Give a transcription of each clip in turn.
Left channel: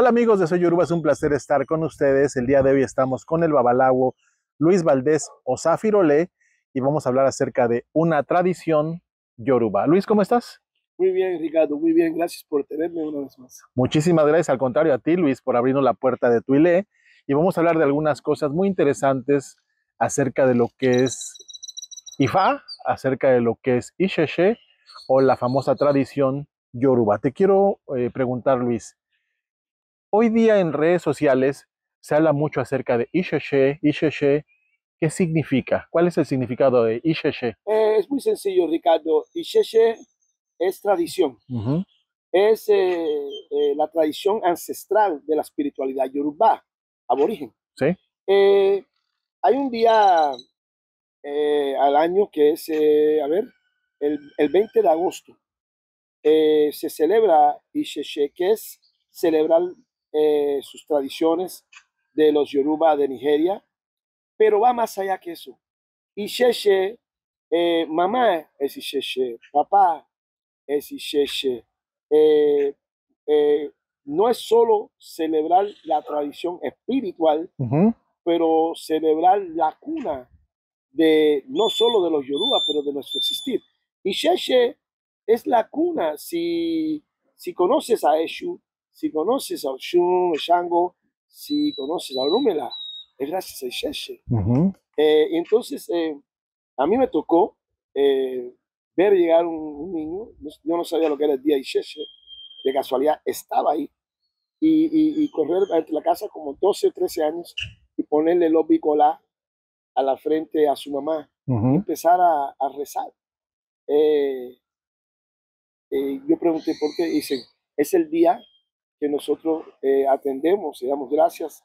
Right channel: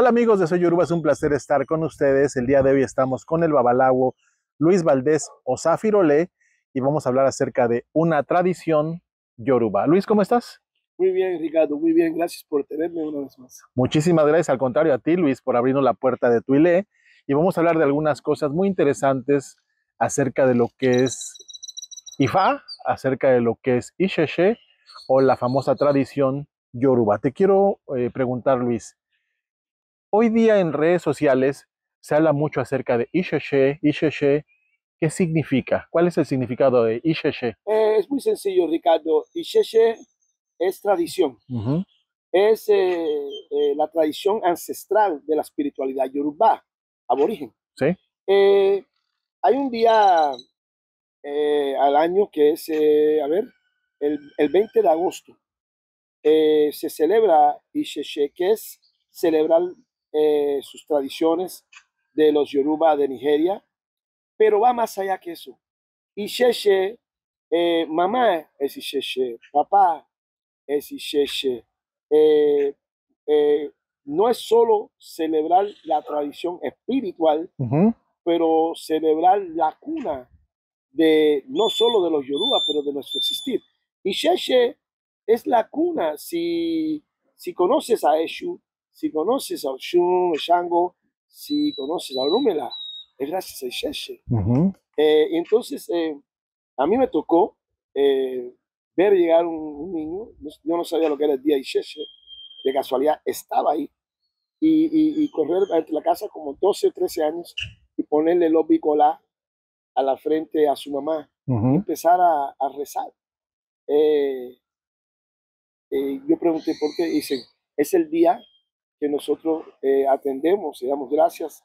Hola amigos de Soy Yoruba, es un placer estar con ustedes. El día de hoy estamos con el babalawo Luis Valdés Osafirolé y vamos a hablar acerca de una tradición yoruba. Luis, ¿cómo estás? Muy bien, Ricardo, muy bien. Gracias por tenerme una vez más. Muchísimas gracias, al contrario a ti, Luis, por abrirnos la puerta de tu Ile. Y vamos a hablar de algunas cosas muy interesantes acerca de lo que es Ifa, acerca de lo que es Isheshe o la famosa tradición yoruba. Te quiero preguntar, Luis, hoy día en redes sociales se habla mucho acerca de Isheshe, Isheshe. ¿Qué significa? ¿Cuál es el significado de Isheshe? Es muy sencillo, Ricardo. Isheshe es tradición. Es la tradición ancestral de la espiritualidad yoruba, aborigen. ¿Sí? Hay un día al año que es, el 20 de agosto. Se celebra Isheshe, que es celebrar sus tradiciones de los Yoruba de Nigeria, pero va más allá que eso. Isheshe, mamá es Isheshe, papá es Isheshe. Eh, eh, no es solo celebrar la tradición espiritual, pero celebrar la cuna de no solo de los Yoruba, pero de nuestro existir. Isheshe es la cuna. Si conoces a Eshu, si conoces a Oshun, Shango, si conoces a Orumela, es gracias a Isheshe. Entonces, a mí me tocó ver llegar un niño. Yo no sabía lo que era el día Isheshe, de casualidad estaba ahí, y correr entre la casa como 12 o 13 años y ponerle los bicolá a la frente a su mamá y empezar a rezar. Yo pregunté por qué. Dicen, es el día que nosotros atendemos y damos gracias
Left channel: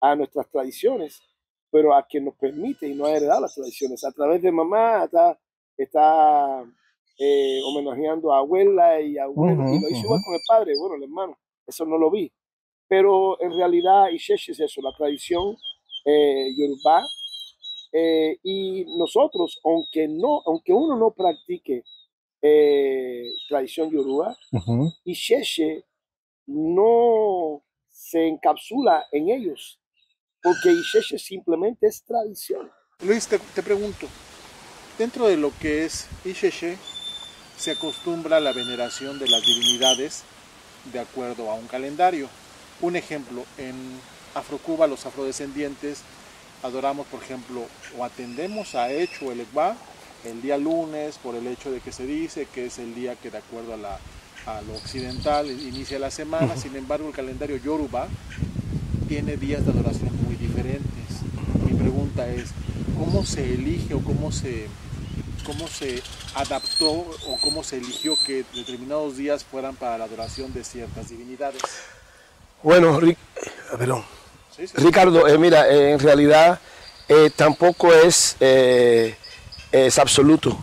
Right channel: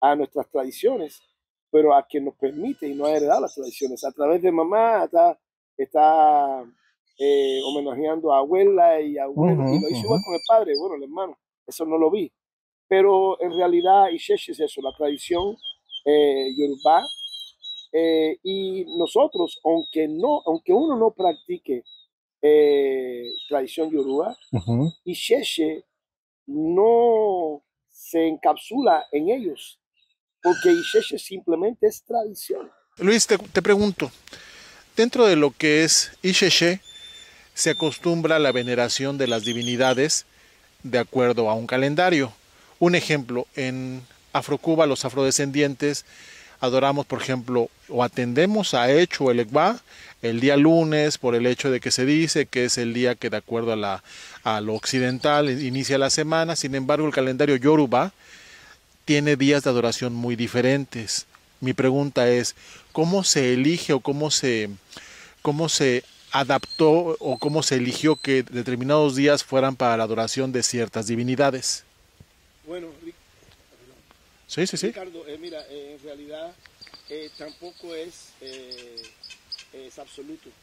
a nuestras tradiciones, pero a quien nos permite y nos ha heredado las tradiciones. A través de mamá está homenajeando a abuela y a abuelo, y lo hizo igual con el padre, bueno, el hermano, eso no lo vi. Pero en realidad Isheshe es eso, la tradición yoruba. Y nosotros, aunque uno no practique tradición yoruba, Isheshe no se encapsula en ellos, porque Isheshe simplemente es tradición. Luis, te pregunto, dentro de lo que es Isheshe, se acostumbra a la veneración de las divinidades de acuerdo a un calendario. Un ejemplo, en Afrocuba, los afrodescendientes adoramos, por ejemplo, o atendemos a Echu el Egba el día lunes, por el hecho de que se dice que es el día que, de acuerdo a lo occidental, inicia la semana. Sin embargo, el calendario Yoruba tiene días de adoración muy diferentes. Mi pregunta es, ¿cómo se elige o cómo se adaptó o cómo se eligió que determinados días fueran para la adoración de ciertas divinidades? Bueno, perdón. Sí. Ricardo, mira, en realidad tampoco es absoluto.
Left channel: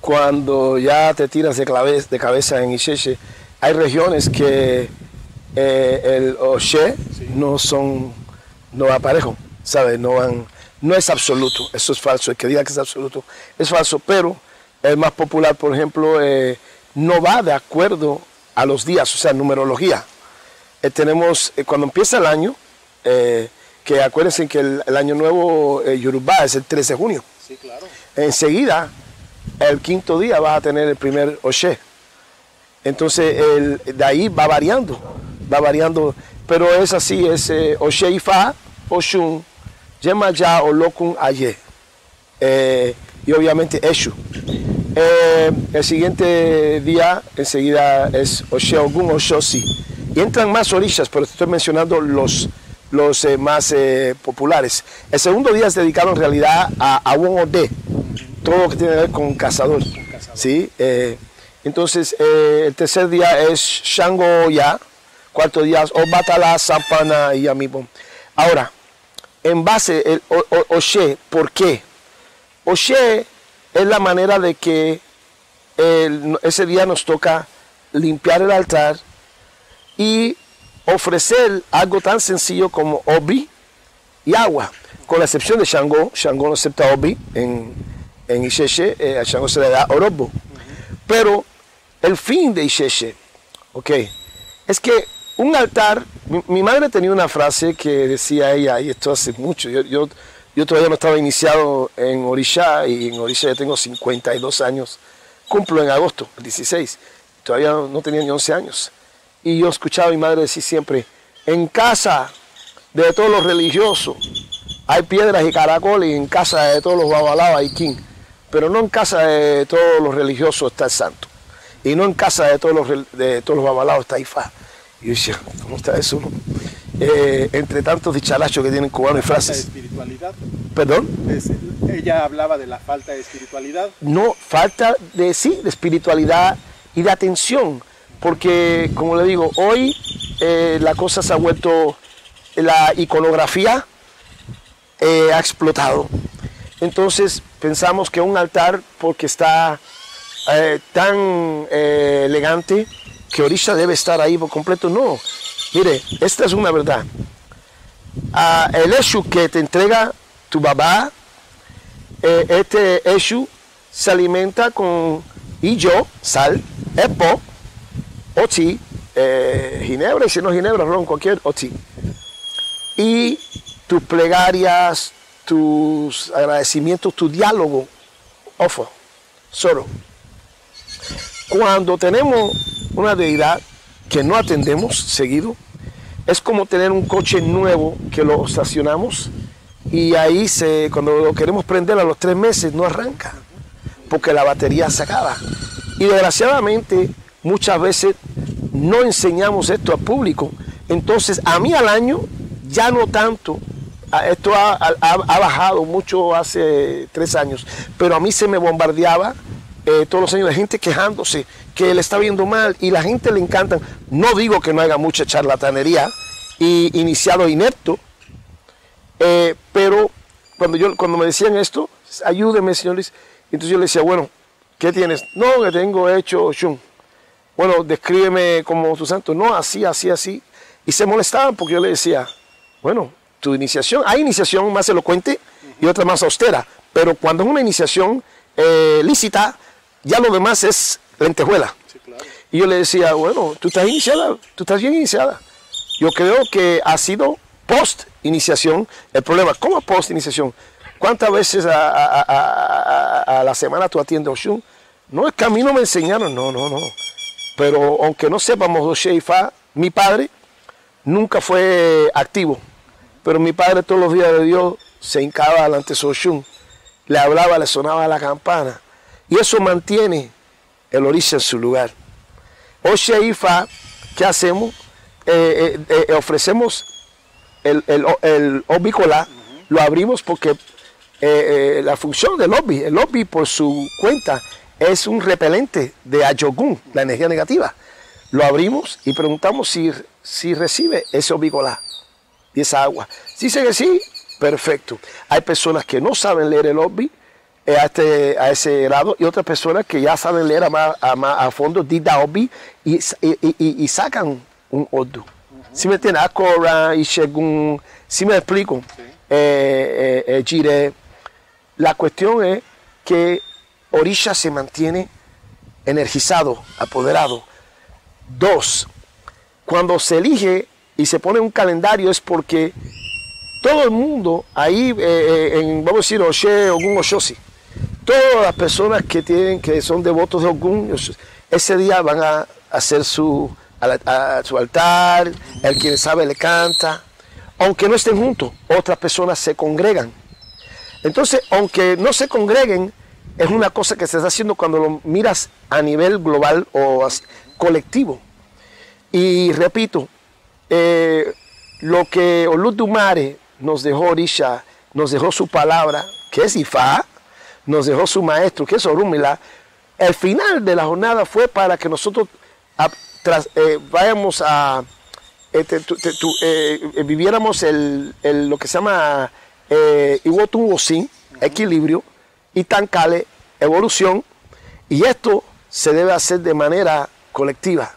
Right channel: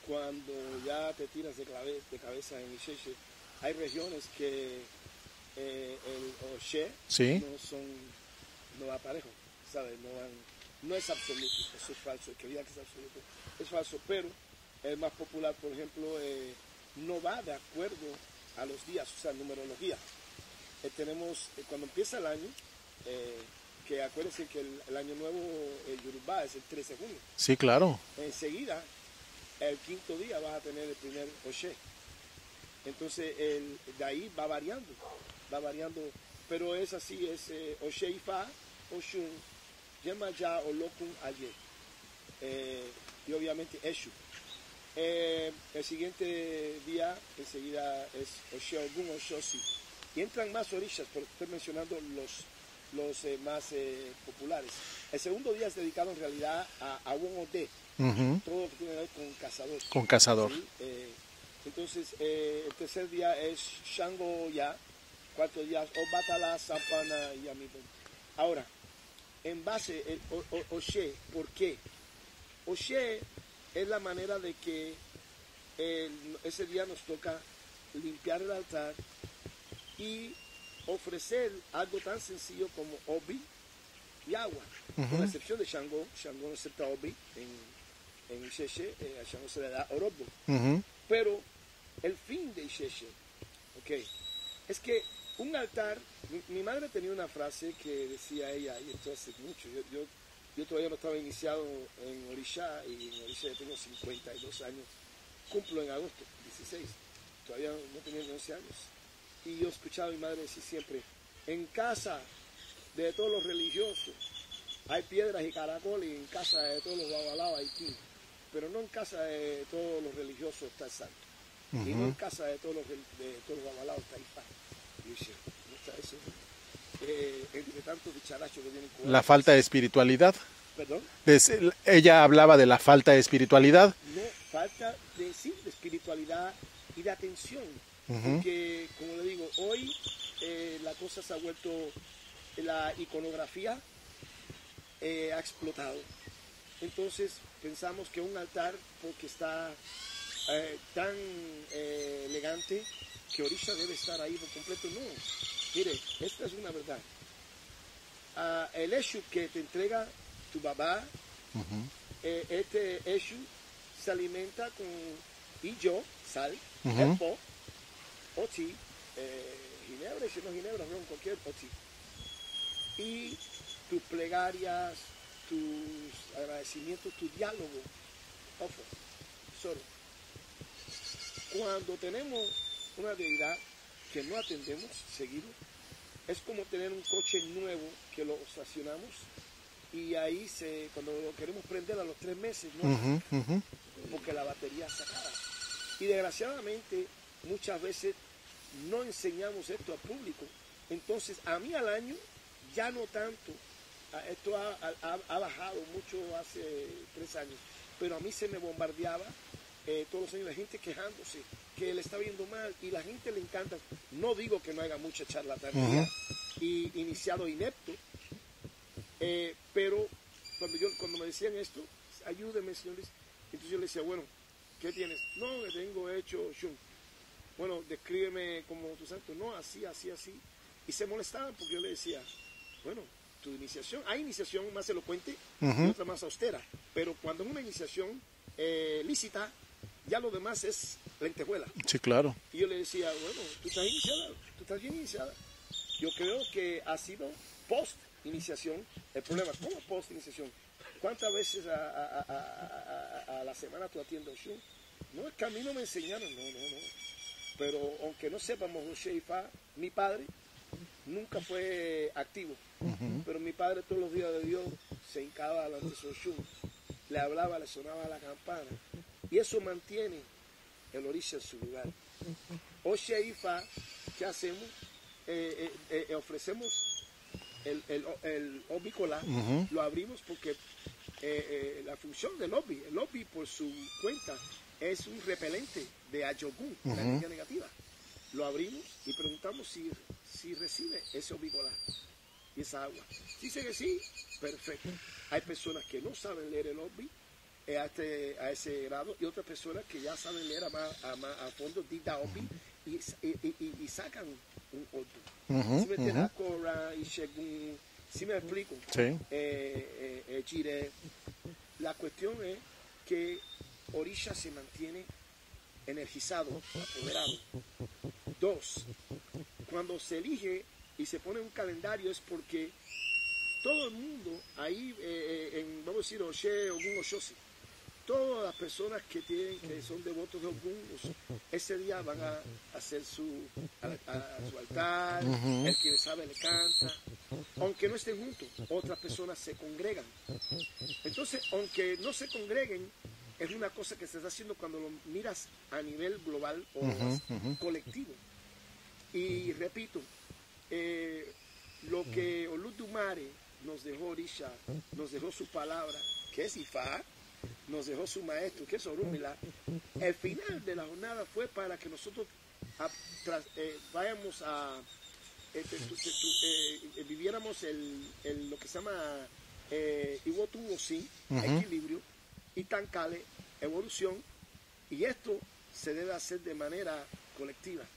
Cuando ya te tiras de cabeza en Isheshe, hay regiones que el Oshe no va parejo, ¿sabes? No es absoluto, eso es falso. El que diga que es absoluto es falso, pero el más popular, por ejemplo, no va de acuerdo a los días, o sea, numerología. Tenemos, cuando empieza el año, que acuérdense que el año nuevo Yoruba es el 13 de junio. Sí, claro. Enseguida, el quinto día vas a tener el primer Oshe. Entonces, de ahí va variando, pero es así, es Oshe Ifa, Oshun, Yemaya, Olokun, Aye. Y obviamente Eshu. El siguiente día, enseguida, es Oshe Ogun, Oshosi. Y entran más orillas, pero te estoy mencionando los más populares. El segundo día es dedicado en realidad a Won Ode, todo lo que tiene que ver con cazador. ¿Sí? Entonces, el tercer día es Shango Ya, cuarto día es Obatala, Sampana y Amibo. Ahora, en base, el Oshe, ¿por qué? Oshe es la manera de que ese día nos toca limpiar el altar y ofrecer algo tan sencillo como obi y agua, con la excepción de Shango. Shango no acepta obi en Isheshe, a Shango se le da orobo. Pero el fin de Isheshe, es que un altar Mi madre tenía una frase que decía ella, y esto hace mucho, yo todavía no estaba iniciado en Orisha, y en Orisha ya tengo 52 años, cumplo en agosto, el 16, todavía no tenía ni 11 años. Y yo escuchaba a mi madre decir siempre, en casa de todos los religiosos hay piedras y caracoles, y en casa de todos los babalaos hay king, pero no en casa de todos los religiosos está el santo, y no en casa de todos los babalaos está Ifá. Y yo decía, ¿cómo está eso? Entre tantos dicharachos que tienen cubanos. La falta de espiritualidad. ¿Perdón? Ella hablaba de la falta de espiritualidad. No, falta de, sí, de espiritualidad y de atención. Porque, como le digo, hoy la cosa se ha vuelto, la iconografía ha explotado. Entonces pensamos que un altar, porque está tan elegante, que Orisha debe estar ahí por completo. No, mire, esta es una verdad. El Eshu que te entrega tu babá, este Eshu se alimenta con illo, sal, epo, oti, ginebra, y si no ginebra, ron, cualquier oti. Y tus plegarias, tus agradecimientos, tu diálogo, ofo, solo. Cuando tenemos una deidad que no atendemos seguido, es como tener un coche nuevo que lo estacionamos y ahí cuando lo queremos prender a los 3 meses no arranca, porque la batería se acaba. Y desgraciadamente muchas veces no enseñamos esto al público. Entonces a mí al año ya no tanto, esto ha bajado mucho hace 3 años, pero a mí se me bombardeaba todos los años de gente quejándose que le está viendo mal, y la gente le encanta. No digo que no haya mucha charlatanería y iniciado inepto, pero cuando me decían esto, ayúdeme, señor Luis, entonces yo le decía, bueno, ¿qué tienes? No, que tengo hecho shun. Bueno, descríbeme como tu santo. No, así, así, así. Y se molestaban porque yo le decía, bueno, tu iniciación, hay iniciación más elocuente y otra más austera, pero cuando es una iniciación lícita, ya lo demás es lentejuela. Sí, claro. Y yo le decía, bueno, tú estás iniciada, tú estás bien iniciada. Yo creo que ha sido post-iniciación el problema. ¿Cómo post-iniciación? ¿Cuántas veces a la semana tú atiendes Oshun? No, es que a mí no me enseñaron, no. Pero aunque no sepamos Oshe y Fa, mi padre nunca fue activo. Pero mi padre todos los días de Dios se hincaba delante de su Oshun, le hablaba, le sonaba la campana. Y eso mantiene el Orisha en su lugar. Oshe y Fa, ¿qué hacemos? Ofrecemos el Obicola, lo abrimos porque la función del Obi, el Obi por su cuenta es un repelente de Ayogun, la energía negativa. Lo abrimos y preguntamos si recibe ese Obicola y esa agua. Si dice que sí, perfecto. Hay personas que no saben leer el Obi a ese grado, y otras personas que ya saben leer a fondo Dida Obi y sacan un Odu. ¿Sí me entiendes? Akora y Shegun, ¿sí me explico? Sí. Jire. La cuestión es que Orisha se mantiene energizado, apoderado. 2, cuando se elige y se pone un calendario es porque todo el mundo ahí, vamos a decir, Oshe, Ogun, Oshosi, todas las personas que son devotos de Ogun, ese día van a hacer su altar, el quien sabe le canta, aunque no estén juntos, otras personas se congregan. Entonces, aunque no se congreguen, es una cosa que se está haciendo cuando lo miras a nivel global o colectivo. Y repito, lo que Oludumare nos dejó Orisha, nos dejó su palabra, que es Ifá, nos dejó su maestro, que es Orúmila. El final de la jornada fue para que nosotros vayamos a viviéramos lo que se llama Iwotun Wosin, equilibrio, y Tankale, evolución, y esto se debe hacer de manera colectiva.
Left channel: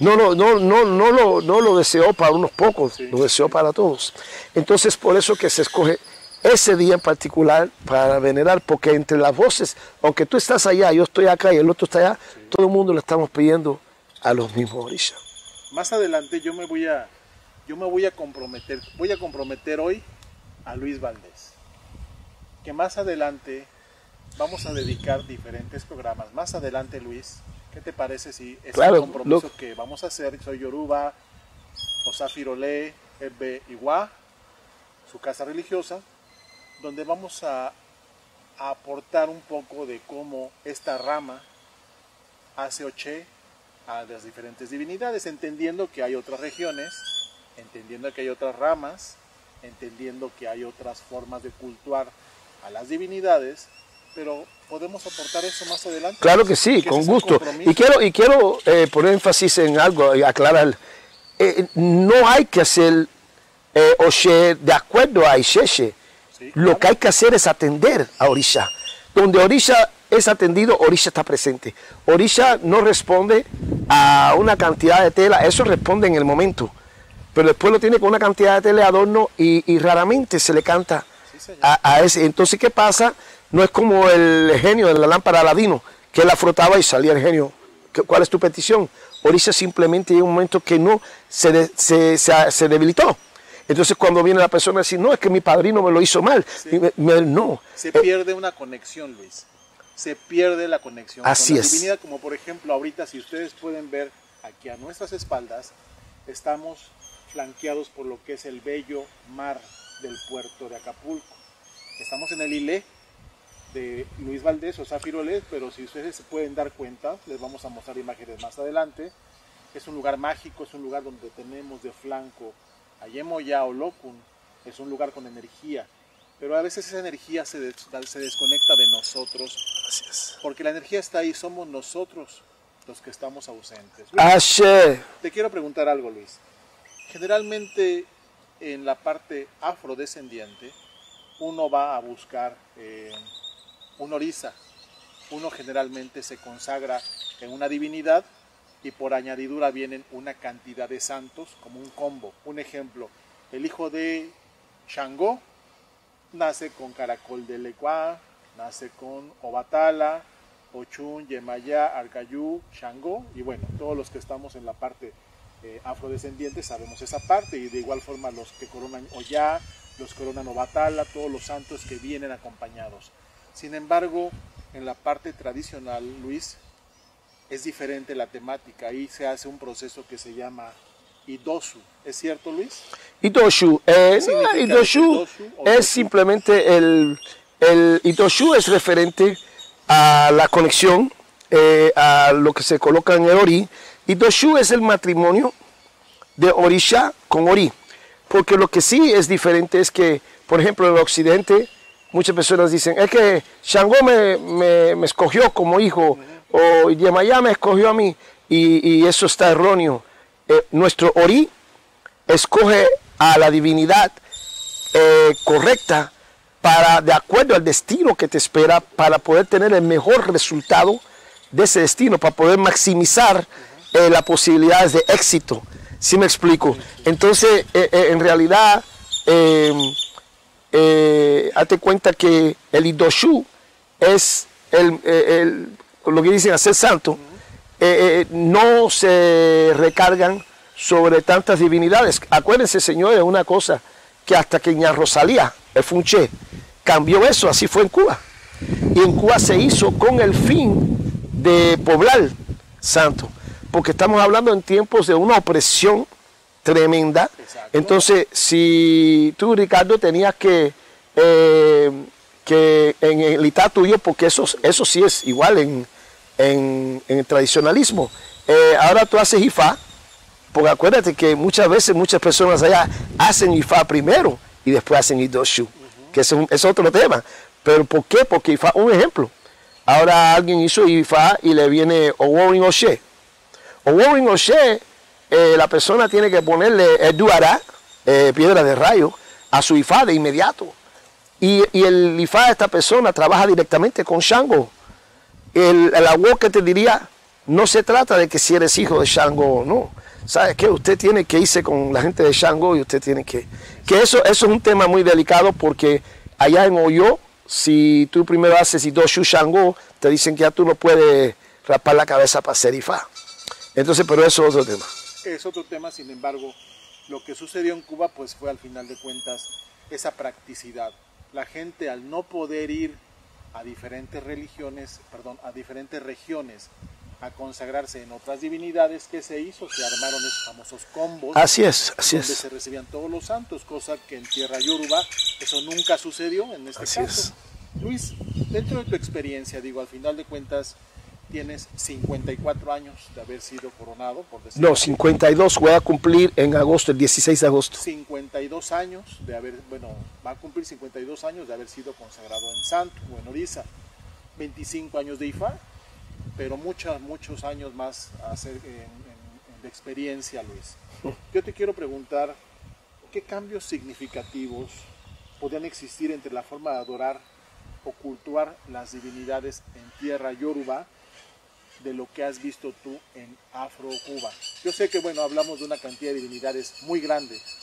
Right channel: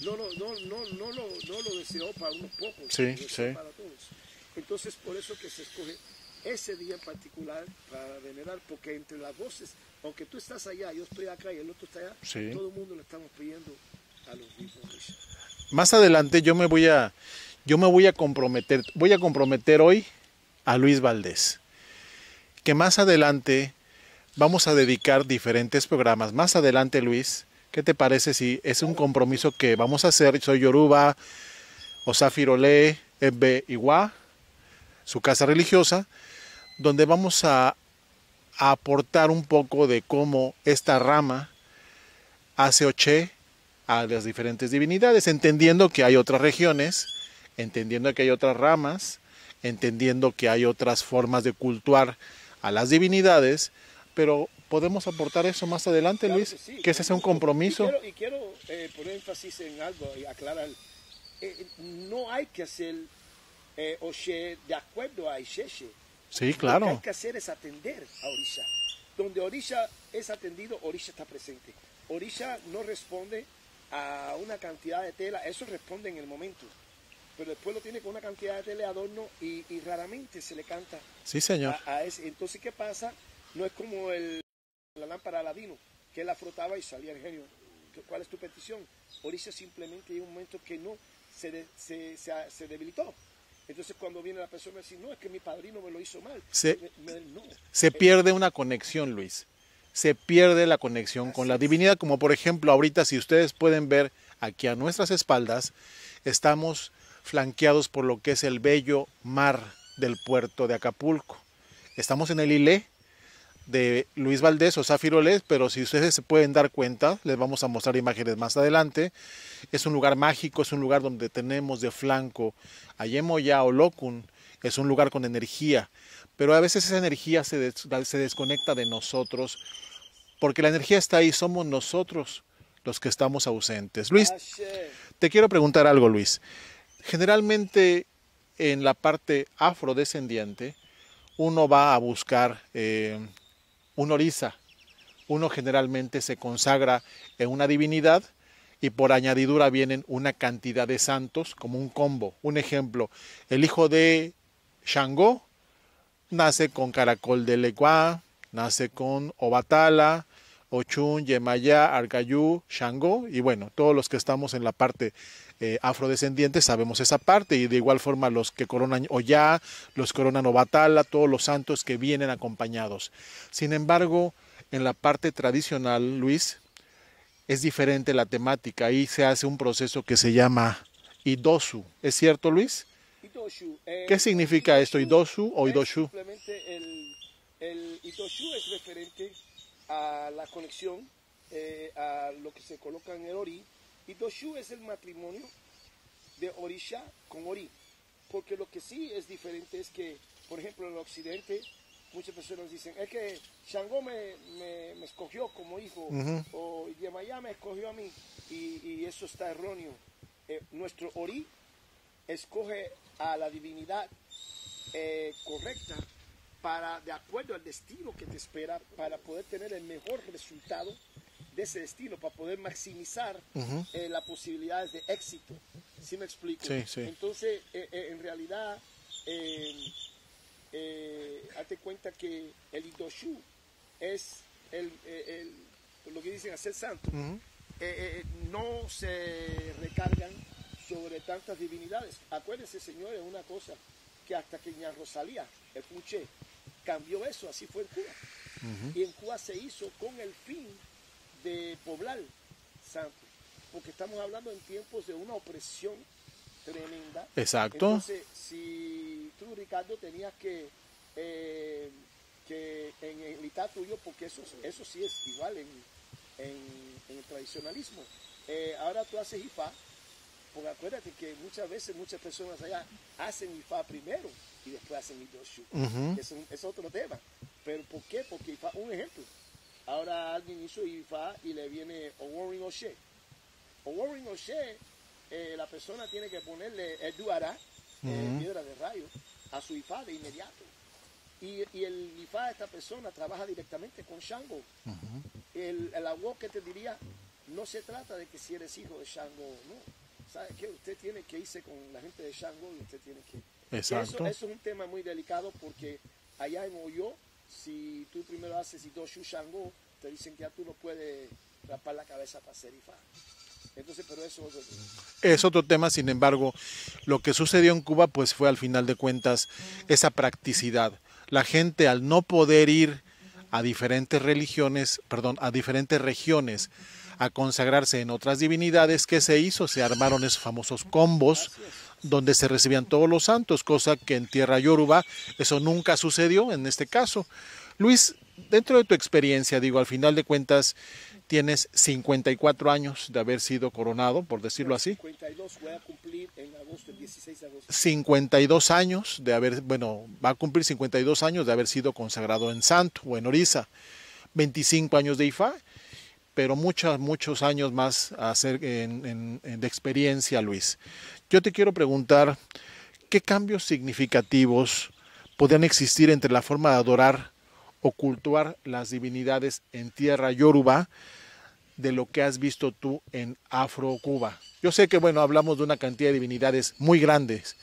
No lo deseó para unos pocos, lo deseó para todos. Entonces, por eso que se escoge ese día en particular para venerar, porque entre las voces, aunque tú estás allá, yo estoy acá y el otro está allá, todo el mundo le estamos pidiendo a los mismos Orisha. Más adelante yo me voy a Yo me voy a comprometer hoy a Luis Valdés, que más adelante vamos a dedicar diferentes programas. Más adelante, Luis, ¿qué te parece si es un compromiso que vamos a hacer? Soy Yoruba, Osafirolé, Ebbe Iwa, su casa religiosa, donde vamos a aportar un poco de cómo esta rama hace oché a las diferentes divinidades, entendiendo que hay otras regiones, entendiendo que hay otras ramas, entendiendo que hay otras formas de cultuar a las divinidades, pero podemos aportar eso más adelante. Claro que sí, con gusto. Y quiero poner énfasis en algo y aclarar. No hay que hacer oché de acuerdo a Ixeche. Sí, claro. Lo que hay que hacer es atender a Orisha. Donde Orisha es atendido, Orisha está presente. Orisha no responde a una cantidad de tela, eso responde en el momento. Pero después lo tiene con una cantidad de tela de adorno y raramente se le canta sí, a ese. Entonces, ¿qué pasa? No es como el genio de la lámpara de Aladino, que la frotaba y salía el genio. ¿Cuál es tu petición? Orisha simplemente llega un momento que no se debilitó. Entonces cuando viene la persona a decir, no, es que mi padrino me lo hizo mal. No. Se pierde una conexión, Luis. Se pierde la conexión con la divinidad. Como por ejemplo, ahorita si ustedes pueden ver aquí a nuestras espaldas, estamos flanqueados por lo que es el bello mar del puerto de Acapulco. Estamos en el Ilé de Luis Valdés o Zafirolés, pero si ustedes se pueden dar cuenta, les vamos a mostrar imágenes más adelante. Es un lugar mágico, es un lugar donde tenemos de flanco a Yemoya o Lokun, es un lugar con energía, pero a veces esa energía se desconecta de nosotros, porque la energía está ahí, somos nosotros los que estamos ausentes. Luis, te quiero preguntar algo, Luis. Generalmente en la parte afrodescendiente, uno va a buscar un orisa, uno generalmente se consagra en una divinidad, y por añadidura vienen una cantidad de santos como un combo. Un ejemplo, el hijo de Shango nace con Caracol de Legua, nace con Obatala, Ochun, Yemayá, Arcayú, Shango, y bueno, todos los que estamos en la parte afrodescendientes sabemos esa parte, y de igual forma los que coronan Oya, los coronan Obatala, todos los santos que vienen acompañados. Sin embargo, en la parte tradicional, Luis, es diferente la temática. Ahí se hace un proceso que se llama Idosu. ¿Es cierto, Luis? Idosu. ¿Qué significa Idosu? Es simplemente el Idosu es referente a la conexión, a lo que se coloca en el Ori. Idosu es el matrimonio de Orisha con Ori. Porque lo que sí es diferente es que, por ejemplo, en el occidente, muchas personas dicen, es que Shango me escogió como hijo, o Yemayá me escogió a mí, y eso está erróneo. Nuestro Ori escoge a la divinidad correcta de acuerdo al destino que te espera, para poder tener el mejor resultado de ese destino, para poder maximizar las posibilidades de éxito. ¿Sí me explico? Sí, sí. Entonces, en realidad, hazte cuenta que el Idoshu es lo que dicen hacer santo. No se recargan sobre tantas divinidades. Acuérdense, señores, una cosa, que hasta que Ña Rosalía, el Funché, cambió eso, así fue en Cuba. Y en Cuba se hizo con el fin de poblar santo, porque estamos hablando en tiempos de una opresión tremenda. Exacto. Entonces, si tú, Ricardo, tenías que en el Itá tuyo, porque eso sí es igual en el tradicionalismo, ahora tú haces Ifá, porque acuérdate que muchas veces muchas personas allá hacen Ifá primero y después hacen Idoshu, que es otro tema. ¿Pero por qué? Porque Ifá, un ejemplo, ahora alguien hizo Ifá y le viene Oworin Oshe. Oworin Oshe, la persona tiene que ponerle Eduará, piedra de rayo, a su Ifá de inmediato. Y el Ifá de esta persona trabaja directamente con Shango. El agua que te diría, no se trata de que si eres hijo de Shango o no. ¿Sabe qué? Usted tiene que irse con la gente de Shango y usted tiene que... Que eso es un tema muy delicado, porque allá en Oyo, si tú primero haces Idoshu Shango, te dicen que ya tú no puedes rapar la cabeza para hacer Ifá. Entonces, pero eso es otro tema. Es otro tema, sin embargo, Lo que sucedió en Cuba pues fue al final de cuentas esa practicidad. La gente al no poder ir a diferentes religiones, perdón, a diferentes regiones a consagrarse en otras divinidades, ¿qué se hizo? Se armaron esos famosos combos. Así es, donde se recibían todos los santos, cosa que en tierra yoruba eso nunca sucedió en este caso. Luis, dentro de tu experiencia, digo, al final de cuentas tienes 54 años de haber sido coronado, por decirlo así. 52, voy a cumplir en agosto, el 16 de agosto. 52 años de haber, bueno, va a cumplir 52 años de haber sido consagrado en santo o en Orisa. 25 años de Ifá, pero muchos años más a hacer de experiencia, Luis. Yo te quiero preguntar, ¿qué cambios significativos podrían existir entre la forma de adorar o cultuar las divinidades en tierra yoruba de lo que has visto tú en Afro-Cuba? Yo sé que, bueno, hablamos de una cantidad de divinidades muy grandes,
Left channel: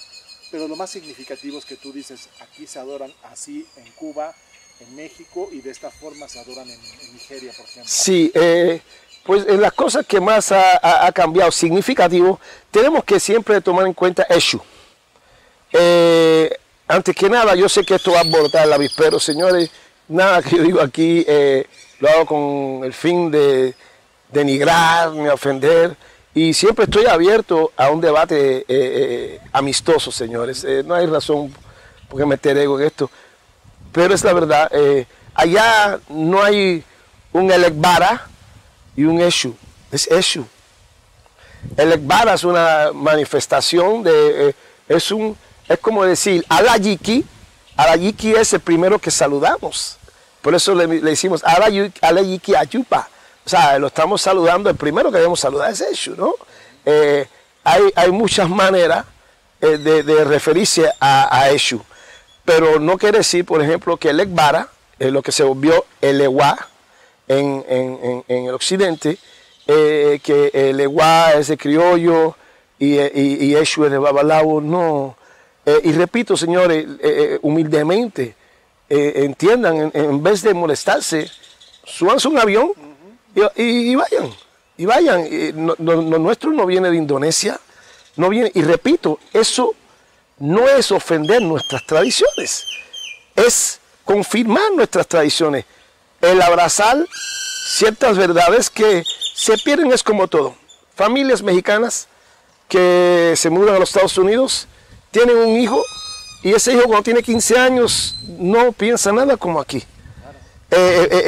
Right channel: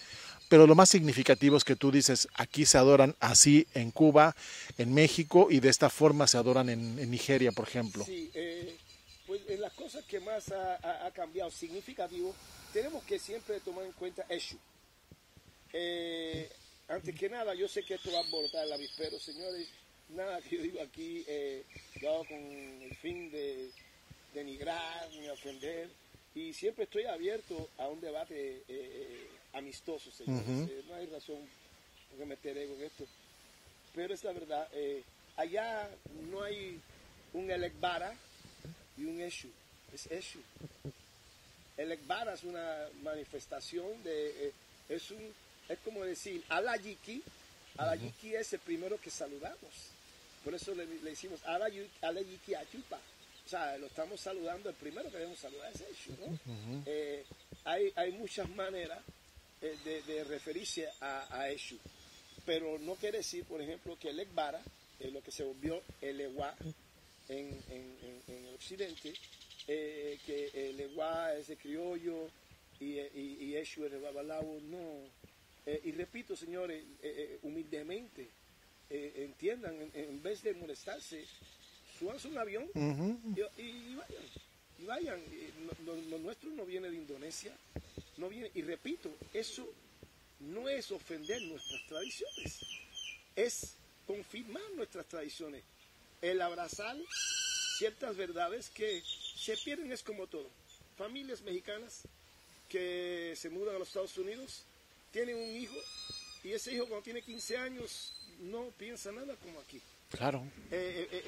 pero lo más significativo es que tú dices, aquí se adoran así en Cuba, en México, y de esta forma se adoran en Nigeria, por ejemplo. Sí, pues la cosa que más ha cambiado significativo, tenemos que siempre tomar en cuenta Eshu. Antes que nada, yo sé que esto va a abordar el avispero, señores. Nada que yo digo aquí lo hago con el fin de denigrar, ni ofender. Y siempre estoy abierto a un debate amistoso, señores. No hay razón por qué meter ego en esto. Pero es la verdad, allá no hay un Elekbara y un Eshu, es Eshu. Elekbara es una manifestación de, es como decir, Alayiki. Alayiki es el primero que saludamos, por eso le decimos Alayiki Ayupa, o sea, lo estamos saludando, el primero que debemos saludar es Eshu, ¿no? Hay muchas maneras de referirse a Eshu. Pero no quiere decir, por ejemplo, que el Ekbara, lo que se volvió el Ewa en el occidente, que el Ewa es de criollo y Eshu es de babalao, no. Y repito, señores, humildemente, entiendan, en vez de molestarse, súbanse un avión y vayan. Y vayan. Lo nuestro no viene de Indonesia, no viene, y repito, eso no es ofender nuestras tradiciones, es confirmar nuestras tradiciones. El abrazar ciertas verdades que se pierden es como todo. Familias mexicanas que se mudan a los Estados Unidos, tienen un hijo y ese hijo cuando tiene 15 años no piensa nada como aquí. Claro.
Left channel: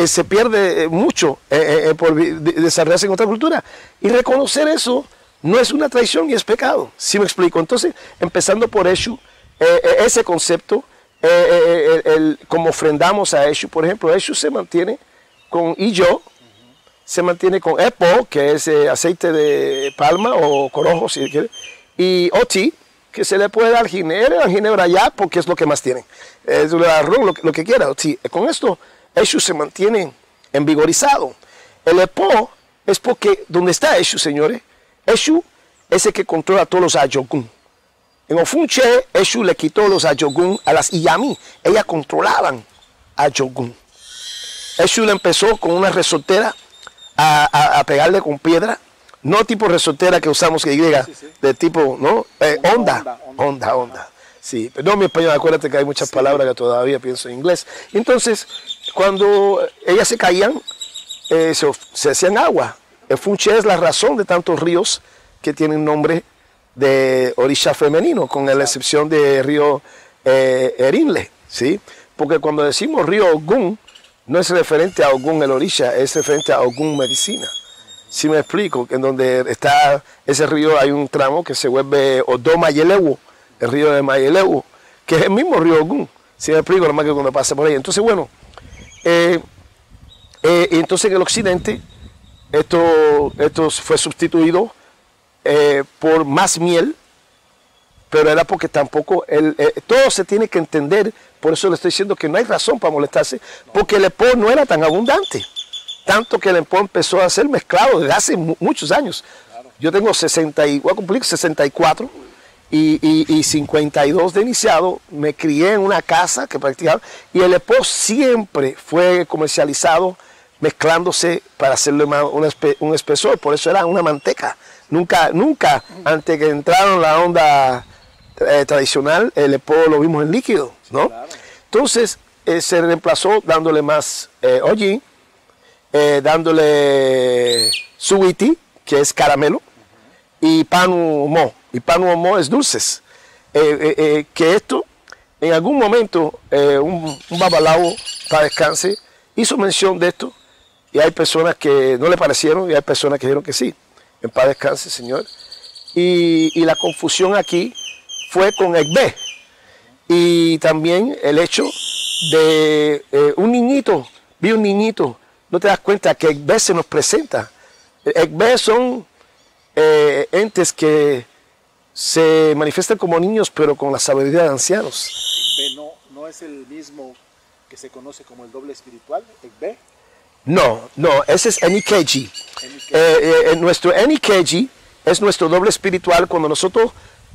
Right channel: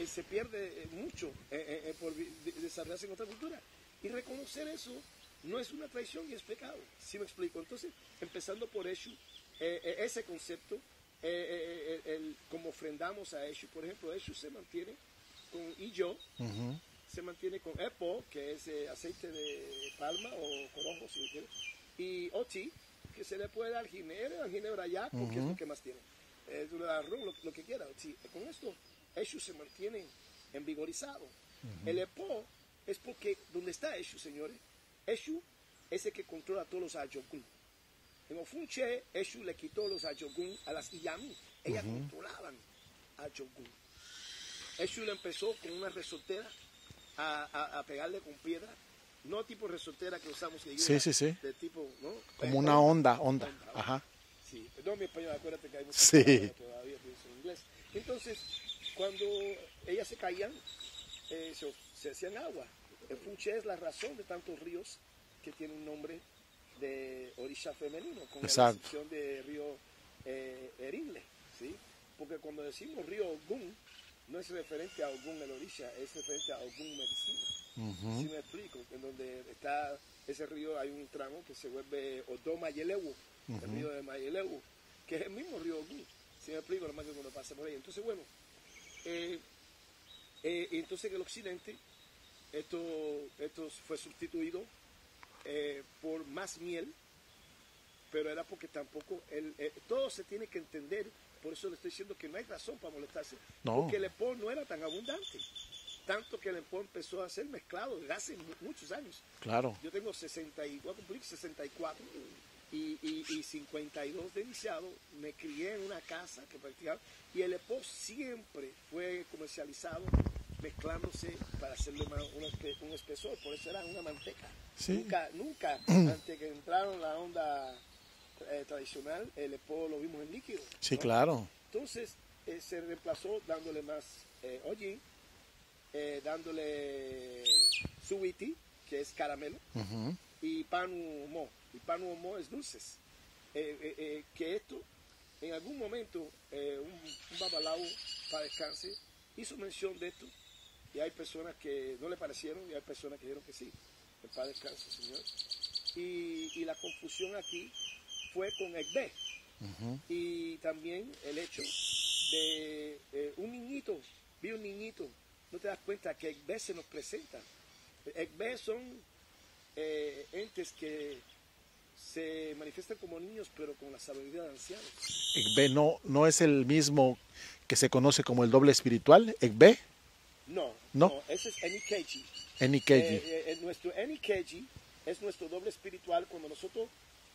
Se pierde mucho por desarrollarse en otra cultura. Y reconocer eso no es una traición y es pecado, ¿sí me explico? Entonces, empezando por Eshu, ese concepto, como ofrendamos a Eshu, por ejemplo, Eshu se mantiene con Iyo, se mantiene con Epo, que es aceite de palma o corojo, si quiere, y Oti, que se le puede dar ginebra ya, porque es lo que más tienen. Es el arroz, lo que quiera. Oti. Con esto, Eshu se mantiene envigorizado. El Epo es porque, donde está Eshu, señores, Eshu es el que controla a todos los Ayogun. En Ofunche, Eshu le quitó los Ayogun a las Iyami. Ellas controlaban a Ayogun. Eshu le empezó con una resortera a pegarle con piedra. No tipo resortera que usamos que llega, de tipo, ¿no? Onda. Sí, perdón mi español, acuérdate que hay muchas palabras que todavía pienso en inglés. Entonces, cuando ellas se caían, se hacían agua. El Funche es la razón de tantos ríos que tienen nombre de orisha femenino, con la excepción de río Erinle, ¿sí? Porque cuando decimos río Ogun, no es referente a Ogun el orisha, es referente a Ogun medicina. Si me explico, que en donde está ese río hay un tramo que se vuelve Odo Mayelewo, el río de Mayelewo, que es el mismo río Ogun. Si me explico, nomás que cuando pasa por ahí. Entonces, bueno, entonces en el occidente, esto fue sustituido por más miel, pero era porque tampoco, todo se tiene que entender, por eso le estoy diciendo que no hay razón para molestarse, porque el Epo no era tan abundante. Tanto que el Epo empezó a ser mezclado desde hace muchos años. Claro. Yo tengo voy a cumplir 64 y 52 de iniciado. Me crié en una casa que practicaba y el Epo siempre fue comercializado mezclándose para hacerle un espesor. Por eso era una manteca. Sí. Nunca antes que entraron la onda tradicional, el epo lo vimos en líquido, Sí, ¿no? claro. Entonces se reemplazó dándole más hollín, dándole suwiti, que es caramelo, y panu mo. Y panu mo es dulces. Que esto, en algún momento, un babalao, para descanse, hizo mención de esto, y hay personas que no le parecieron, y hay personas que dijeron que sí. En paz descanse, Señor. Y la confusión aquí fue con Egbe. Y también el hecho de un niñito, vi un niñito, no te das cuenta que Egbe se nos presenta. Egbe son entes que se manifiestan como niños, pero con la sabiduría de ancianos. Egbe no es el mismo que se conoce como el doble espiritual, Egbe. No, ese es Enikeji. Nuestro Enikeji es nuestro doble espiritual cuando nosotros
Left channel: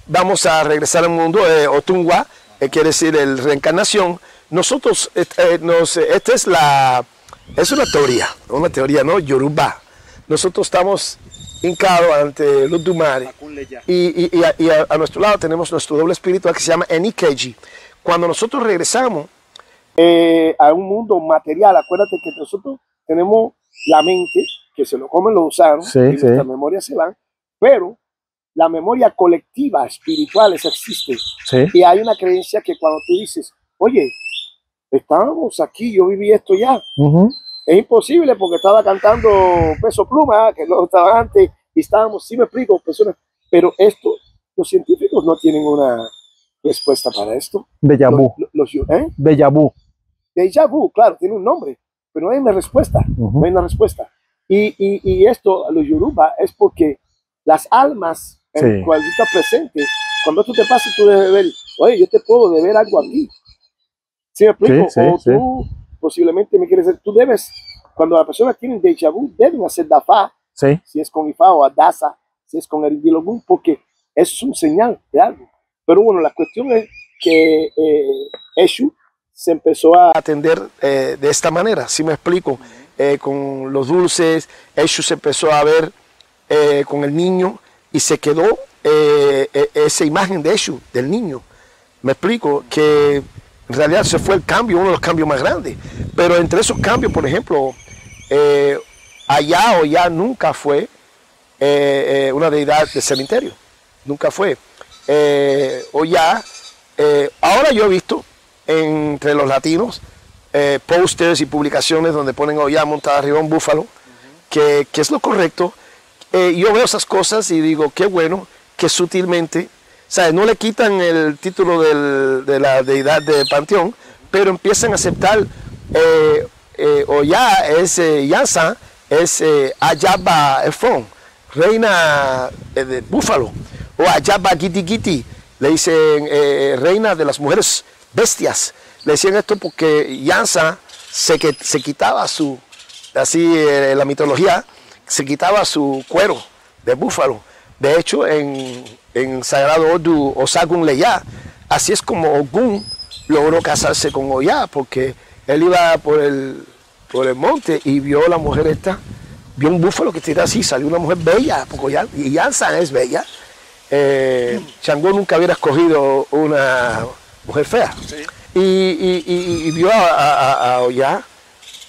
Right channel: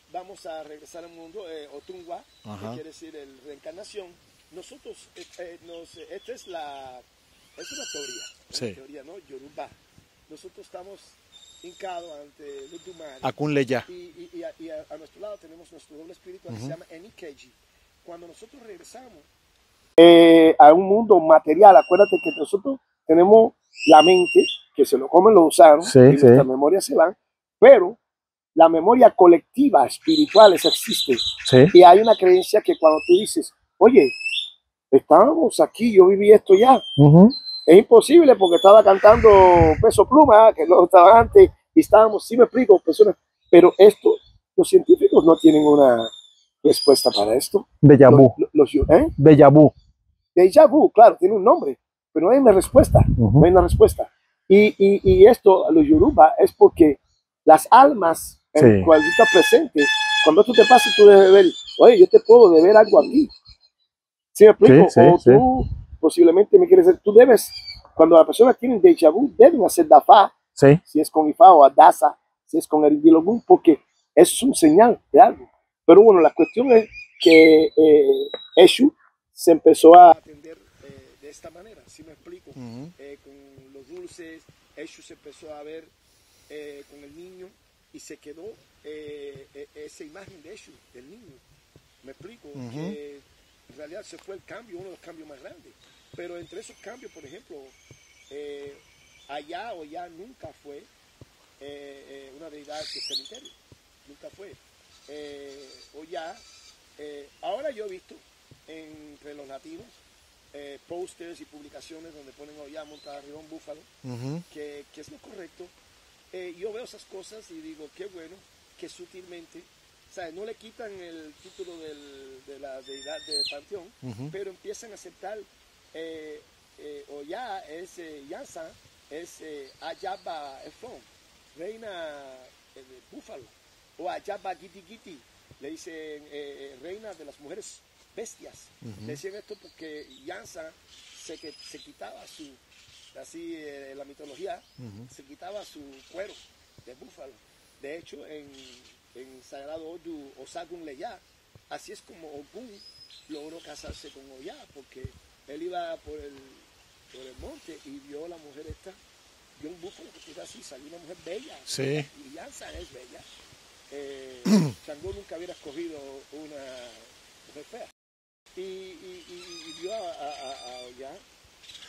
vamos a regresar al mundo, Otungwa, quiere decir el reencarnación. Nosotros, esta es una teoría, ¿no? Yoruba. Nosotros estamos hincados ante los Dumari. Y a nuestro lado tenemos nuestro doble espiritual que se llama Enikeji. Cuando nosotros regresamos a un mundo material, acuérdate que nosotros tenemos la mente, que se lo comen los gusanos, y nuestras memorias se van, pero la memoria colectiva espiritual esa existe. Y hay una creencia que cuando tú dices, oye, estábamos aquí, yo viví esto ya, es imposible porque estaba cantando Peso Pluma, que no estaba antes, y estábamos, sí me explico, personas, pero esto, los científicos no tienen una respuesta para esto. Déjà vu. Déjà vu. Déjà vu, claro, tiene un nombre, pero no hay una respuesta, no hay una respuesta. Y esto, los Yoruba, es porque las almas en las cuales tú estás presente, cuando esto te pasa, tú debes ver, oye, yo te puedo deber algo aquí. ¿Sí me explico? O tú posiblemente me quieres decir, tú debes, cuando la persona tiene déjà vu, deben hacer dafa, si es con Ifa o Adasa, si es con Eridilogun, porque es un señal de algo. Pero bueno, la cuestión es que Eshu se empezó a atender de esta manera, si me explico, con los dulces. Eshu se empezó a ver con el niño y se quedó esa imagen de Eshu, del niño. Me explico, que en realidad se fue el cambio, uno de los cambios más grandes. Pero entre esos cambios, por ejemplo, allá o ya nunca fue una deidad de cementerio, nunca fue. Oya, ahora yo he visto entre los latinos pósters y publicaciones donde ponen Oya montada arriba un búfalo, que es lo correcto. Yo veo esas cosas y digo, qué bueno que sutilmente, ¿sabes? No le quitan el título de la deidad de Panteón, pero empiezan a aceptar Oya es Yansa, es Ayaba Efron, reina de búfalo, o Ayaba Giti Giti, le dicen reina de las mujeres bestias. Le decían esto porque Yansa se quitaba su, así la mitología, se quitaba su cuero de búfalo. De hecho, en Sagrado Odu Osagun Leya, así es como Ogun logró casarse con Oya, porque él iba por el monte y vio a la mujer esta, vio un búfalo que tira así, salió una mujer bella, y Yansa es bella. Changó nunca hubiera escogido una mujer fea. Y vio a Oya.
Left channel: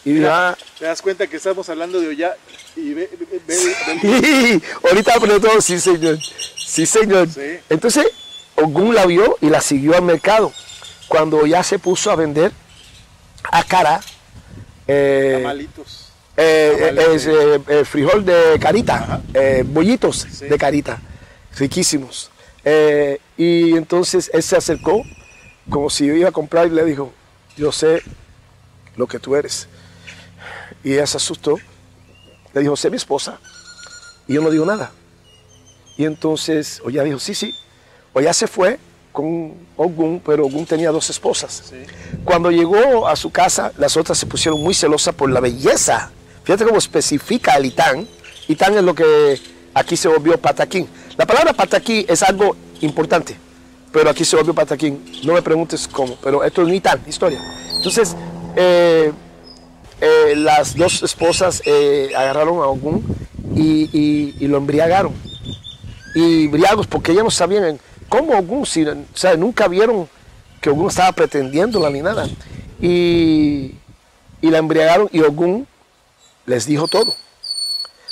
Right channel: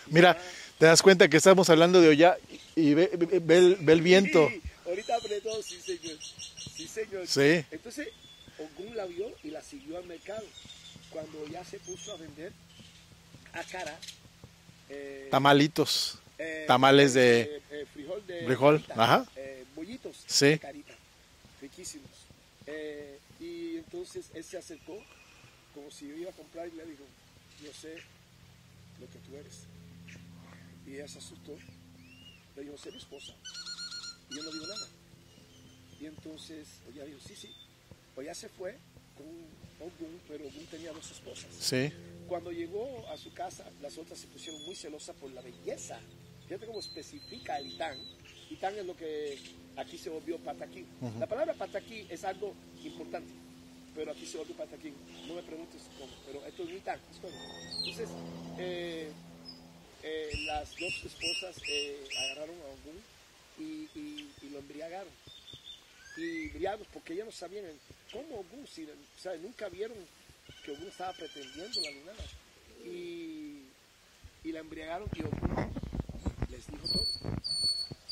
Mira, te das cuenta que estamos hablando de Oya y ve el viento. Ahorita apretó, sí señor. Sí señor. Sí. Entonces Ogun la vio y la siguió al mercado. Cuando Oya se puso a vender a cara tamalitos. Frijol de carita, bollitos de carita, riquísimos. Y entonces él se acercó como si iba a comprar y le dijo, yo sé lo que tú eres. Y ella se asustó, le dijo, sé mi esposa. Y yo no digo nada. Y entonces Oya dijo, sí. Oya se fue con Ogun, pero Ogun tenía 2 esposas. Sí. Cuando llegó a su casa, las otras se pusieron muy celosas por la belleza. Fíjate cómo especifica el Itán. Itán es lo que aquí se volvió pataquín. La palabra pataquín es algo importante, pero aquí se volvió pataquín. No me preguntes cómo, pero esto es un Itán, historia. Entonces, las 2 esposas agarraron a Ogun y lo embriagaron. Y briagos, porque ellos no sabían ¿cómo Ogún? Si, o sea, nunca vieron que Ogún estaba pretendiéndola ni nada. Y la embriagaron y Ogún les dijo todo.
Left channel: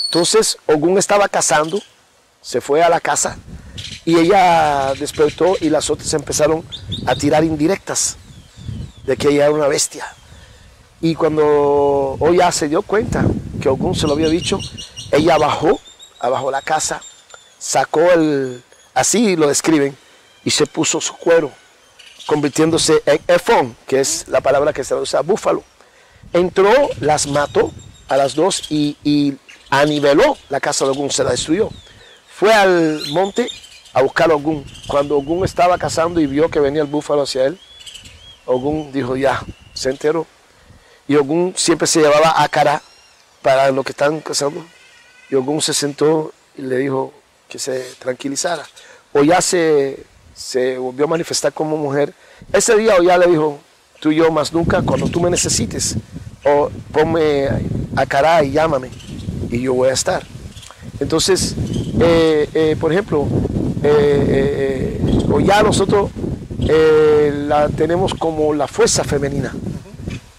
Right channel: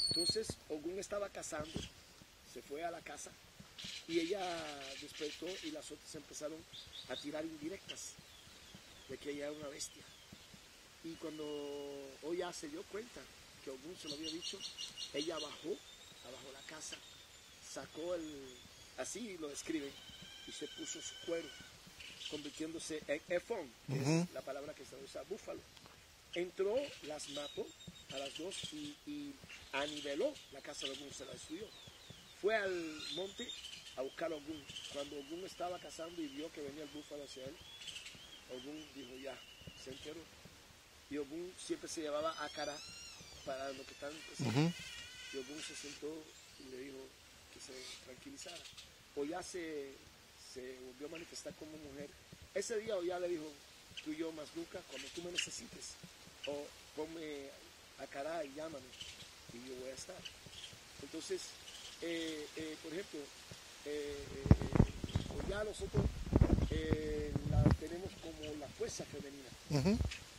Entonces Ogún estaba cazando, se fue a la casa y ella despertó y las otras empezaron a tirar indirectas de que ella era una bestia. Y cuando Oya se dio cuenta que Ogún se lo había dicho, ella bajó abajo de la casa, sacó así lo describen, y se puso su cuero, convirtiéndose en efón, que es la palabra que se usa búfalo. Entró, las mató a las dos y aniveló la casa de Ogún, se la destruyó. Fue al monte a buscar a Ogún. Cuando Ogún estaba cazando y vio que venía el búfalo hacia él, Ogún dijo ya, se enteró. Y Ogún siempre se llevaba ácara para lo que están cazando. Y Ogún se sentó y le dijo que se tranquilizara. Oya se volvió a manifestar como mujer. Ese día Oya le dijo, tú y yo más nunca, cuando tú me necesites, o ponme ácara y llámame, y yo voy a estar. Entonces, por ejemplo, Oya nosotros la tenemos como la fuerza femenina.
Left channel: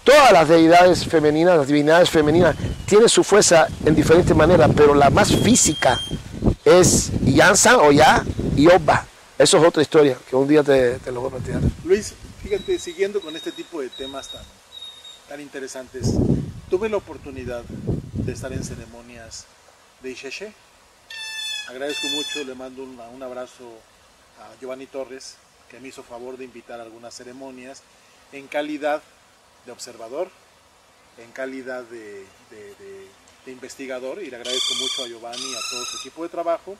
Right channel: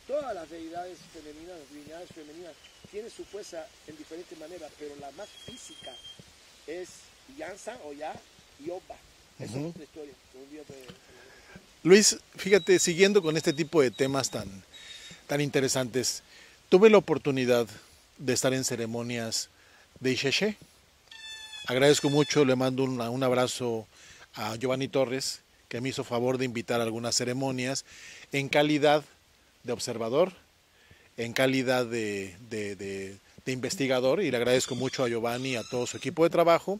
Todas las deidades femeninas, las divinidades femeninas, tienen su fuerza en diferentes maneras, pero la más física es Yansan, Oya y Oba. Eso es otra historia, que un día te lo voy a plantear. Luis, fíjate, siguiendo con este tipo de temas tan interesantes, tuve la oportunidad de estar en ceremonias de Ixexé. Agradezco mucho, le mando un abrazo a Giovanni Torres, que me hizo favor de invitar a algunas ceremonias en calidad de observador, en calidad de investigador, y le agradezco mucho a Giovanni y a todo su equipo de trabajo.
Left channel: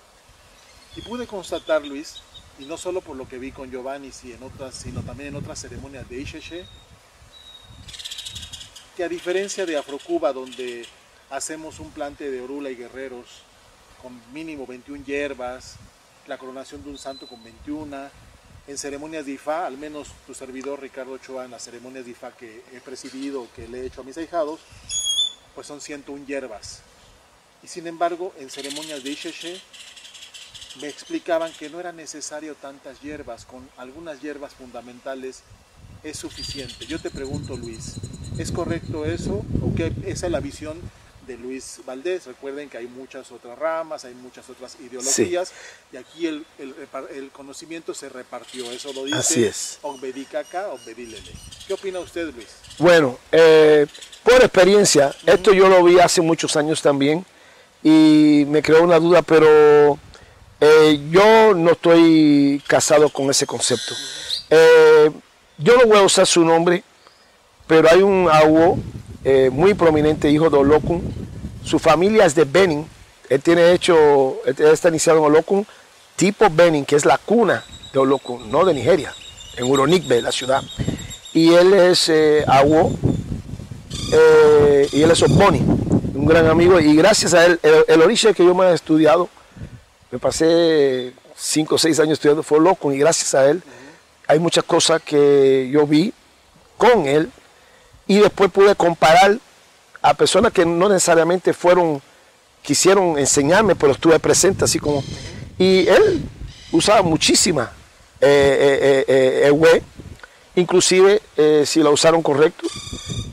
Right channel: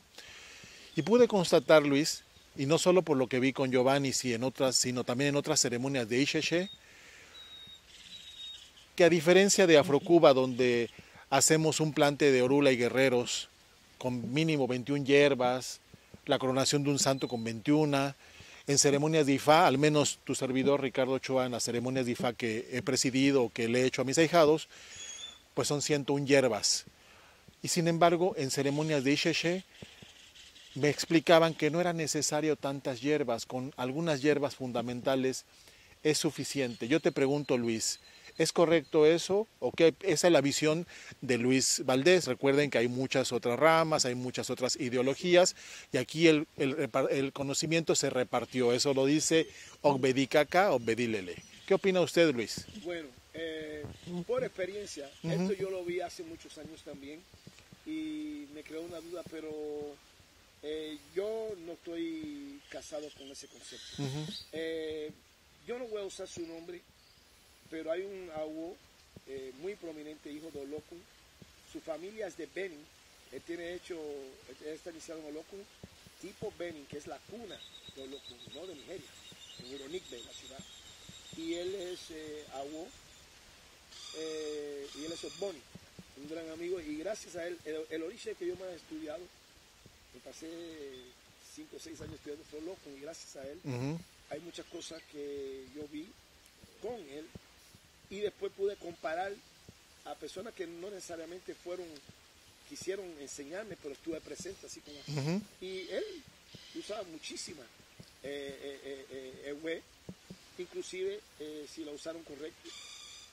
Y pude constatar, Luis, y no solo por lo que vi con Giovanni, sino también en otras ceremonias de Ixexé, que a diferencia de Afrocuba, donde hacemos un plante de orula y guerreros con mínimo 21 hierbas, la coronación de un santo con 21, en ceremonias de Ifá, al menos tu servidor Ricardo Ochoa, en las ceremonias de Ifá que he presidido, que le he hecho a mis ahijados, pues son 101 hierbas. Y sin embargo, en ceremonias de Ixexé, me explicaban que no era necesario tantas hierbas, con algunas hierbas fundamentales es suficiente. Yo te pregunto, Luis, ¿es correcto eso? ¿O qué? Esa es la visión de Luis Valdés. Recuerden que hay muchas otras ramas, hay muchas otras ideologías, sí. Y aquí el conocimiento se repartió. Eso lo dice Ogbedikaka, Ogbedilele. ¿Qué opina usted, Luis? Bueno, por experiencia, esto yo lo vi hace muchos años también y me creó una duda, pero yo no estoy casado con ese concepto. Yo no voy a usar su nombre, pero hay un awo muy prominente, hijo de Olokun. Su familia es de Benin. Él está iniciado en Olokun, tipo Benin, que es la cuna de Olokun, no de Nigeria, en Uronikbe, la ciudad. Y él es awo, y él es Ogboni, un gran amigo. Y gracias a él, el origen que yo me he estudiado, me pasé 5 o 6 años estudiando, fue Olokun, y gracias a él hay muchas cosas que yo vi con él, y después pude comparar a personas que no necesariamente quisieron enseñarme, pero estuve presente así como... Y él usaba muchísima ewe, inclusive si la usaron correcto.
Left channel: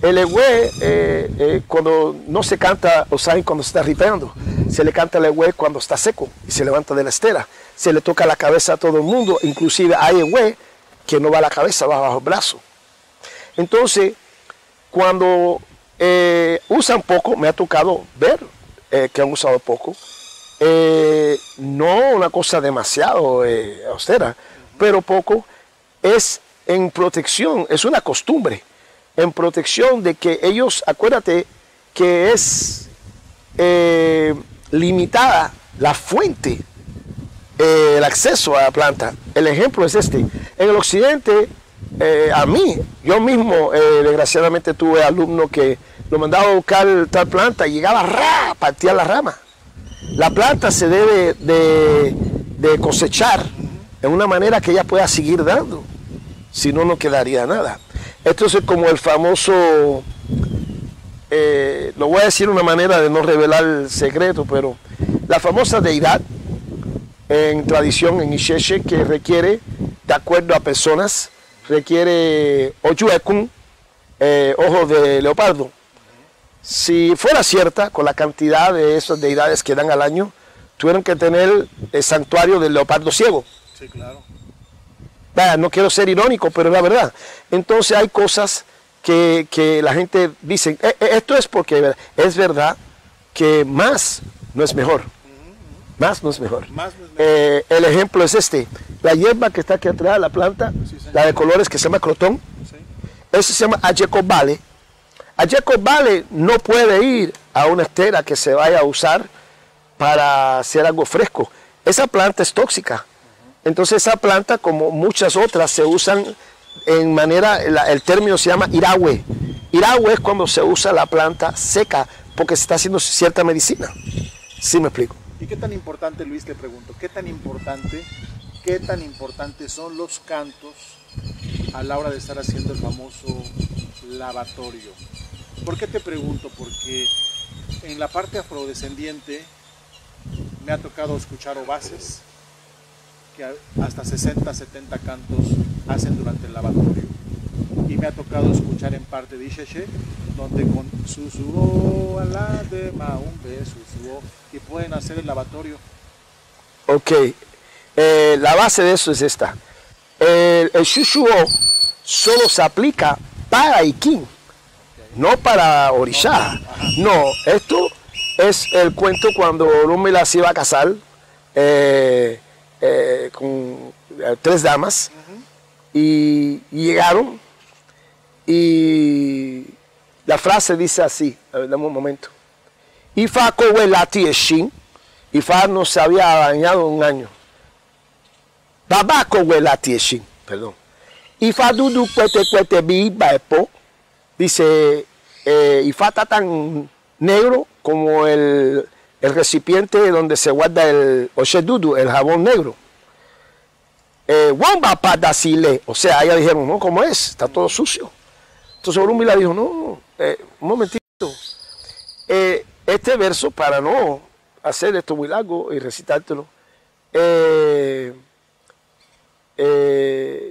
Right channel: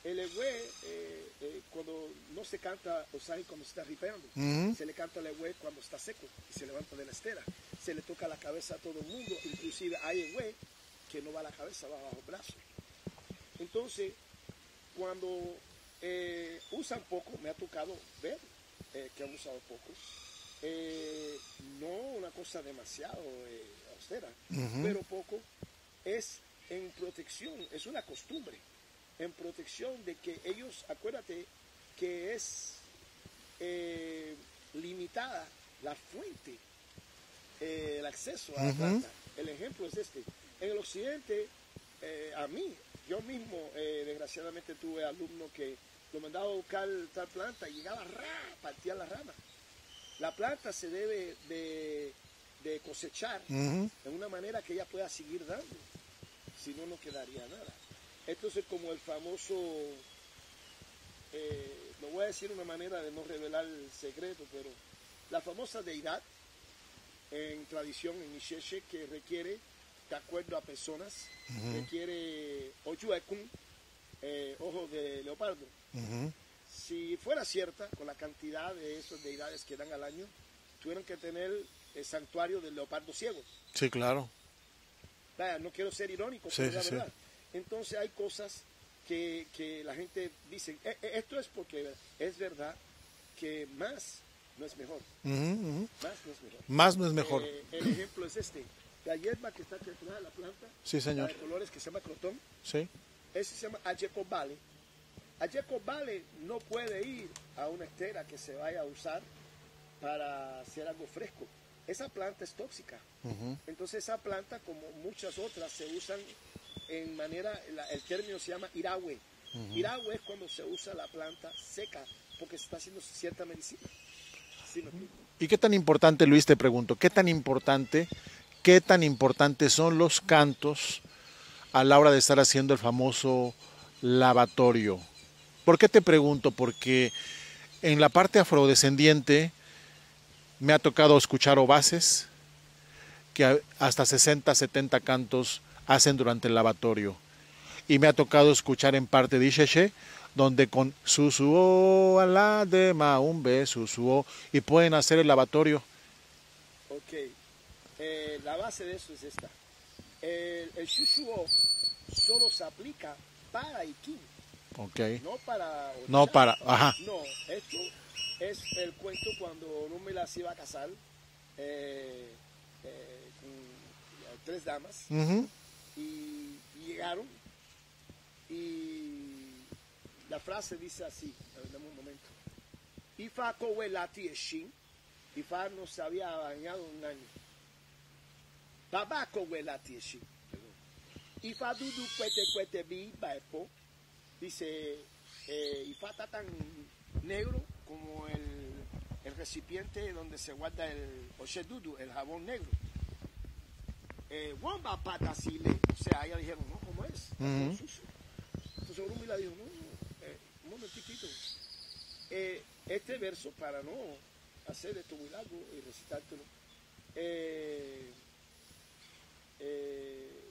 El ewe, cuando no se canta, o saben, cuando se está ripeando, se le canta el ewe cuando está seco y se levanta de la estera. Se le toca la cabeza a todo el mundo, inclusive hay ewe que no va a la cabeza, va bajo el brazo. Entonces, cuando usan poco, me ha tocado ver que han usado poco, no una cosa demasiado austera, pero poco, es en protección, es una costumbre, en protección de que ellos, acuérdate que es limitada la fuente, el acceso a la planta. El ejemplo es este. En el occidente, a mí, yo mismo, desgraciadamente tuve alumnos que lo mandaba a buscar tal planta y llegaba, partía la rama. La planta se debe de cosechar en una manera que ella pueda seguir dando, si no, no quedaría nada. Esto es como el famoso, lo voy a decir de una manera de no revelar el secreto, pero la famosa deidad en tradición, en Ixeche, que requiere, de acuerdo a personas, requiere Ojuekun, ojos de leopardo. Si fuera cierta, con la cantidad de esas deidades que dan al año, tuvieron que tener el santuario del leopardo ciego. Sí, claro. No quiero ser irónico, pero es la verdad. Entonces hay cosas que la gente dice, esto es porque es verdad que más no es mejor. Más no es mejor. Más no es mejor. El ejemplo es este. La hierba que está aquí atrás, la planta, Sí, señor. la de colores que se llama crotón, Sí. eso se llama Ajecobale. Ajecobale no puede ir a una estera que se vaya a usar para hacer algo fresco. Esa planta es tóxica. Entonces esa planta, como muchas otras, se usan en manera, el término se llama iragüe. Iragüe es cuando se usa la planta seca porque se está haciendo cierta medicina. ¿Sí me explico? ¿Y qué tan importante, Luis, te pregunto, qué tan importantes son los cantos a la hora de estar haciendo el famoso lavatorio? ¿Por qué te pregunto? Porque en la parte afrodescendiente me ha tocado escuchar ovaces que hasta 60, 70 cantos hacen durante el lavatorio. Y me ha tocado escuchar en parte de Ixeche, donde con susuo a la de maumbe, susuo, y pueden hacer el lavatorio. Ok, la base de eso es esta. El shushuo solo se aplica para Ikin, Okay. no para Orisha. No, esto es el cuento cuando Orunmila se iba a casar con 3 damas y llegaron y la frase dice así, a ver, dame un momento. Ifa kowe lati eshin, Ifa no se había bañado un año. Baba kowe lati eshin, perdón. Ifa dudu cuete bi baepo, dice, Ifa está tan negro como el recipiente donde se guarda el oshedudu, el jabón negro. Wamba padasile, o sea, ellas dijeron, no, ¿cómo es? Está todo sucio. Entonces Orunmila dijo, no, un momentito. Este verso, para no hacer esto muy largo y recitártelo,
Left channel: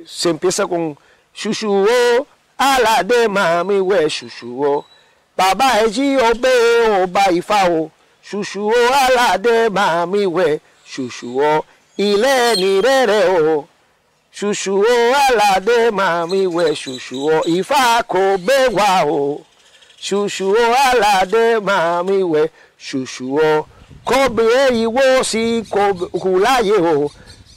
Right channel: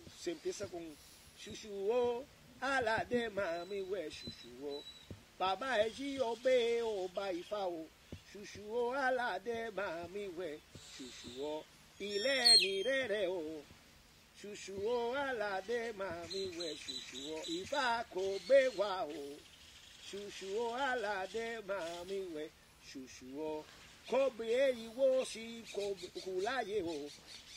se empieza con shushuo, ala de mami we shushuo, baba eji obe oba ifao, shushuo ala de mami we shushuo, ile ni rere o, shushuo ala de mami we shushuo, ifa ko bewa o, shushuo ala de mami we shushuo, kobe iwo si kulaye o,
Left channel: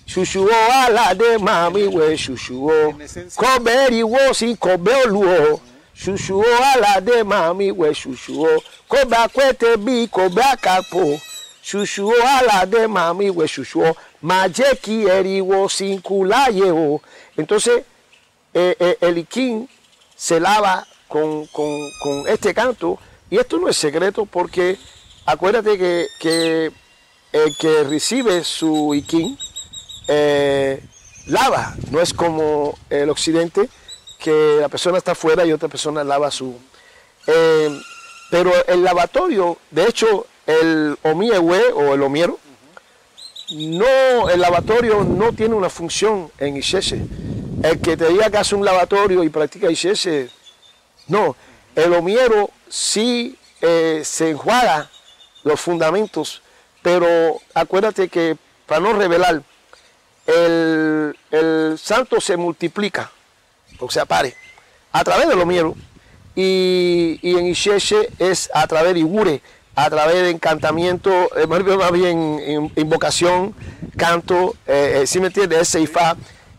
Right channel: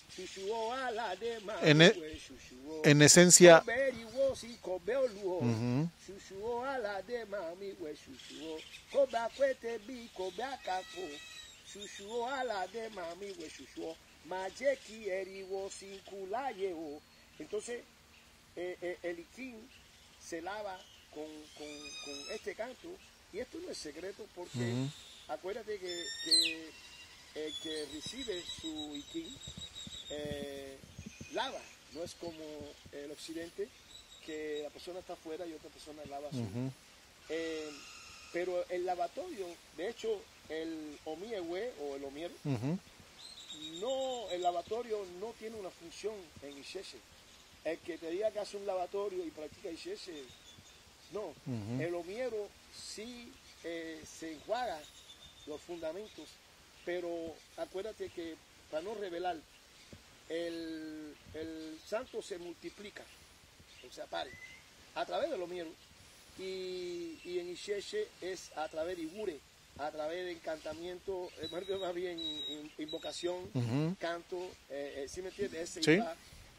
shushuo ala de mami we shushuo, en esencia, kobe iwo si kobe oluo, shushuo ala de mami we shushuo, kobe akwete bi kobe akapo, shushuo ala de mami we shushuo, majeki eriwo sin kulaye o. Entonces el Ikin se lava con este canto, y esto no es secreto porque acuérdate que el que recibe su Ikin lava, no es como el occidente, que la persona está afuera y otra persona lava su... pero el lavatorio, de hecho, el omiewe o el omiero, no, el lavatorio no tiene una función en Ixeche. El que te diga que hace un lavatorio y practica Ixeche, no. El omiero sí se enjuaga los fundamentos, pero acuérdate que, para no revelar, el santo se multiplica, o sea, pare, a través del omiero, y en Ixeche es a través de Igure, a través de encantamiento, más bien invocación, canto, ¿sí me entiendes? Ese Ifá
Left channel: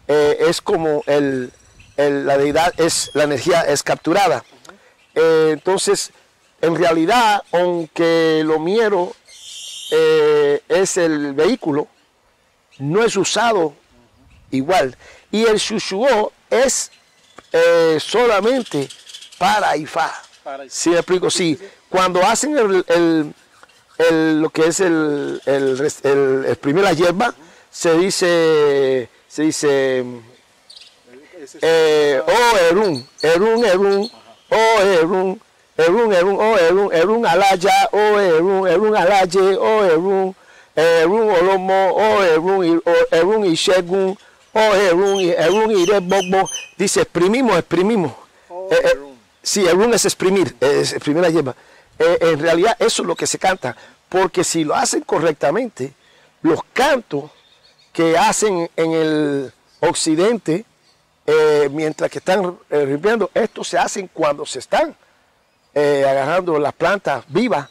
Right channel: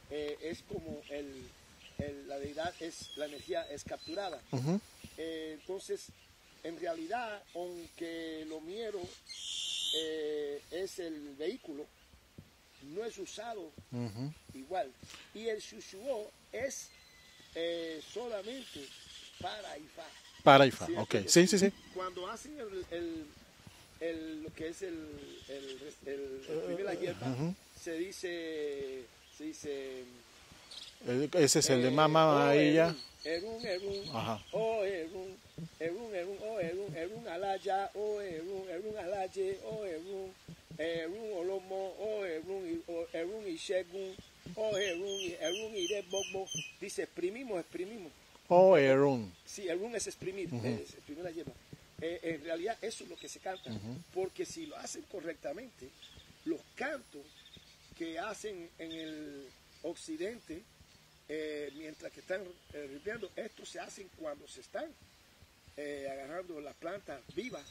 es como la deidad, la energía es capturada. Entonces, en realidad, aunque el omiero es el vehículo, no es usado igual. Y el shushuo es solamente para Ifá. ¿Sí me explico? Sí. Cuando hacen lo que es el exprimir la hierba, se dice oh Erun, oh Erun, Erun alaya, oh Erun alaye, oh Erun olomo, oh Erun y Shegun, o Erun y Rebogbo, dice exprimimos. Oh, Erun. Sí, Erun es exprimir la hierba. En realidad eso es lo que se canta, porque si lo hacen correctamente, los cantos que hacen en el occidente, mientras que están limpiando, estos se hacen cuando se están agarrando las plantas vivas,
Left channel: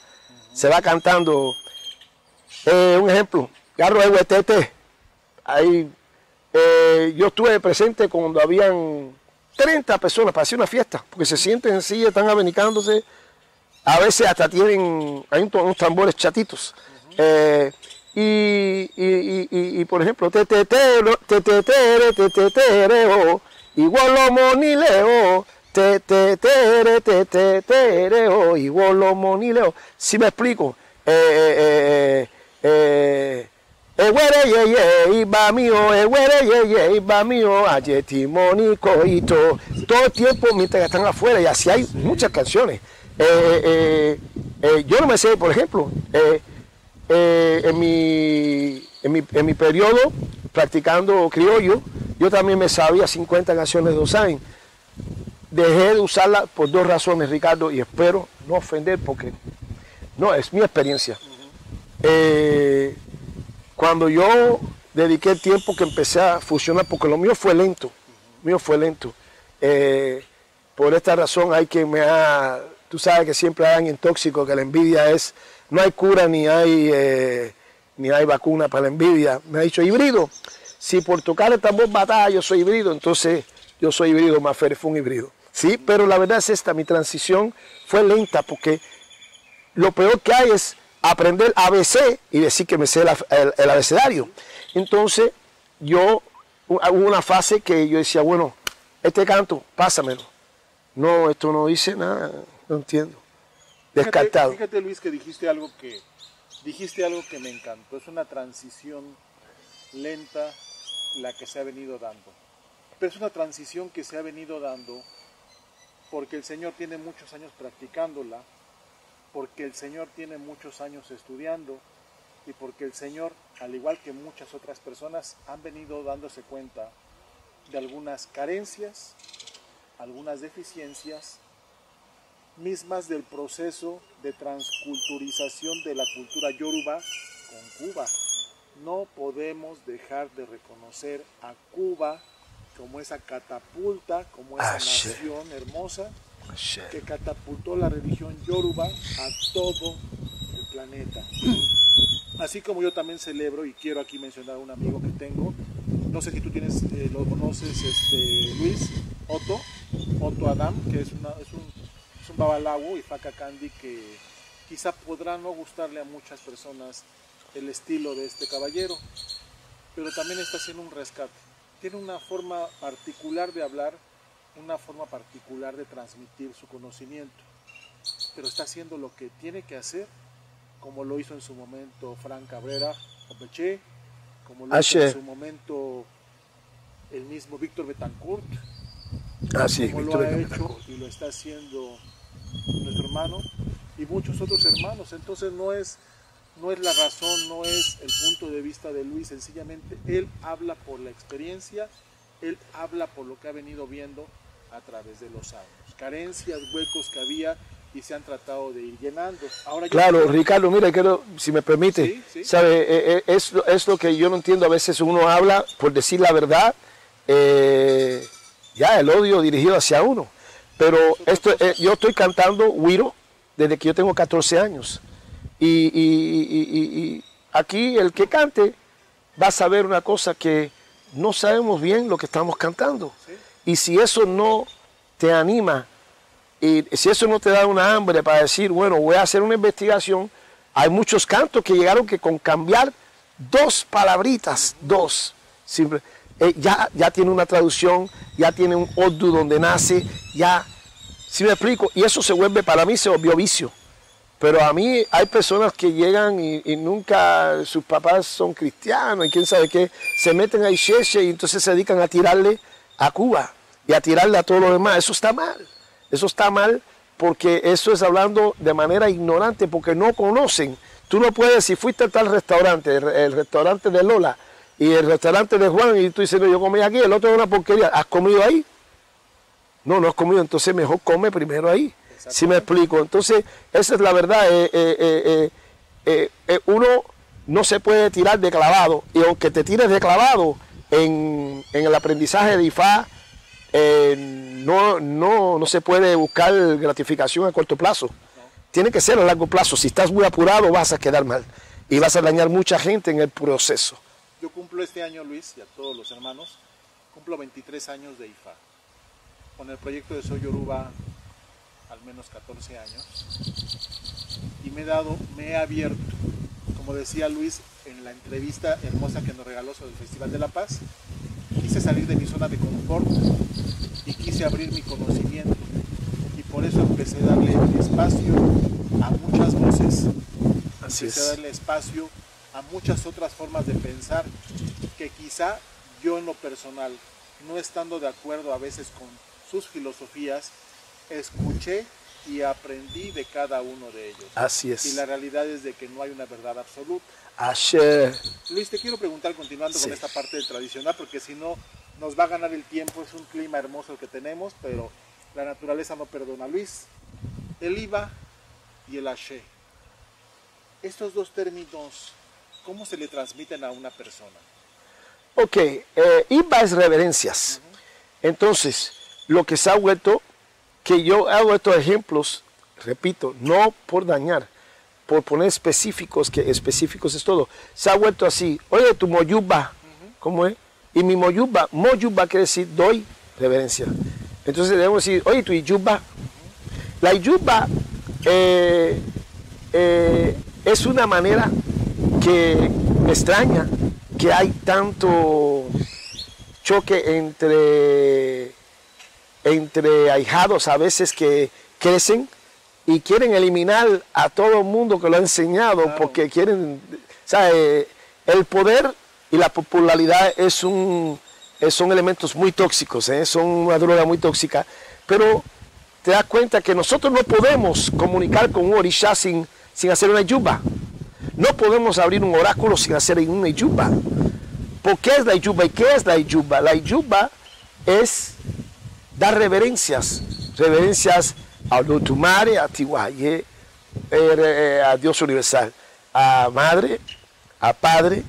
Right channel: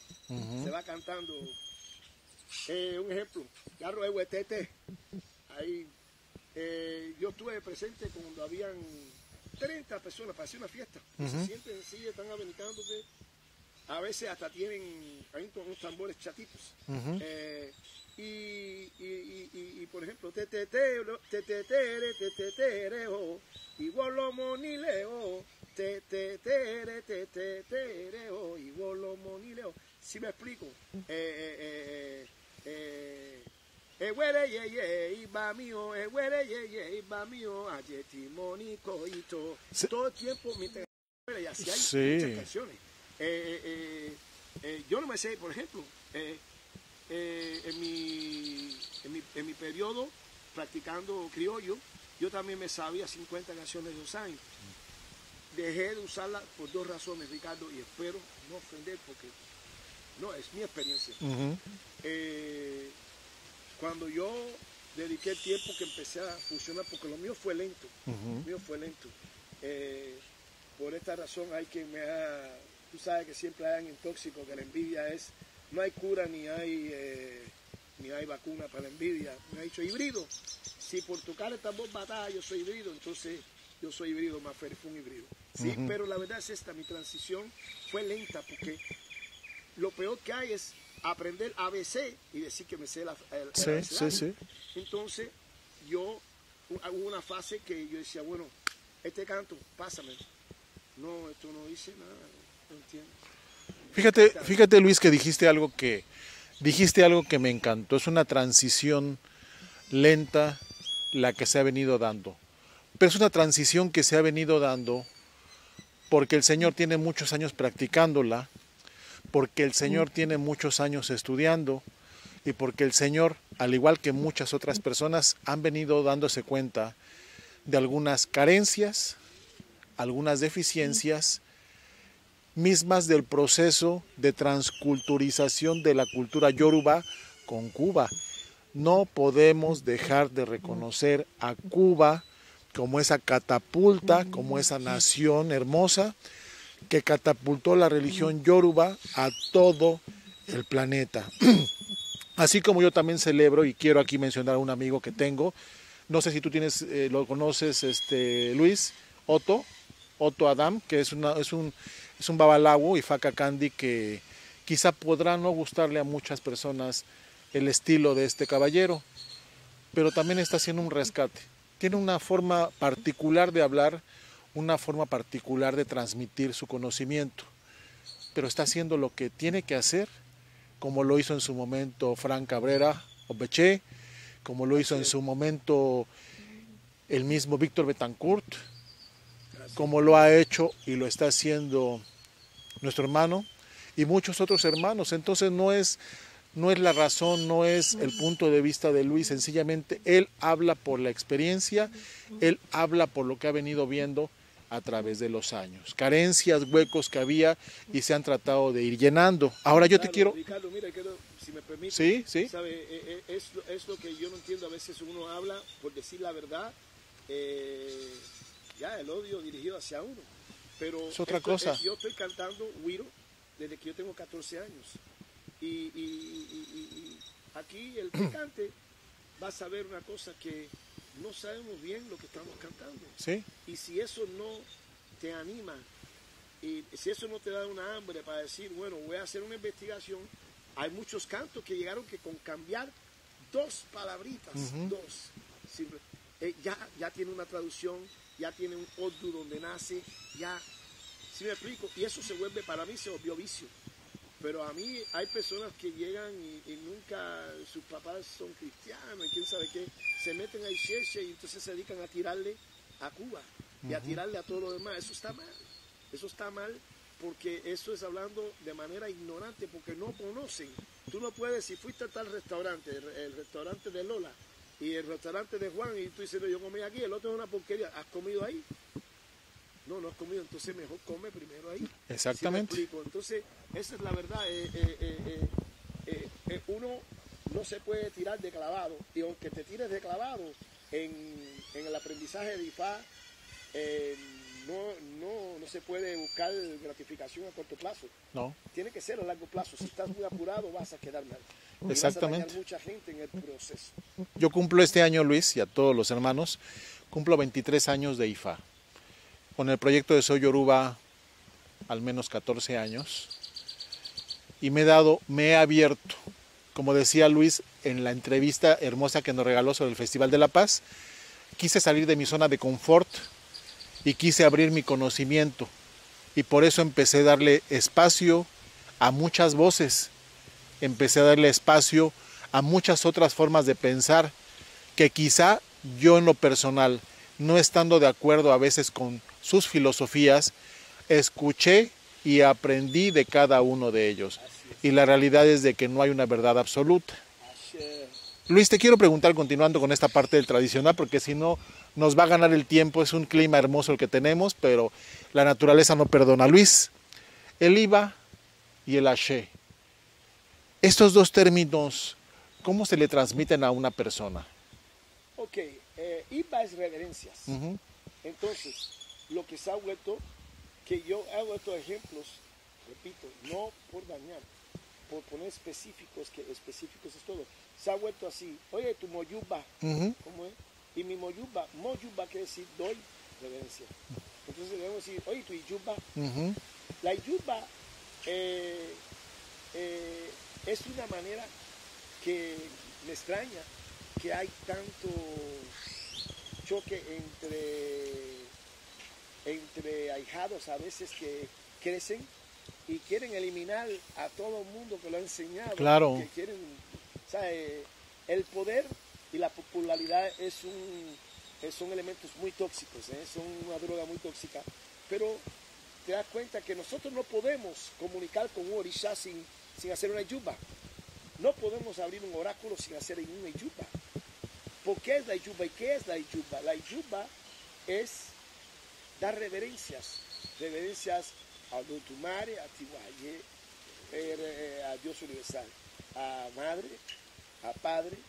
se va cantando. Un ejemplo, Garro de Huetete, ahí yo estuve presente cuando habían 30 personas para hacer una fiesta, porque se sienten en silla, están abanicándose, a veces hasta tienen, hay unos tambores chatitos. Y por ejemplo, tetetereo, igual lo monileo, tetetereo, igual lo monileo. Si me explico, iba mío, ayetimonikoito. Todo el tiempo mientras están afuera, y así hay muchas canciones. Yo no me sé, por ejemplo, en mi periodo practicando criollo, yo también me sabía 50 canciones de Osain. Dejé de usarla por dos razones, Ricardo, y espero no ofender porque no, es mi experiencia. Cuando yo dediqué el tiempo que empecé a fusionar, porque lo mío fue lento, por esta razón hay que tú sabes que siempre hay alguien tóxico, que la envidia es, no hay cura ni hay vacuna para la envidia. Me ha dicho, híbrido, si por tocar el tambor batalla yo soy híbrido, entonces yo soy híbrido, Mafere fue un híbrido. Sí, pero la verdad es esta, mi transición fue lenta, porque lo peor que hay es aprender ABC y decir que me sé el abecedario. Entonces, hubo una fase que yo decía, bueno, este canto, pásamelo. No, esto no dice nada, no entiendo. Fíjate, Luis, que dijiste algo que me encantó. Es una transición lenta la que se ha venido dando. Pero es una transición que se ha venido dando porque el Señor tiene muchos años practicándola, porque el Señor tiene muchos años estudiando y porque el Señor, al igual que muchas otras personas, han venido dándose cuenta de algunas carencias, algunas deficiencias mismas del proceso de transculturización de la cultura yoruba con Cuba. No podemos dejar de reconocer a Cuba como esa catapulta, como esa nación hermosa que catapultó la religión yoruba a todo el planeta. Así como yo también celebro, y quiero aquí mencionar a un amigo que tengo, no sé si tú lo conoces, Luis, Otto Adam, que es un babalawo y faca candy que quizá podrá no gustarle a muchas personas el estilo de este caballero, pero también está haciendo un rescate. Tiene una forma particular de hablar, una forma particular de transmitir su conocimiento, pero está haciendo lo que tiene que hacer, como lo hizo en su momento Frank Cabrera Obeche, como lo hizo en su momento el mismo Víctor Betancourt, como lo ha hecho y lo está haciendo nuestro hermano y muchos otros hermanos. Entonces no es la razón, no es el punto de vista de Luis, sencillamente él habla por la experiencia, él habla por lo que ha venido viendo a través de los años, carencias, huecos que había y se han tratado de ir llenando. Ahora claro, Ricardo, mira, si me permite, ¿sabe? Es lo que yo no entiendo. A veces uno habla por decir la verdad, ya el odio dirigido hacia uno, pero yo estoy cantando Wiro desde que yo tengo 14 años y aquí el que cante va a saber una cosa, que no sabemos bien lo que estamos cantando. ¿Sí? Y si eso no te anima, y si eso no te da una hambre para decir, bueno, voy a hacer una investigación, hay muchos cantos que llegaron que con cambiar dos palabritas, ya tiene una traducción, ya tiene un ordu donde nace, ya, si me explico, y eso se vuelve, para mí se volvió vicio. Pero a mí hay personas que llegan y nunca sus papás son cristianos y quién sabe qué, se meten a Ixeche y entonces se dedican a tirarle a Cuba y a tirarle a todo lo demás. Eso está mal porque eso es hablando de manera ignorante, porque no conocen. Tú no puedes, si fuiste a tal restaurante, el restaurante de Lola, y el restaurante de Juan, y tú dices, no, yo comí aquí, el otro es una porquería. ¿Has comido ahí? No, no has comido, entonces mejor come primero ahí. ¿Sí me explico? Entonces, esa es la verdad. Uno no se puede tirar de clavado, y aunque te tires de clavado en el aprendizaje de IFA, no se puede buscar gratificación a corto plazo. No. Tiene que ser a largo plazo. Si estás muy apurado, vas a quedar mal. Y vas a dañar mucha gente en el proceso. Yo cumplo este año, Luis, y a todos los hermanos, cumplo 23 años de IFA. Con el proyecto de Soy Yoruba, al menos 14 años. Y me he abierto. Como decía Luis en la entrevista hermosa que nos regaló sobre el Festival de la Paz, quise salir de mi zona de confort y quise abrir mi conocimiento. Y por eso empecé a darle espacio a muchas voces. Empecé a darle espacio a muchas otras formas de pensar que quizá yo en lo personal, no estando de acuerdo a veces con sus filosofías, escuché y aprendí de cada uno de ellos. Así es. Y la realidad es de que no hay una verdad absoluta. Así. Luis, te quiero preguntar, continuando con esta parte del tradicional, porque si no nos va a ganar el tiempo. Es un clima hermoso el que tenemos, pero la naturaleza no perdona. Luis, el IVA y el Ashe, estos dos términos, ¿cómo se le transmiten a una persona? Ok, IVA es reverencias. Entonces, lo que se ha vuelto, que yo hago estos ejemplos, repito, no por dañar, por poner específicos, que específicos es todo. Se ha vuelto así, oye, tu moyuba, ¿cómo es? Y mi moyuba quiere decir doy reverencia. Entonces debemos decir, oye, tu iyuba. La iyuba es una manera que me extraña que hay tanto choque entre ahijados a veces que crecen y quieren eliminar a todo el mundo que lo ha enseñado, claro, porque quieren, ¿sabe? El poder y la popularidad son elementos muy tóxicos, son una droga muy tóxica, pero te das cuenta que nosotros no podemos comunicar con un orisha sin hacer una yuba. No podemos abrir un oráculo sin hacer una yuba. ¿Por qué es la yuba y qué es la yuba? La yuba es dar reverencias a Olutumare, a Tiwaye, a Dios universal, a Madre, a Padre,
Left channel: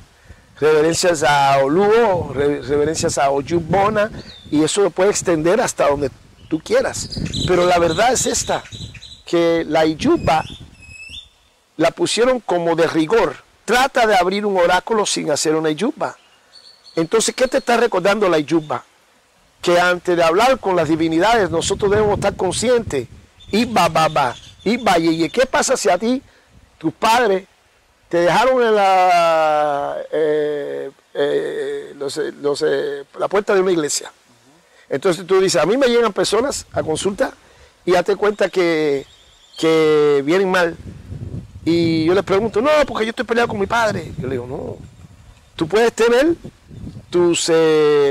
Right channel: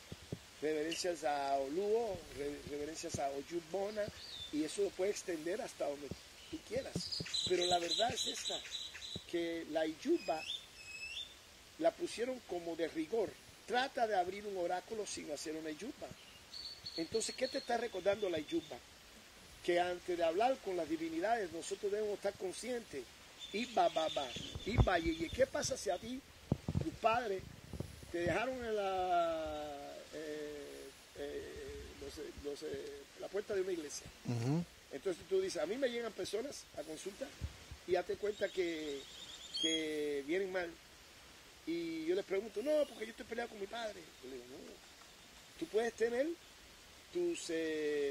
reverencias a Oluo, reverencias a Oyubona, y eso lo puede extender hasta donde tú quieras. Pero la verdad es esta, que la yuba la pusieron como de rigor. Trata de abrir un oráculo sin hacer una yuba. Entonces, ¿qué te está recordando la yuba? Que antes de hablar con las divinidades, nosotros debemos estar conscientes. ¿Qué pasa si a ti, tus padres, te dejaron en la puerta de una iglesia? Entonces tú dices, a mí me llegan personas a consulta y date cuenta que vienen mal. Y yo les pregunto, no, porque yo estoy peleado con mi padre. Yo le digo, no, tú puedes tener tus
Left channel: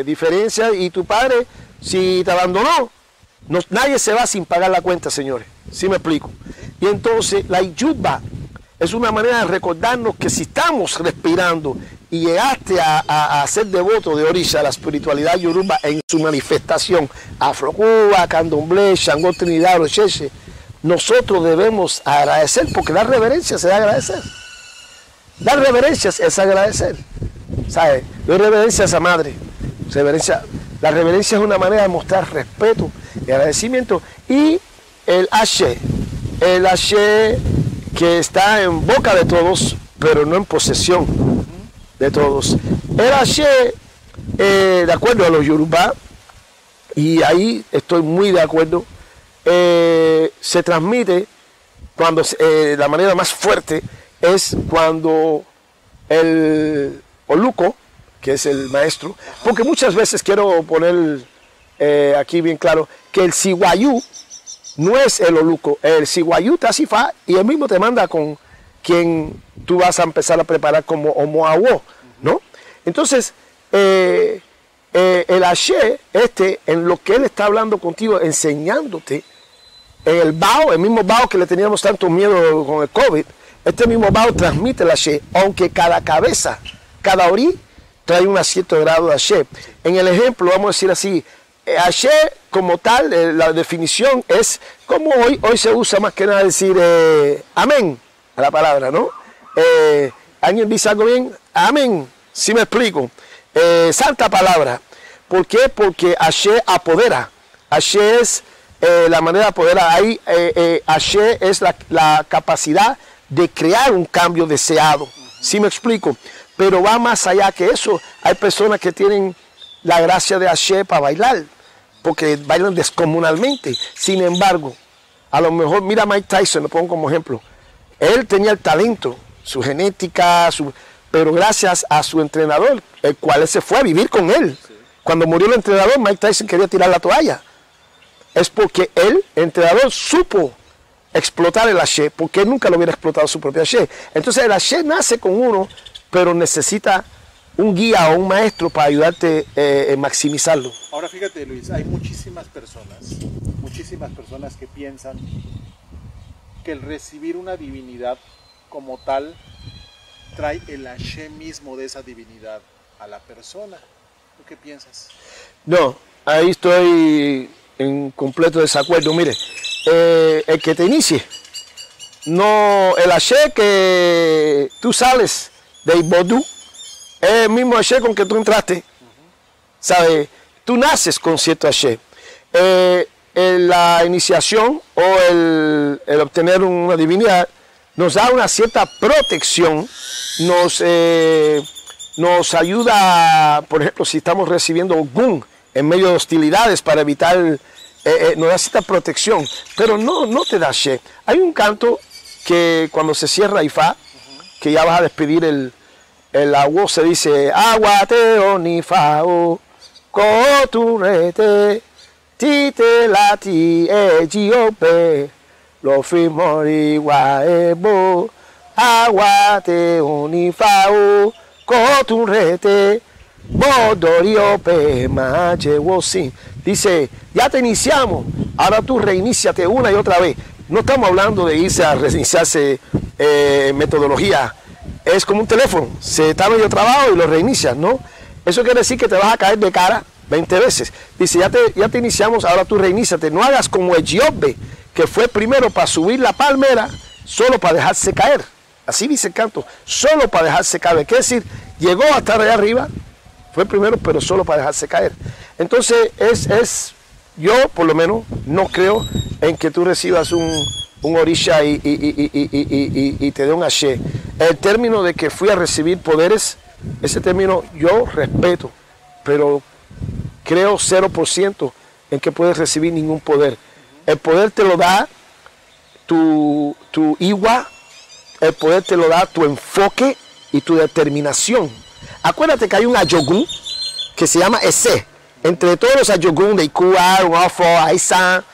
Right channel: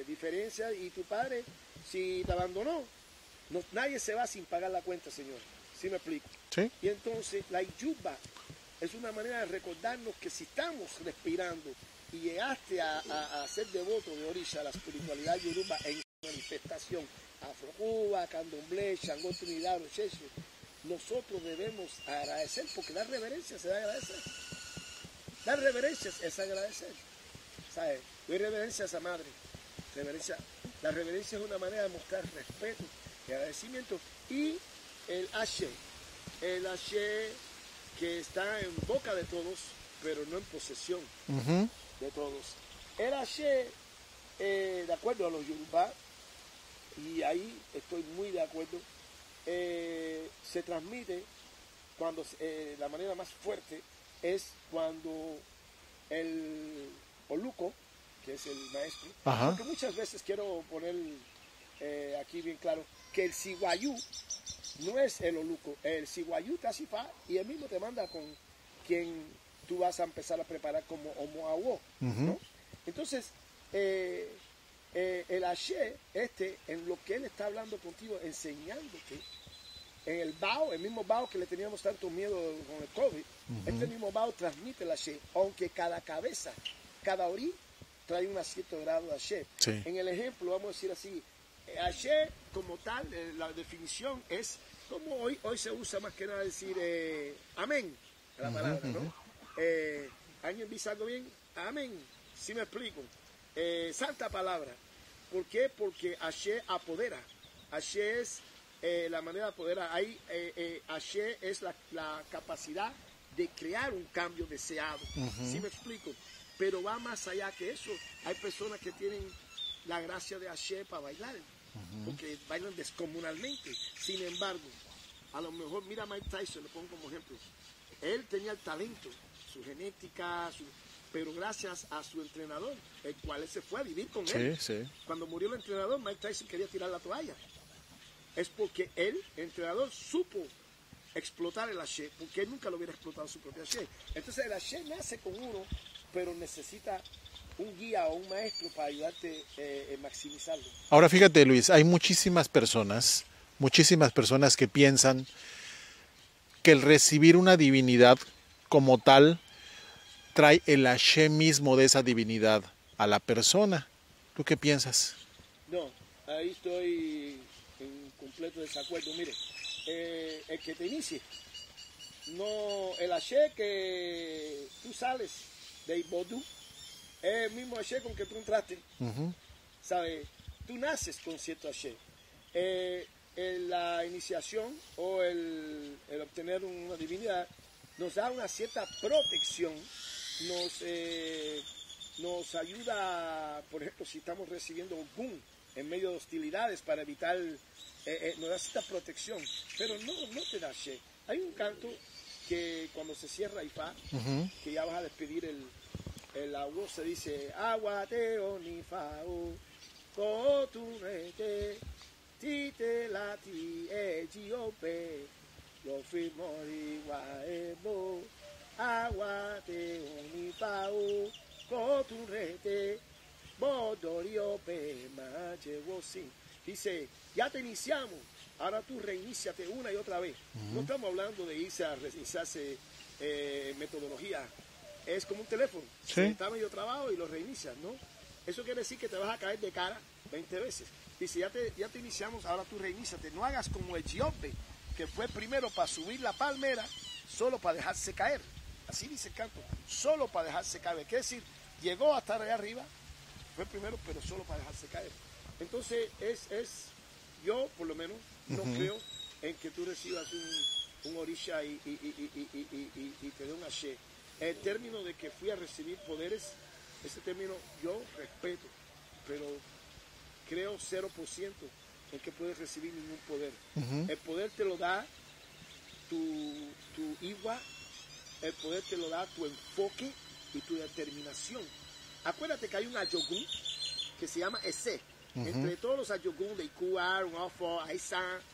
diferencias y tu padre, si te abandonó, nadie se va sin pagar la cuenta, señores. ¿Sí me explico? ¿Sí? Y entonces la yuba es una manera de recordarnos que si estamos respirando y llegaste a ser devoto de Orisha, la espiritualidad yoruba en su manifestación, Afro-Cuba, Candomblé, Shango, Trinidad, Ocheche, nosotros debemos agradecer, porque dar reverencias es agradecer. Dar reverencias es agradecer. ¿Sabes? Doy reverencias a Madre. La reverencia es una manera de mostrar respeto y agradecimiento. Y el Ashe que está en boca de todos, pero no en posesión de todos. El Ashe, de acuerdo a los Yoruba, y ahí estoy muy de acuerdo, se transmite cuando la manera más fuerte es cuando el Oluco, que es el maestro, porque muchas veces quiero poner aquí bien claro que el Siwayú no es el Oluco, el Siwayú te asifa y él mismo te manda con quien tú vas a empezar a preparar como Omoawo, ¿no? Entonces, el Ashe, en lo que él está hablando contigo, enseñándote, en el Bao, el mismo Bao que le teníamos tanto miedo con el COVID, este mismo Bao transmite el Ashe, aunque cada cabeza, cada orí, trae un cierto grado de Hashem. Sí. En el ejemplo, vamos a decir así, Hashem como tal, la definición es como hoy se usa más que nada decir amén a la palabra, ¿no? ¿Alguien dice algo bien? Amén, si me explico. Santa palabra. ¿Por qué? Porque Hashem apodera. Hashem es la manera de apoderar. Ahí Hashem es la capacidad de crear un cambio deseado. ¿Sí me explico? Pero va más allá que eso. Hay personas que tienen la gracia de Hashem para bailar, porque bailan descomunalmente. Sin embargo, a lo mejor, mira a Mike Tyson, lo pongo como ejemplo. Él tenía el talento, su genética, pero gracias a su entrenador, el cual él se fue a vivir con él. Sí. Cuando murió el entrenador, Mike Tyson quería tirar la toalla. Es porque él, el entrenador, supo explotar el Hashem, porque él nunca lo hubiera explotado su propio Hashem. Entonces el Hashem nace con uno, pero necesita un guía o un maestro para ayudarte a maximizarlo. Ahora fíjate, Luis, hay muchísimas personas que piensan que el recibir una divinidad como tal trae el Hashem mismo de esa divinidad a la persona. ¿Tú qué piensas? No, ahí estoy en completo desacuerdo. Mire, el que te inicie, no, el Hashem que tú sales de Ibodú, es el mismo Hashem con que tú entraste. ¿Sabes? Tú naces con cierto Hashem. La iniciación o el obtener una divinidad nos da una cierta protección, nos ayuda, por ejemplo, si estamos recibiendo Ogún en medio de hostilidades para evitar, nos da cierta protección, pero no te da Hashem. Hay un canto que cuando se cierra Ifá, que ya vas a despedir el agua, se dice aguateo ni fao coturete tite lati ejiope lo fimori guaebo aguateo ni fao coturete bodoriope machewosin. Dice, ya te iniciamos, ahora tú reiníciate una y otra vez. No estamos hablando de irse a reiniciarse metodología. Es como un teléfono, se está medio trabajo y lo reinicias, ¿no? Eso quiere decir que te vas a caer de cara 20 veces. Dice, ya te iniciamos, ahora tú reiníciate. No hagas como el Giobbe, que fue primero para subir la palmera, solo para dejarse caer. Así dice el canto, solo para dejarse caer. Quiere decir, llegó a estar allá arriba, fue primero, pero solo para dejarse caer. Entonces, yo por lo menos no creo en que tú recibas un orisha y te dé un Hashem. El término de que fui a recibir poderes, ese término yo respeto, pero creo 0% en que puedes recibir ningún poder. El poder te lo da tu Iwa, el poder te lo da tu enfoque y tu determinación. Acuérdate que hay un Ayogun que se llama Ese. Entre todos los Ayogun de Ikua, Wafo, Aisan,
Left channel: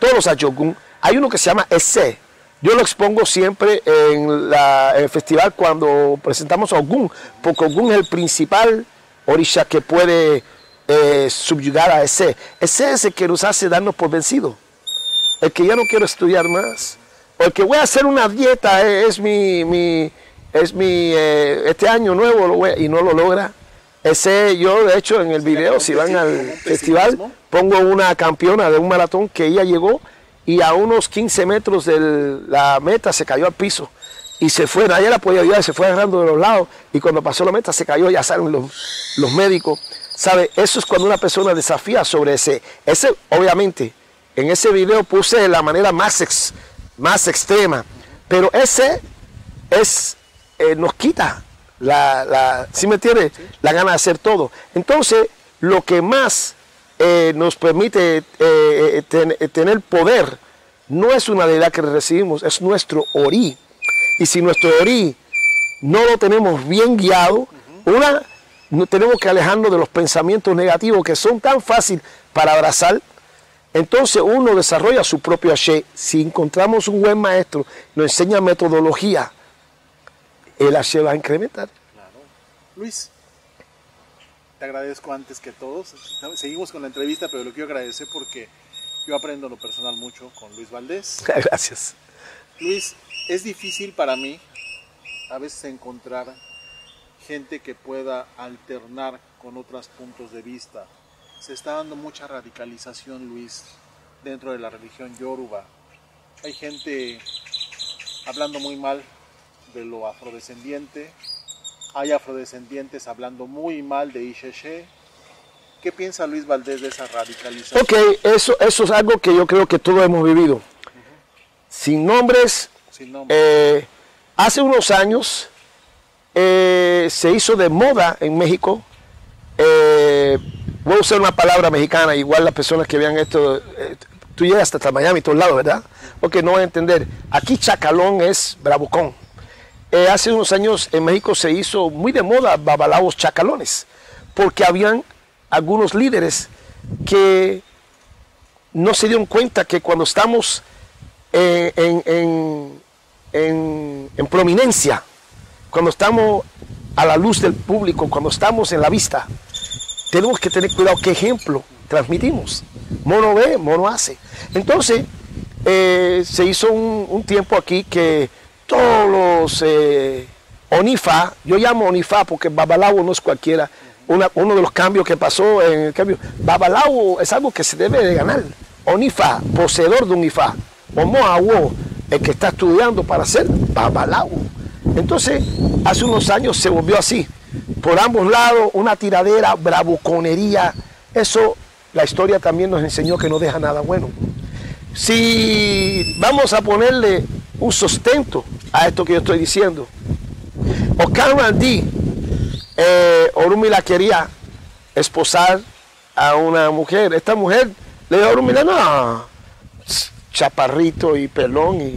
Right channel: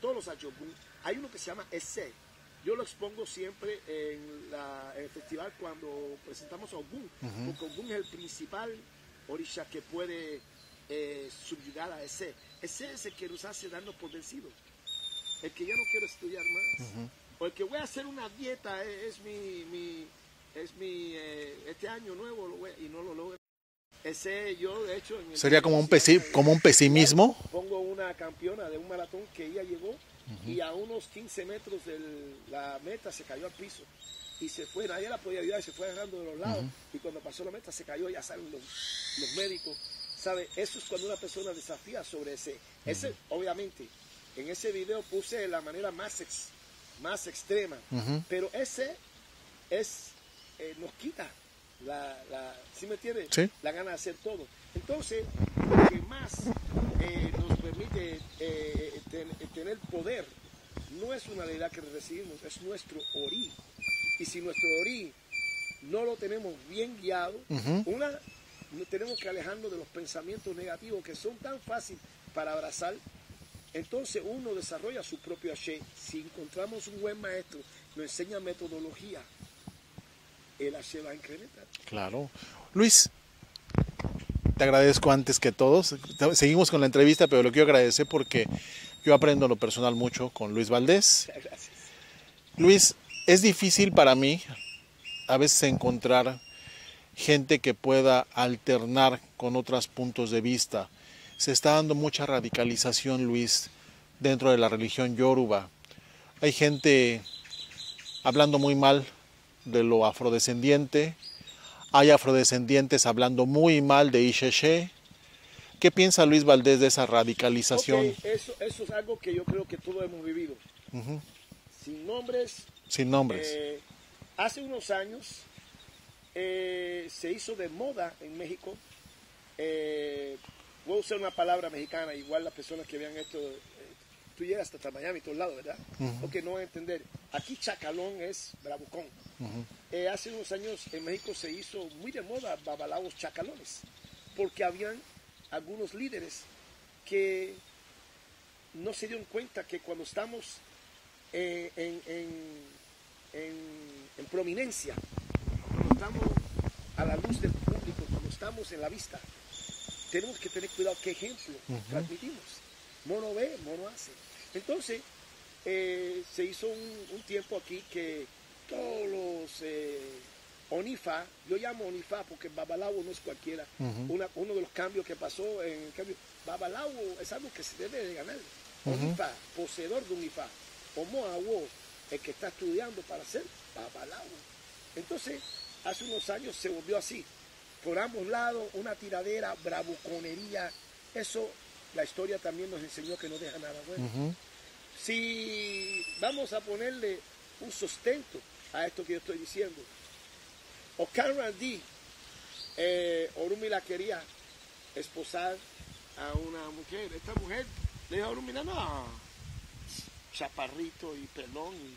todos los Ayogun, hay uno que se llama Ese. Yo lo expongo siempre en el festival cuando presentamos a Ogún, porque Ogún es el principal orisha que puede subyugar a Ese. Ese es el que nos hace darnos por vencidos. El que ya no quiero estudiar más. O el que voy a hacer una dieta, este año nuevo y no lo logra. Ese, yo de hecho en el video, si van al festival, pongo una campeona de un maratón que ella llegó y a unos 15 metros de la meta se cayó al piso y se fue, nadie la podía ayudar, se fue agarrando de los lados y cuando pasó la meta se cayó, ya salen los médicos. ¿Sabe? Eso es cuando una persona desafía sobre ese. Obviamente, en ese video puse la manera más extrema, pero ese nos quita ¿sí me entiende? Sí. La gana de hacer todo. Entonces, lo que más nos permite tener poder no es una deidad que recibimos, es nuestro Ori. Y si nuestro Ori no lo tenemos bien guiado, no tenemos que alejarnos de los pensamientos negativos que son tan fáciles para abrazar. Entonces uno desarrolla su propio Hashem. Si encontramos un buen maestro, nos enseña metodología, el Hashem va a incrementar. Claro. Luis, te agradezco antes que todos. Seguimos con la entrevista, pero lo quiero agradecer porque yo aprendo en lo personal mucho con Luis Valdés. Gracias. Luis, es difícil para mí a veces encontrar gente que pueda alternar con otros puntos de vista. Se está dando mucha radicalización, Luis, dentro de la religión yoruba. Hay gente hablando muy mal de lo afrodescendiente, hay afrodescendientes hablando muy mal de Isheshe. ¿Qué piensa Luis Valdés de esa radicalización? Ok, eso es algo que yo creo que todos hemos vivido. Sin nombres. Sin nombres. Hace unos años se hizo de moda en México. Voy a usar una palabra mexicana, igual las personas que vean esto, tú llegas hasta Miami, todos lados, ¿verdad? Ok, no van a entender. Aquí chacalón es bravucón. Hace unos años en México se hizo muy de moda babalaos chacalones, porque habían algunos líderes que no se dieron cuenta que cuando estamos en prominencia, cuando estamos a la luz del público, cuando estamos en la vista, tenemos que tener cuidado qué ejemplo transmitimos. Mono ve, mono hace. Entonces, se hizo un tiempo aquí que todos los Onifa, yo llamo Onifa porque Babalawo no es cualquiera. Uno de los cambios que pasó en el cambio, Babalawo es algo que se debe de ganar. Onifa, poseedor de un Ifá. Omoawo, el que está estudiando para ser Babalawo. Entonces, hace unos años se volvió así. Por ambos lados, una tiradera, bravuconería. Eso, la historia también nos enseñó que no deja nada bueno. Si vamos a ponerle un sustento a esto que yo estoy diciendo, Okan Randi, Orunmila quería esposar a una mujer. Esta mujer le dijo a Orunmila, no, chaparrito y pelón. Y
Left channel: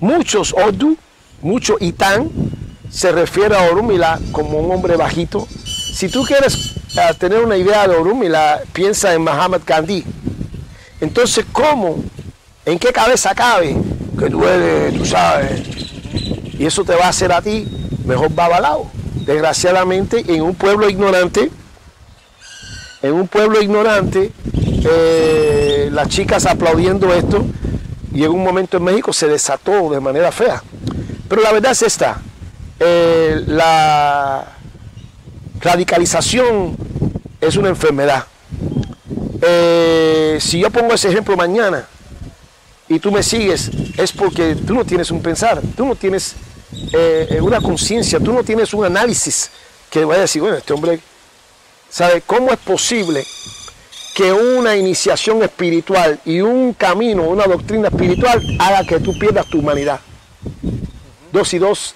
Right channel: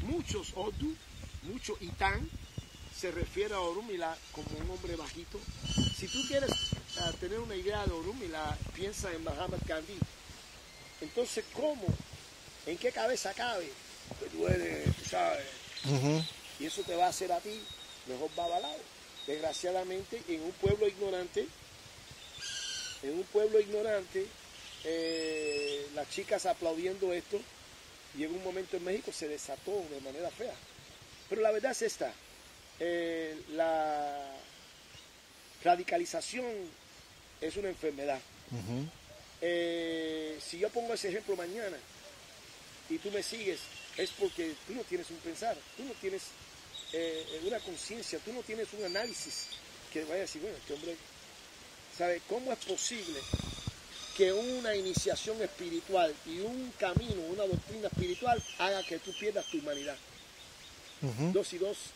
muchos Odu, mucho Itán, se refiere a Orunmila como un hombre bajito. Si tú quieres tener una idea de Orunmila, piensa en Mahatma Gandhi. Entonces, ¿cómo? ¿En qué cabeza cabe? Que tú eres, tú sabes. Y eso te va a hacer a ti mejor babalao. Desgraciadamente, en un pueblo ignorante, las chicas aplaudiendo esto, y en un momento en México se desató de manera fea. Pero la verdad es esta. La radicalización es una enfermedad. Si yo pongo ese ejemplo mañana y tú me sigues, es porque tú no tienes un pensar, tú no tienes una conciencia, tú no tienes un análisis que vaya a decir, bueno, este hombre, ¿sabe cómo es posible que una iniciación espiritual y un camino, una doctrina espiritual haga que tú pierdas tu humanidad? 2 y 2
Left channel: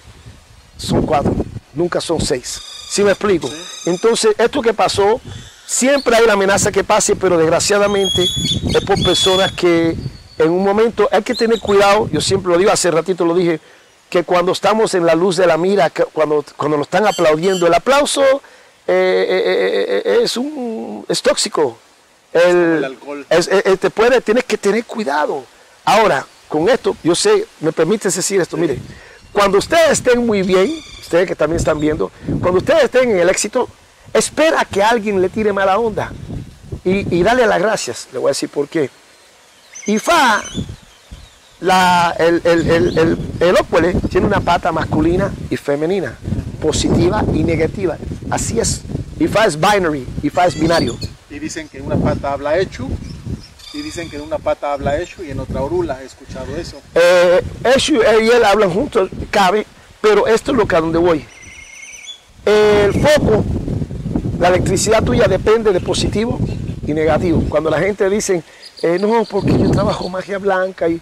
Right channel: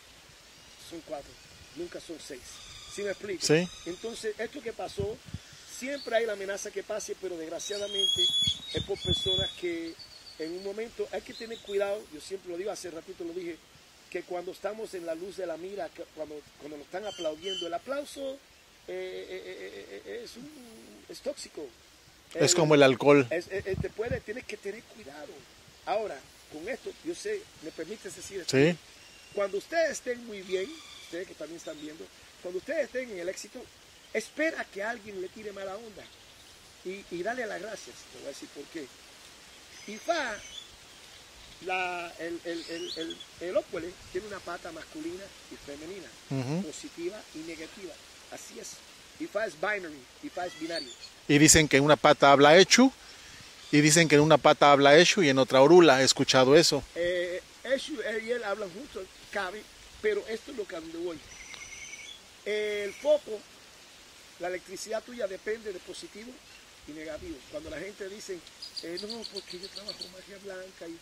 son 4, nunca son 6. ¿Sí me explico? Sí. Entonces, esto que pasó, siempre hay la amenaza que pase, pero desgraciadamente es por personas que en un momento hay que tener cuidado. Yo siempre lo digo, hace ratito lo dije, que cuando estamos en la luz de la mira, cuando nos están aplaudiendo, el aplauso es tóxico. Es como el alcohol. Tienes que tener cuidado. Ahora, con esto, yo sé, me permites decir esto, sí. Mire, cuando ustedes estén muy bien, ustedes que también están viendo, cuando ustedes estén en el éxito, espera que alguien le tire mala onda y dale las gracias. Le voy a decir por qué. Ifá, el ópole tiene una pata masculina y femenina, positiva y negativa. Así es. Ifá es binary, Ifá es binario. Y dicen que en una pata habla Eshu, y dicen que en una pata habla Eshu y en otra Orula. He escuchado eso. Eshu y él hablan juntos, cabe, pero esto es lo que a donde voy. El foco, la electricidad tuya depende de positivo y negativo. Cuando la gente dice, no, porque yo trabajo magia blanca, y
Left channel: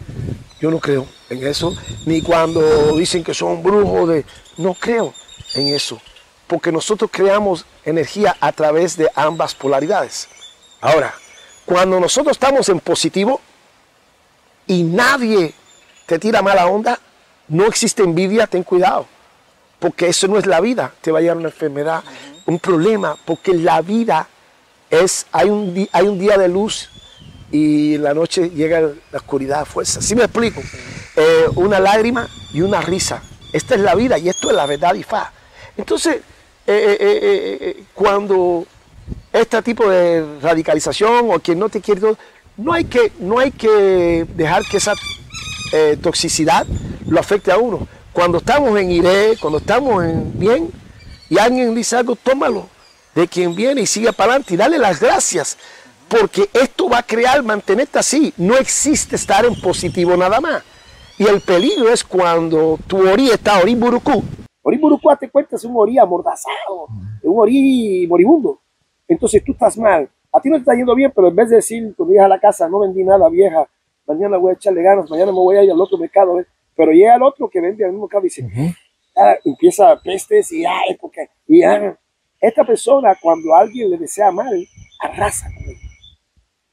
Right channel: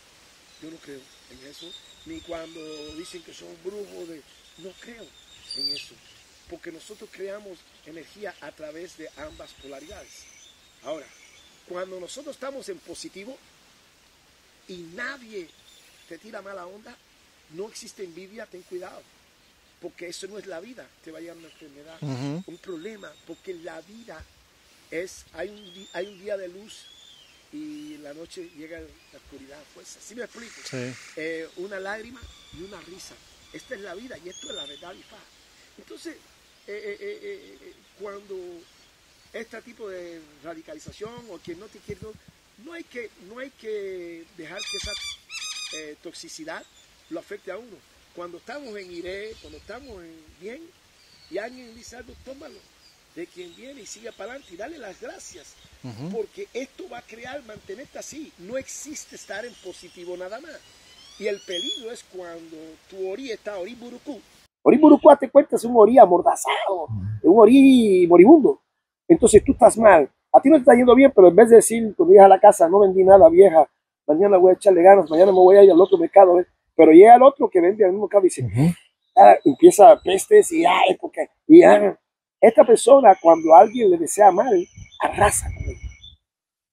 yo no creo en eso. Ni cuando dicen que son brujos, no creo en eso. Porque nosotros creamos energía a través de ambas polaridades. Ahora, cuando nosotros estamos en positivo y nadie te tira mala onda, no existe envidia, ten cuidado. Porque eso no es la vida, te va a llevar una enfermedad, un problema, porque la vida es, hay un día de luz y en la noche llega la oscuridad a fuerza. ¿Sí me explico? Sí. Una lágrima y una risa. Esta es la vida y esto es la verdad Ifá. Entonces, cuando este tipo de radicalización o quien no te quiere, no hay que dejar que esa toxicidad lo afecte a uno. Cuando estamos en iré, cuando estamos en bien, y alguien dice algo, tómalo de quien viene y sigue para adelante y dale las gracias, porque esto va a crear, mantenerte así. No existe estar en positivo nada más. Y el peligro es cuando tu orí está orí burucú. Orí burucú, te cuenta, es un orí amordazado, un orí moribundo. Entonces tú estás mal. A ti no te está yendo bien, pero en vez de decir, cuando llegas a la casa, no vendí nada, vieja, mañana voy a echarle ganas, mañana me voy a ir al otro mercado, pero llega el otro que vende al mismo mercado y dice, empieza pestes y porque esta persona, cuando alguien le desea mal, arrasa con él,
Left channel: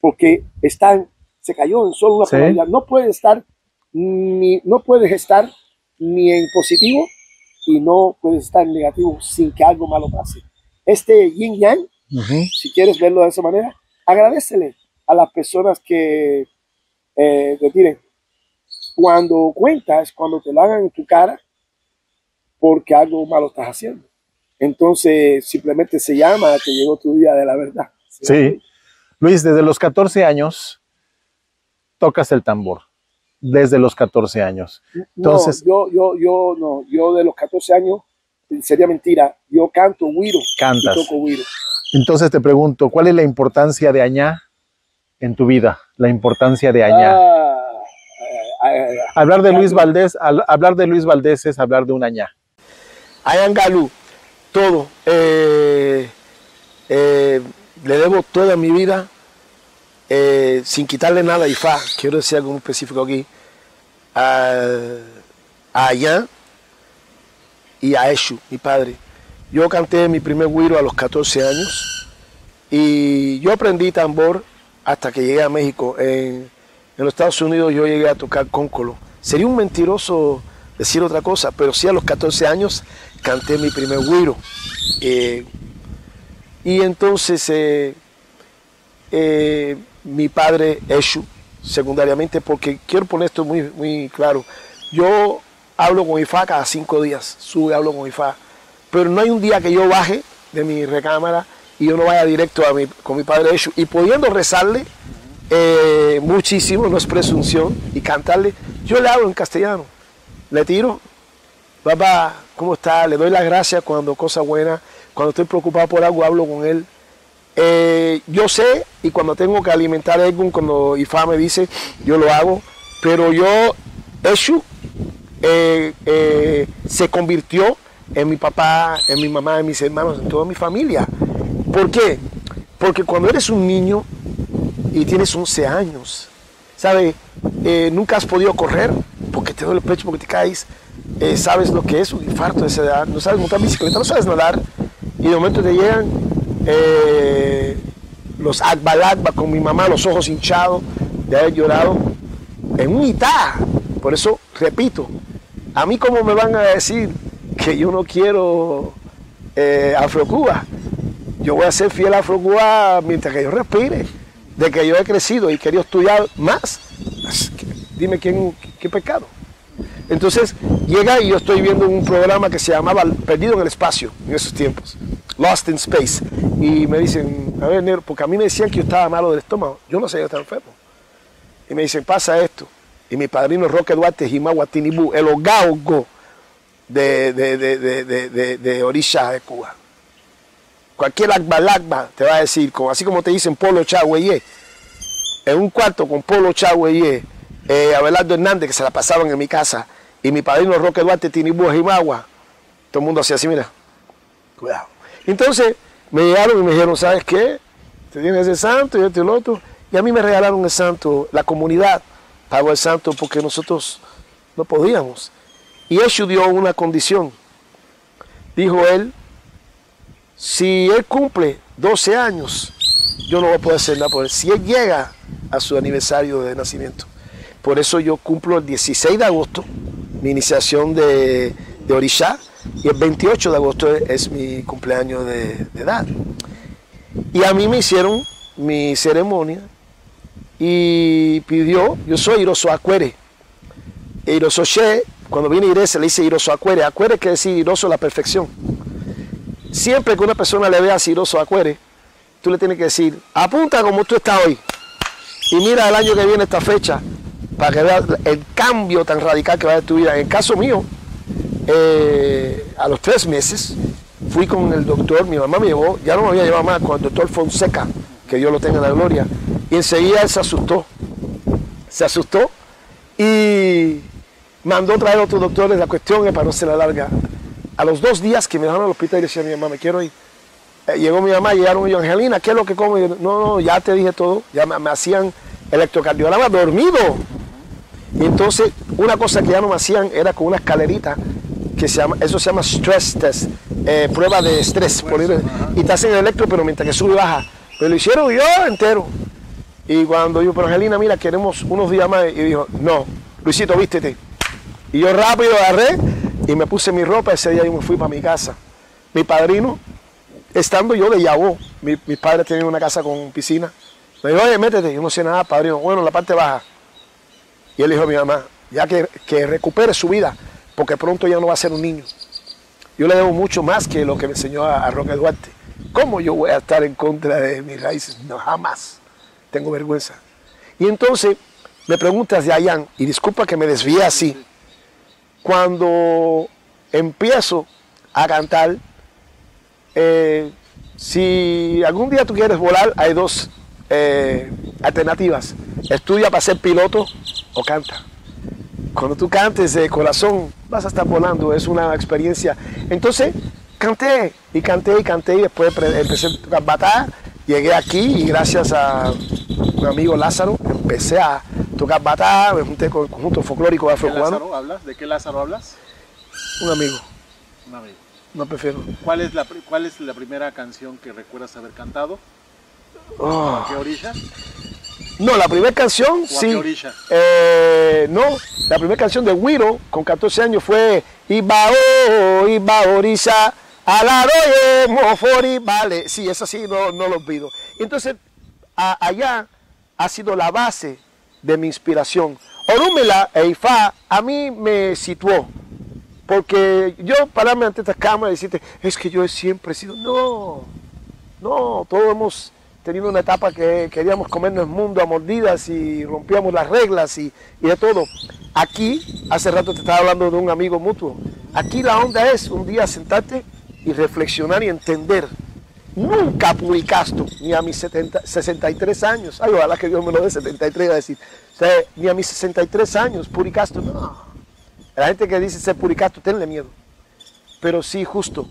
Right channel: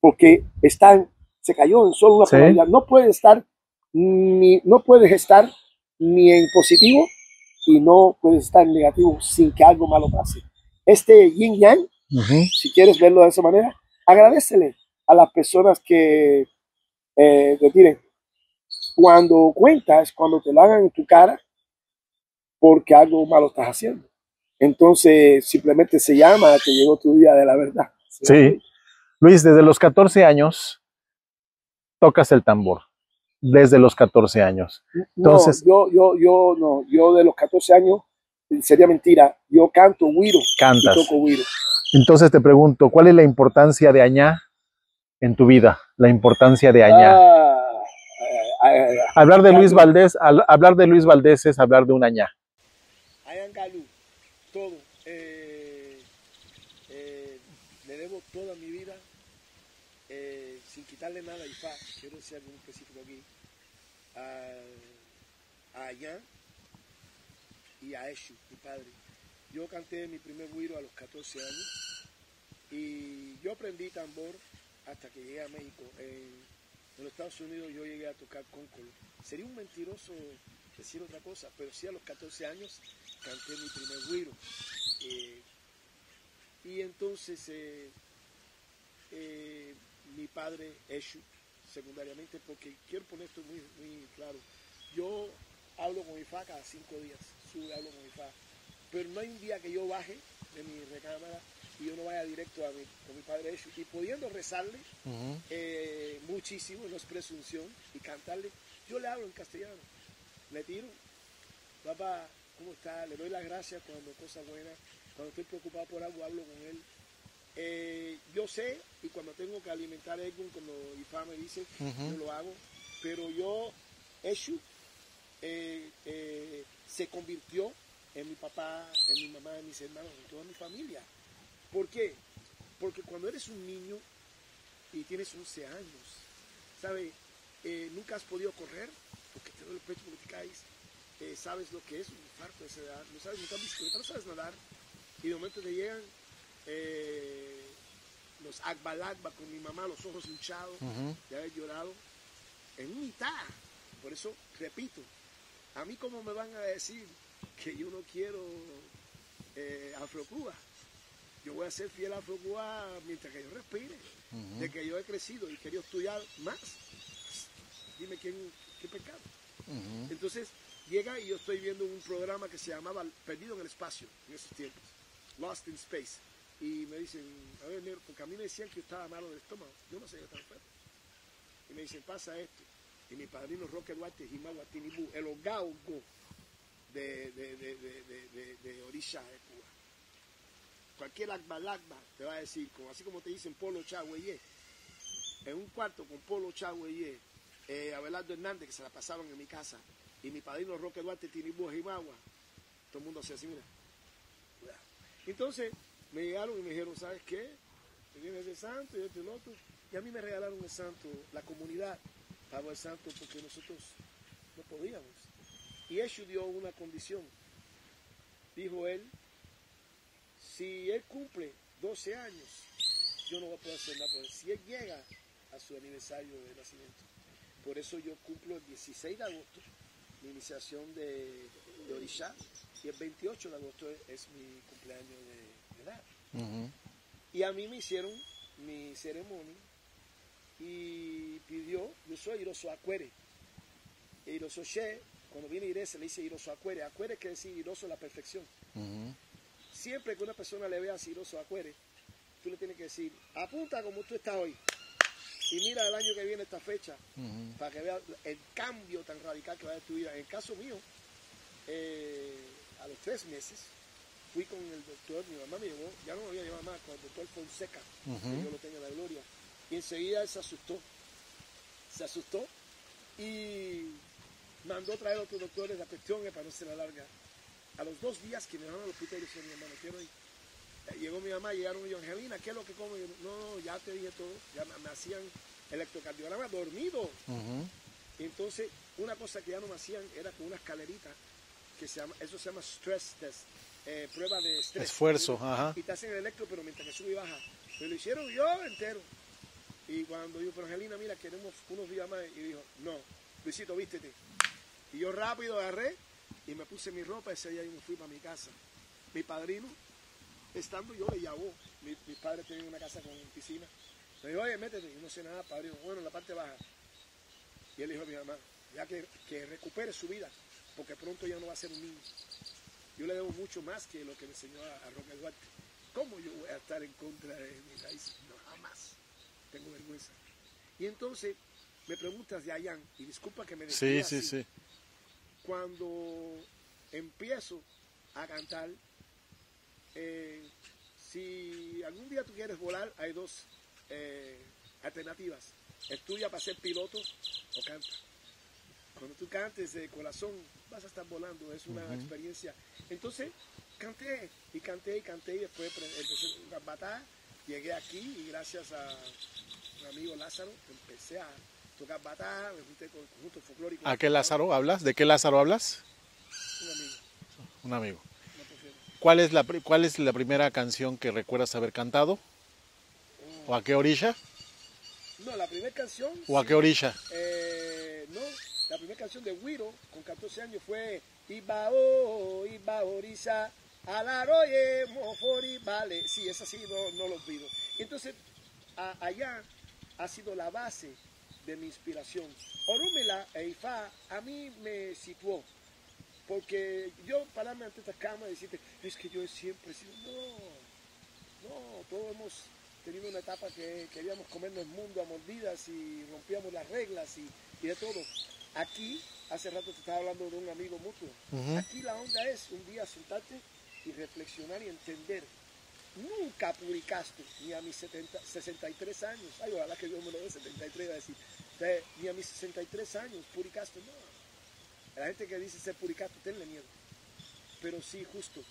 porque se cayó en solo una polaridad. No puedes estar ni en positivo y no puedes estar en negativo sin que algo malo pase. Este yin yang, si quieres verlo de esa manera, agradécele a las personas que te tiren. Cuando cuentas, cuando te lo hagan en tu cara, porque algo malo estás haciendo. Entonces, simplemente se llama que llegó tu día de la verdad. Sí. Luis, desde los 14 años tocas el tambor. Desde los 14 años. Entonces, no, yo de los 14 años, sería mentira, yo canto güiro. Cantas. Y toco güiro. Entonces te pregunto, ¿cuál es la importancia de Añá en tu vida? La importancia de Añá. Hablar de Luis Valdés, hablar de Luis Valdés es hablar de un Añá. Ayangalú, todo. Le debo toda mi vida, sin quitarle nada a Ifá. Quiero decir algo muy específico aquí. A Ayan y a Eshu, mi padre. Yo canté mi primer güiro a los 14 años y yo aprendí tambor hasta que llegué a México. En los Estados Unidos yo llegué a tocar cóncolo. Sería un mentiroso decir otra cosa, pero sí a los 14 años canté mi primer güiro. Y entonces mi padre Eshu, secundariamente, porque quiero poner esto muy, muy claro. Yo hablo con Ifá cada 5 días, hablo con Ifá. Pero no hay un día que yo baje de mi recámara y yo no vaya directo con mi padre Eshu. Y pudiendo rezarle muchísimo, no es presunción, y cantarle, yo le hablo en castellano. Le tiro, papá, ¿cómo está? Le doy las gracias cuando cosa buena, cuando estoy preocupado por algo, hablo con él. Yo sé, y cuando tengo que alimentar a algún, cuando Ifá me dice, yo lo hago, pero Eshu se convirtió en mi papá, en mi mamá, en mis hermanos, en toda mi familia. ¿Por qué? Porque cuando eres un niño y tienes 11 años, ¿sabes? Nunca has podido correr porque te duele el pecho, porque te caes. Sabes lo que es un infarto de esa edad, no sabes montar bicicleta, no sabes nadar. Y de momento te llegan los agbalagba con mi mamá, los ojos hinchados de haber llorado en un itá. Por eso, repito, a mí cómo me van a decir que yo no quiero Afrocuba. Yo voy a ser fiel a Afrocuba mientras que yo respire, de que yo he crecido y querido estudiar más. Dime qué pecado. Entonces llega y yo estoy viendo un programa que se llamaba Perdido en el Espacio en esos tiempos, Lost in Space, y me dicen, a ver, negro, porque a mí me decían que yo estaba malo del estómago, yo no sé, yo estaba enfermo, y me dicen, pasa esto, y mi padrino Roque Duarte Jimagua Tinibú, el ogaugo de Orisha de Cuba. Cualquier agbalagba te va a decir, así como te dicen Polo Chagüeyé, en un cuarto con Polo Chagüeyé, Abelardo Hernández, que se la pasaban en mi casa, y mi padrino Roque Duarte Tinibú Jimagua, todo el mundo hacía así, mira, cuidado. Entonces me llegaron y me dijeron, ¿sabes qué? Te tienes el santo y esto y lo otro, y a mí me regalaron el santo, la comunidad pagó el santo porque nosotros no podíamos. Y Eshu dio una condición. Dijo él, si él cumple 12 años, yo no voy a poder hacer nada por él. Si él llega a su aniversario de nacimiento. Por eso yo cumplo el 16 de agosto, mi iniciación de Orisha, y el 28 de agosto es mi cumpleaños de edad. Y a mí me hicieron mi ceremonia y pidió, yo soy Iroso Acuere. Iroso She, cuando viene Ire se le dice Iroso Acuere. Acuere quiere decir Iroso la perfección. Siempre que una persona le vea a Iroso Acuere, tú le tienes que decir, apunta como tú estás hoy. Y mira el año que viene esta fecha, para que veas el cambio tan radical que va a haber en tu vida. En el caso mío, a los 3 meses, fui con el doctor, mi mamá me llevó, ya no me había llevado más, con el doctor Fonseca, que Dios lo tenga en la gloria, y enseguida él se asustó y mandó traer a otros doctores. La cuestión es, para no ser la larga, a los 2 días que me dejaron al hospital, y decía a mi mamá, me quiero ir. Llegó mi mamá, llegaron ellos, Angelina, ¿qué es lo que como? Yo, no, ya te dije todo, ya me hacían electrocardiograma dormido. Y entonces, una cosa que ya no me hacían era con una escalerita, que eso se llama stress test, prueba de estrés. Y te hacen el electro, pero mientras que sube y baja. Pero lo hicieron yo entero. Y cuando yo, pero Angelina, mira, queremos unos días más. Y dijo, no, Luisito, vístete. Y yo rápido agarré y me puse mi ropa. Ese día yo me fui para mi casa. Mi padrino, estando yo de Yabó, mis padres tenían una casa con piscina. Me dijo, oye, métete. Yo no sé nada, padrino. Bueno, la parte baja. Y él dijo a mi mamá, ya que recupere su vida, porque pronto ya no va a ser un niño. Yo le debo mucho más que lo que me enseñó a Roque Duarte. ¿Cómo yo voy a estar en contra de mis raíces? No, jamás. Tengo vergüenza. Y entonces me preguntas de Ayán, y disculpa que me desvíe así, cuando empiezo a cantar, si algún día tú quieres volar, hay 2 alternativas. Estudia para ser piloto o canta. Cuando tú cantes de corazón, vas a estar volando, es una experiencia. Entonces, canté, y después empecé a tocar batá, llegué aquí y gracias a un amigo Lázaro, empecé a tocar batá, me junté con el conjunto folclórico afrocubano. ¿De qué Lázaro hablas? Un amigo. Un amigo. No prefiero. ¿Cuál es la primera canción que recuerdas haber cantado? ¿A qué orilla? No, la primera canción, ¿O sí. ¿A qué orilla? No, la primera canción de Guiro, con 14 años, fue Iba orilla, alaroye, mofori, vale. Sí, eso sí, no lo olvido. Entonces, allá ha sido la base de mi inspiración. Orúmela e Ifá a mí me situó, porque yo pararme ante esta cámara y decirte, es que yo siempre he sido, no, todos hemos tenido una etapa que queríamos comernos el mundo a mordidas y rompíamos las reglas y de todo. Aquí, hace rato te estaba hablando de un amigo mutuo, aquí la onda es un día sentarte y reflexionar y entender. Nunca publicaste, ni a mis 63 años, ay, ojalá que Dios me lo dé 73, a decir, o sea, ni a mis 63 años publicaste, no. La gente que dice ser puricasto, tenle miedo, pero sí justo,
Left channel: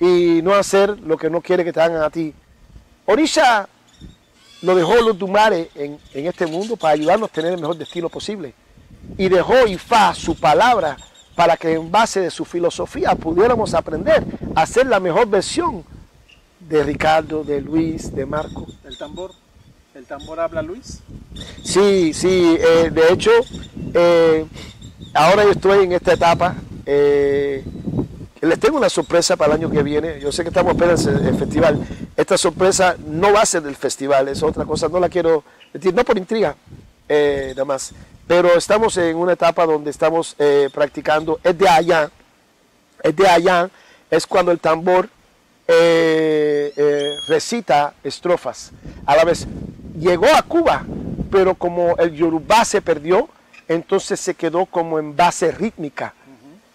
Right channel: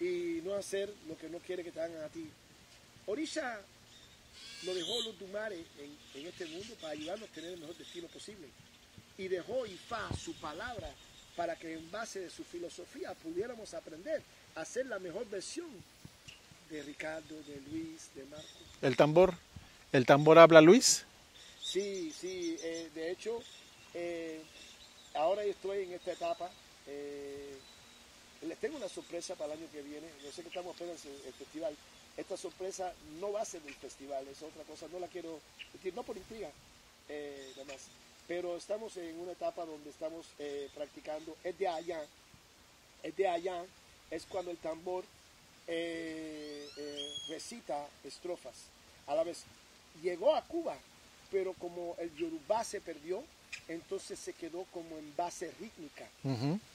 y no hacer lo que no quiere que te hagan a ti. Orisha lo dejó los Dumare en este mundo para ayudarnos a tener el mejor destino posible, y dejó Ifá, su palabra, para que en base de su filosofía pudiéramos aprender a ser la mejor versión de Ricardo, de Luis, de Marco. ¿El tambor habla, Luis? Sí, de hecho, ahora yo estoy en esta etapa, les tengo una sorpresa para el año que viene, yo sé que estamos apenas en el festival, esta sorpresa no va a ser del festival, es otra cosa, no la quiero decir, no por intriga, nada más, pero estamos en una etapa donde estamos practicando, es de allá, es cuando el tambor recita estrofas. A la vez llegó a Cuba, pero como el yorubá se perdió, entonces se quedó como en base rítmica.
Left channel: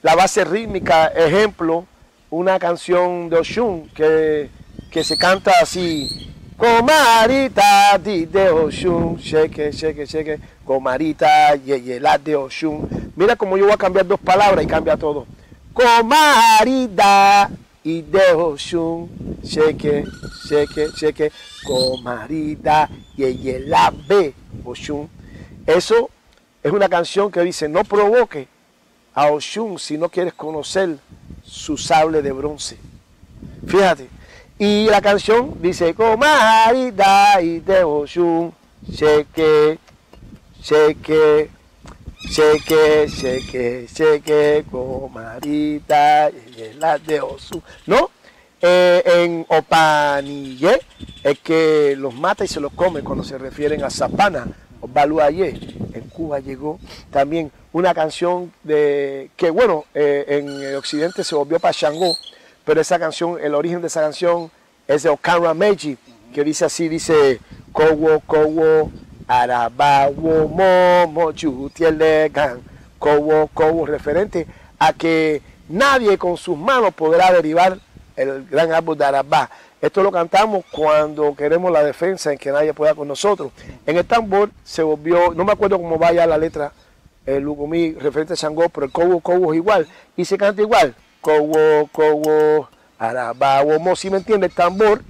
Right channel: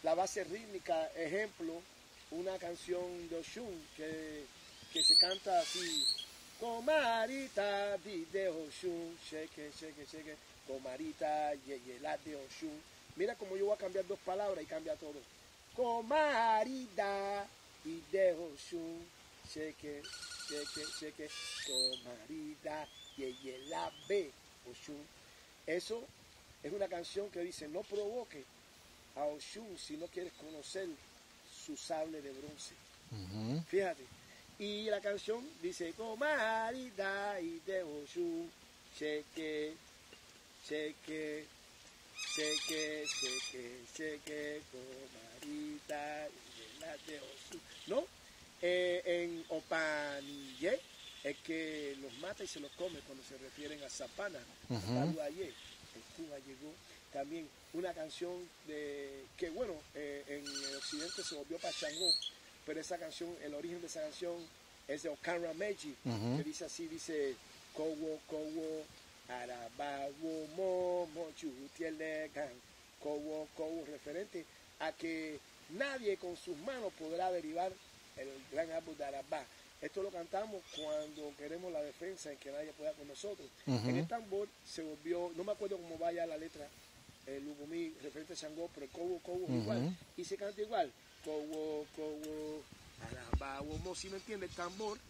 La base rítmica, ejemplo, una canción de Oshun que se canta así: Comarita di de Oshun, sheke, sheke, sheke, comarita, yeyela de Oshun. Mira cómo yo voy a cambiar 2 palabras y cambia todo. Comarita y de Oshun, sheke, sheke, sheke, comarita, yeyela de Oshun. Eso es una canción que dice, no provoque a Oshun si no quieres conocer su sable de bronce. Fíjate. Y la canción dice, comarita y de Oshun, sheke, sheke, sheke, sheke, sheke, comarita y la de Oshun. ¿No? En Opaniye es que los mata y se los come cuando se refieren a Zapana, o Baluayé. En Cuba llegó también una canción que, bueno, en el occidente se volvió para Shango, pero esa canción, el origen de esa canción es de Okanra Meiji, que dice así, dice, Kowo, Kowo, Arabawo, Momo, Chutielegan, Kowo, Kowo, referente a que nadie con sus manos podrá derribar el gran árbol de Arabá. Esto lo cantamos cuando queremos la defensa en que nadie pueda con nosotros. En el tambor se volvió, no me acuerdo cómo vaya la letra, el Lugumí referente a Sangó, pero el cobo es igual. Y se canta igual. Cobo, Arabá, Womo. Si me entiende, el tambor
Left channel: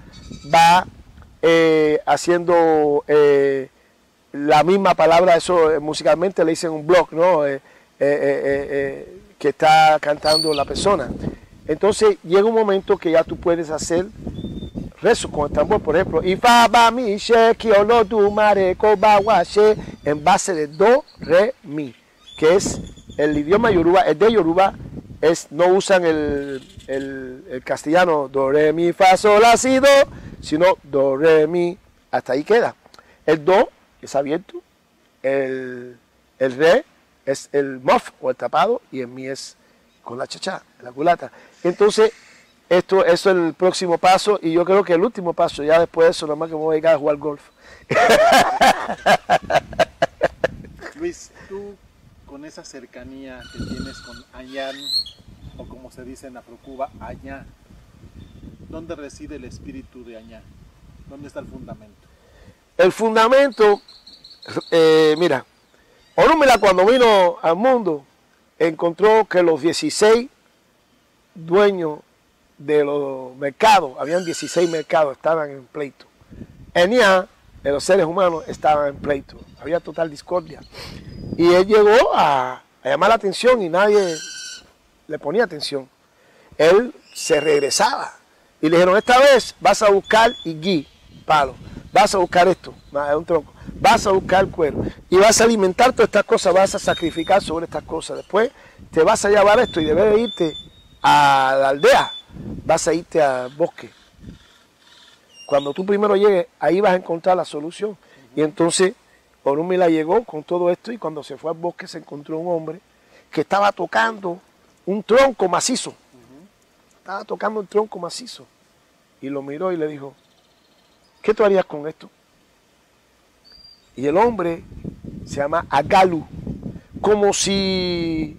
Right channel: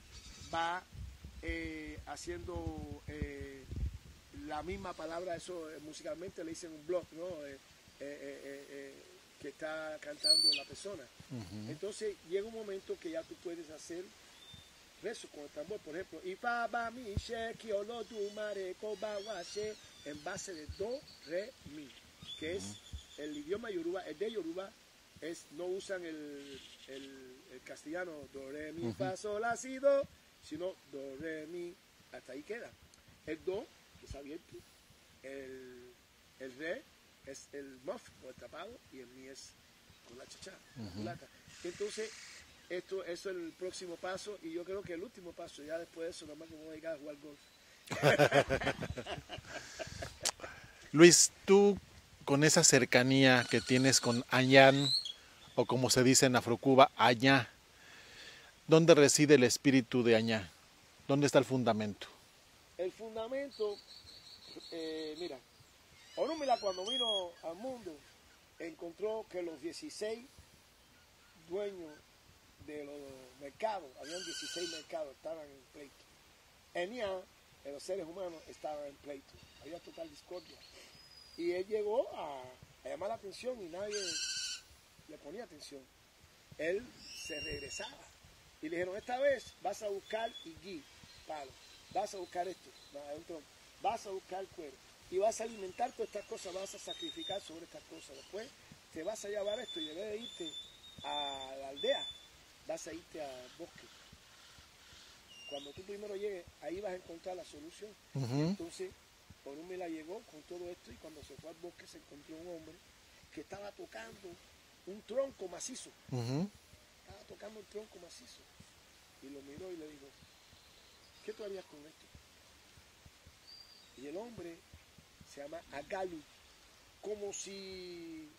va haciendo la misma palabra, eso musicalmente le dicen un block, ¿no? Que está cantando la persona. Entonces llega un momento que ya tú puedes hacer rezo con el tambor, por ejemplo, y fa ba mi she ki o no tu mare ko ba wa she, en base de do, re, mi, que es el idioma yoruba, el de Yoruba, no usan el castellano do, re, mi, fa, sol, la, si, do, sino do, re, mi, hasta ahí queda. El do es abierto, el re es el muff o el tapado, y el mi es con la chachá, la culata. Entonces, eso es el próximo paso, y yo creo que el último paso, ya después de eso, nomás que me voy a llegar a jugar golf. Luis, tú con esa cercanía que tienes con Añán, o como se dice en Afrocuba, Añá, ¿dónde reside el espíritu de Añá? ¿Dónde está el fundamento? El fundamento, mira, Orúmila cuando vino al mundo, encontró que los 16 dueños de los mercados, habían 16 mercados, estaban en pleito. Eniá, de los seres humanos, estaban en pleito. Había total discordia. Y él llegó a llamar la atención y nadie le ponía atención. Él se regresaba. Y le dijeron, esta vez vas a buscar igui, palo. Vas a buscar esto, un tronco. Vas a buscar cuero. Y vas a alimentar todas estas cosas, vas a sacrificar sobre estas cosas. Después te vas a llevar esto y debes de irte a la aldea. Vas a irte al bosque. Cuando tú primero llegues, ahí vas a encontrar la solución. Y entonces Orúmila llegó con todo esto y cuando se fue al bosque se encontró un hombre que estaba tocando un tronco macizo. Estaba tocando un tronco macizo. Y lo miró y le dijo, ¿qué tú harías con esto? Y el hombre se llama Agalu, como si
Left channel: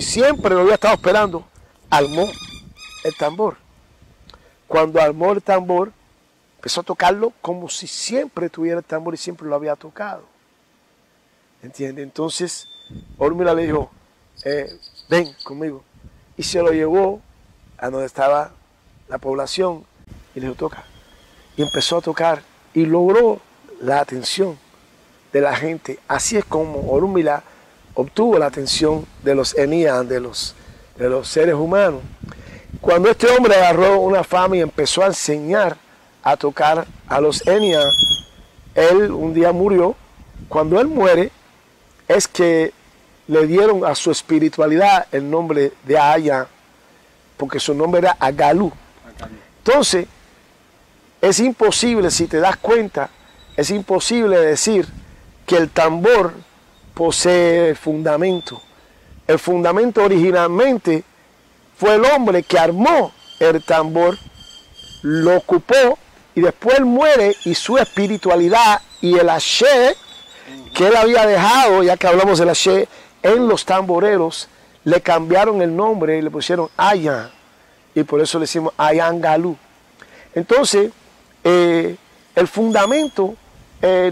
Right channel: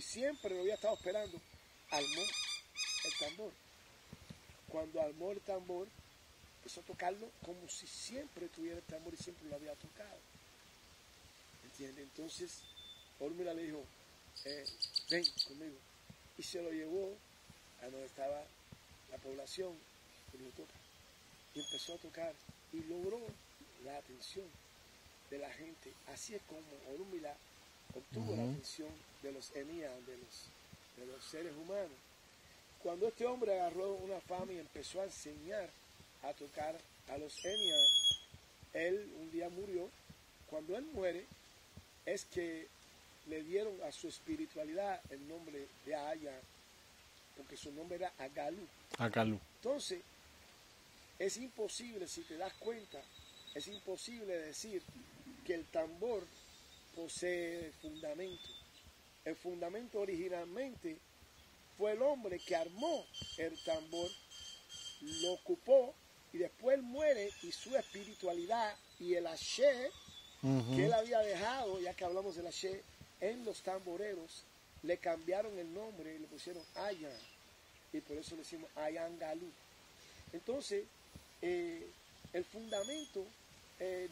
siempre lo había estado esperando, armó el tambor. Cuando armó el tambor, empezó a tocarlo como si siempre tuviera el tambor y siempre lo había tocado. ¿Entiendes? Entonces, Orúmila le dijo, ven conmigo. Y se lo llevó a donde estaba la población y le dijo, toca. Y empezó a tocar y logró la atención de la gente. Así es como Orúmila obtuvo la atención de los Enías, de los seres humanos. Cuando este hombre agarró una fama y empezó a enseñar a tocar a los Enías, él un día murió. Cuando él muere, es que le dieron a su espiritualidad el nombre de Aya, porque su nombre era Agalu. Entonces, es imposible, si te das cuenta, es imposible decir que el tambor posee fundamento. El fundamento originalmente fue el hombre que armó el tambor, lo ocupó y después él muere y su espiritualidad y el haché que él había dejado, ya que hablamos del haché, en los tamboreros, le cambiaron el nombre y le pusieron Ayan, y por eso le decimos Ayan Galú. Entonces, el fundamento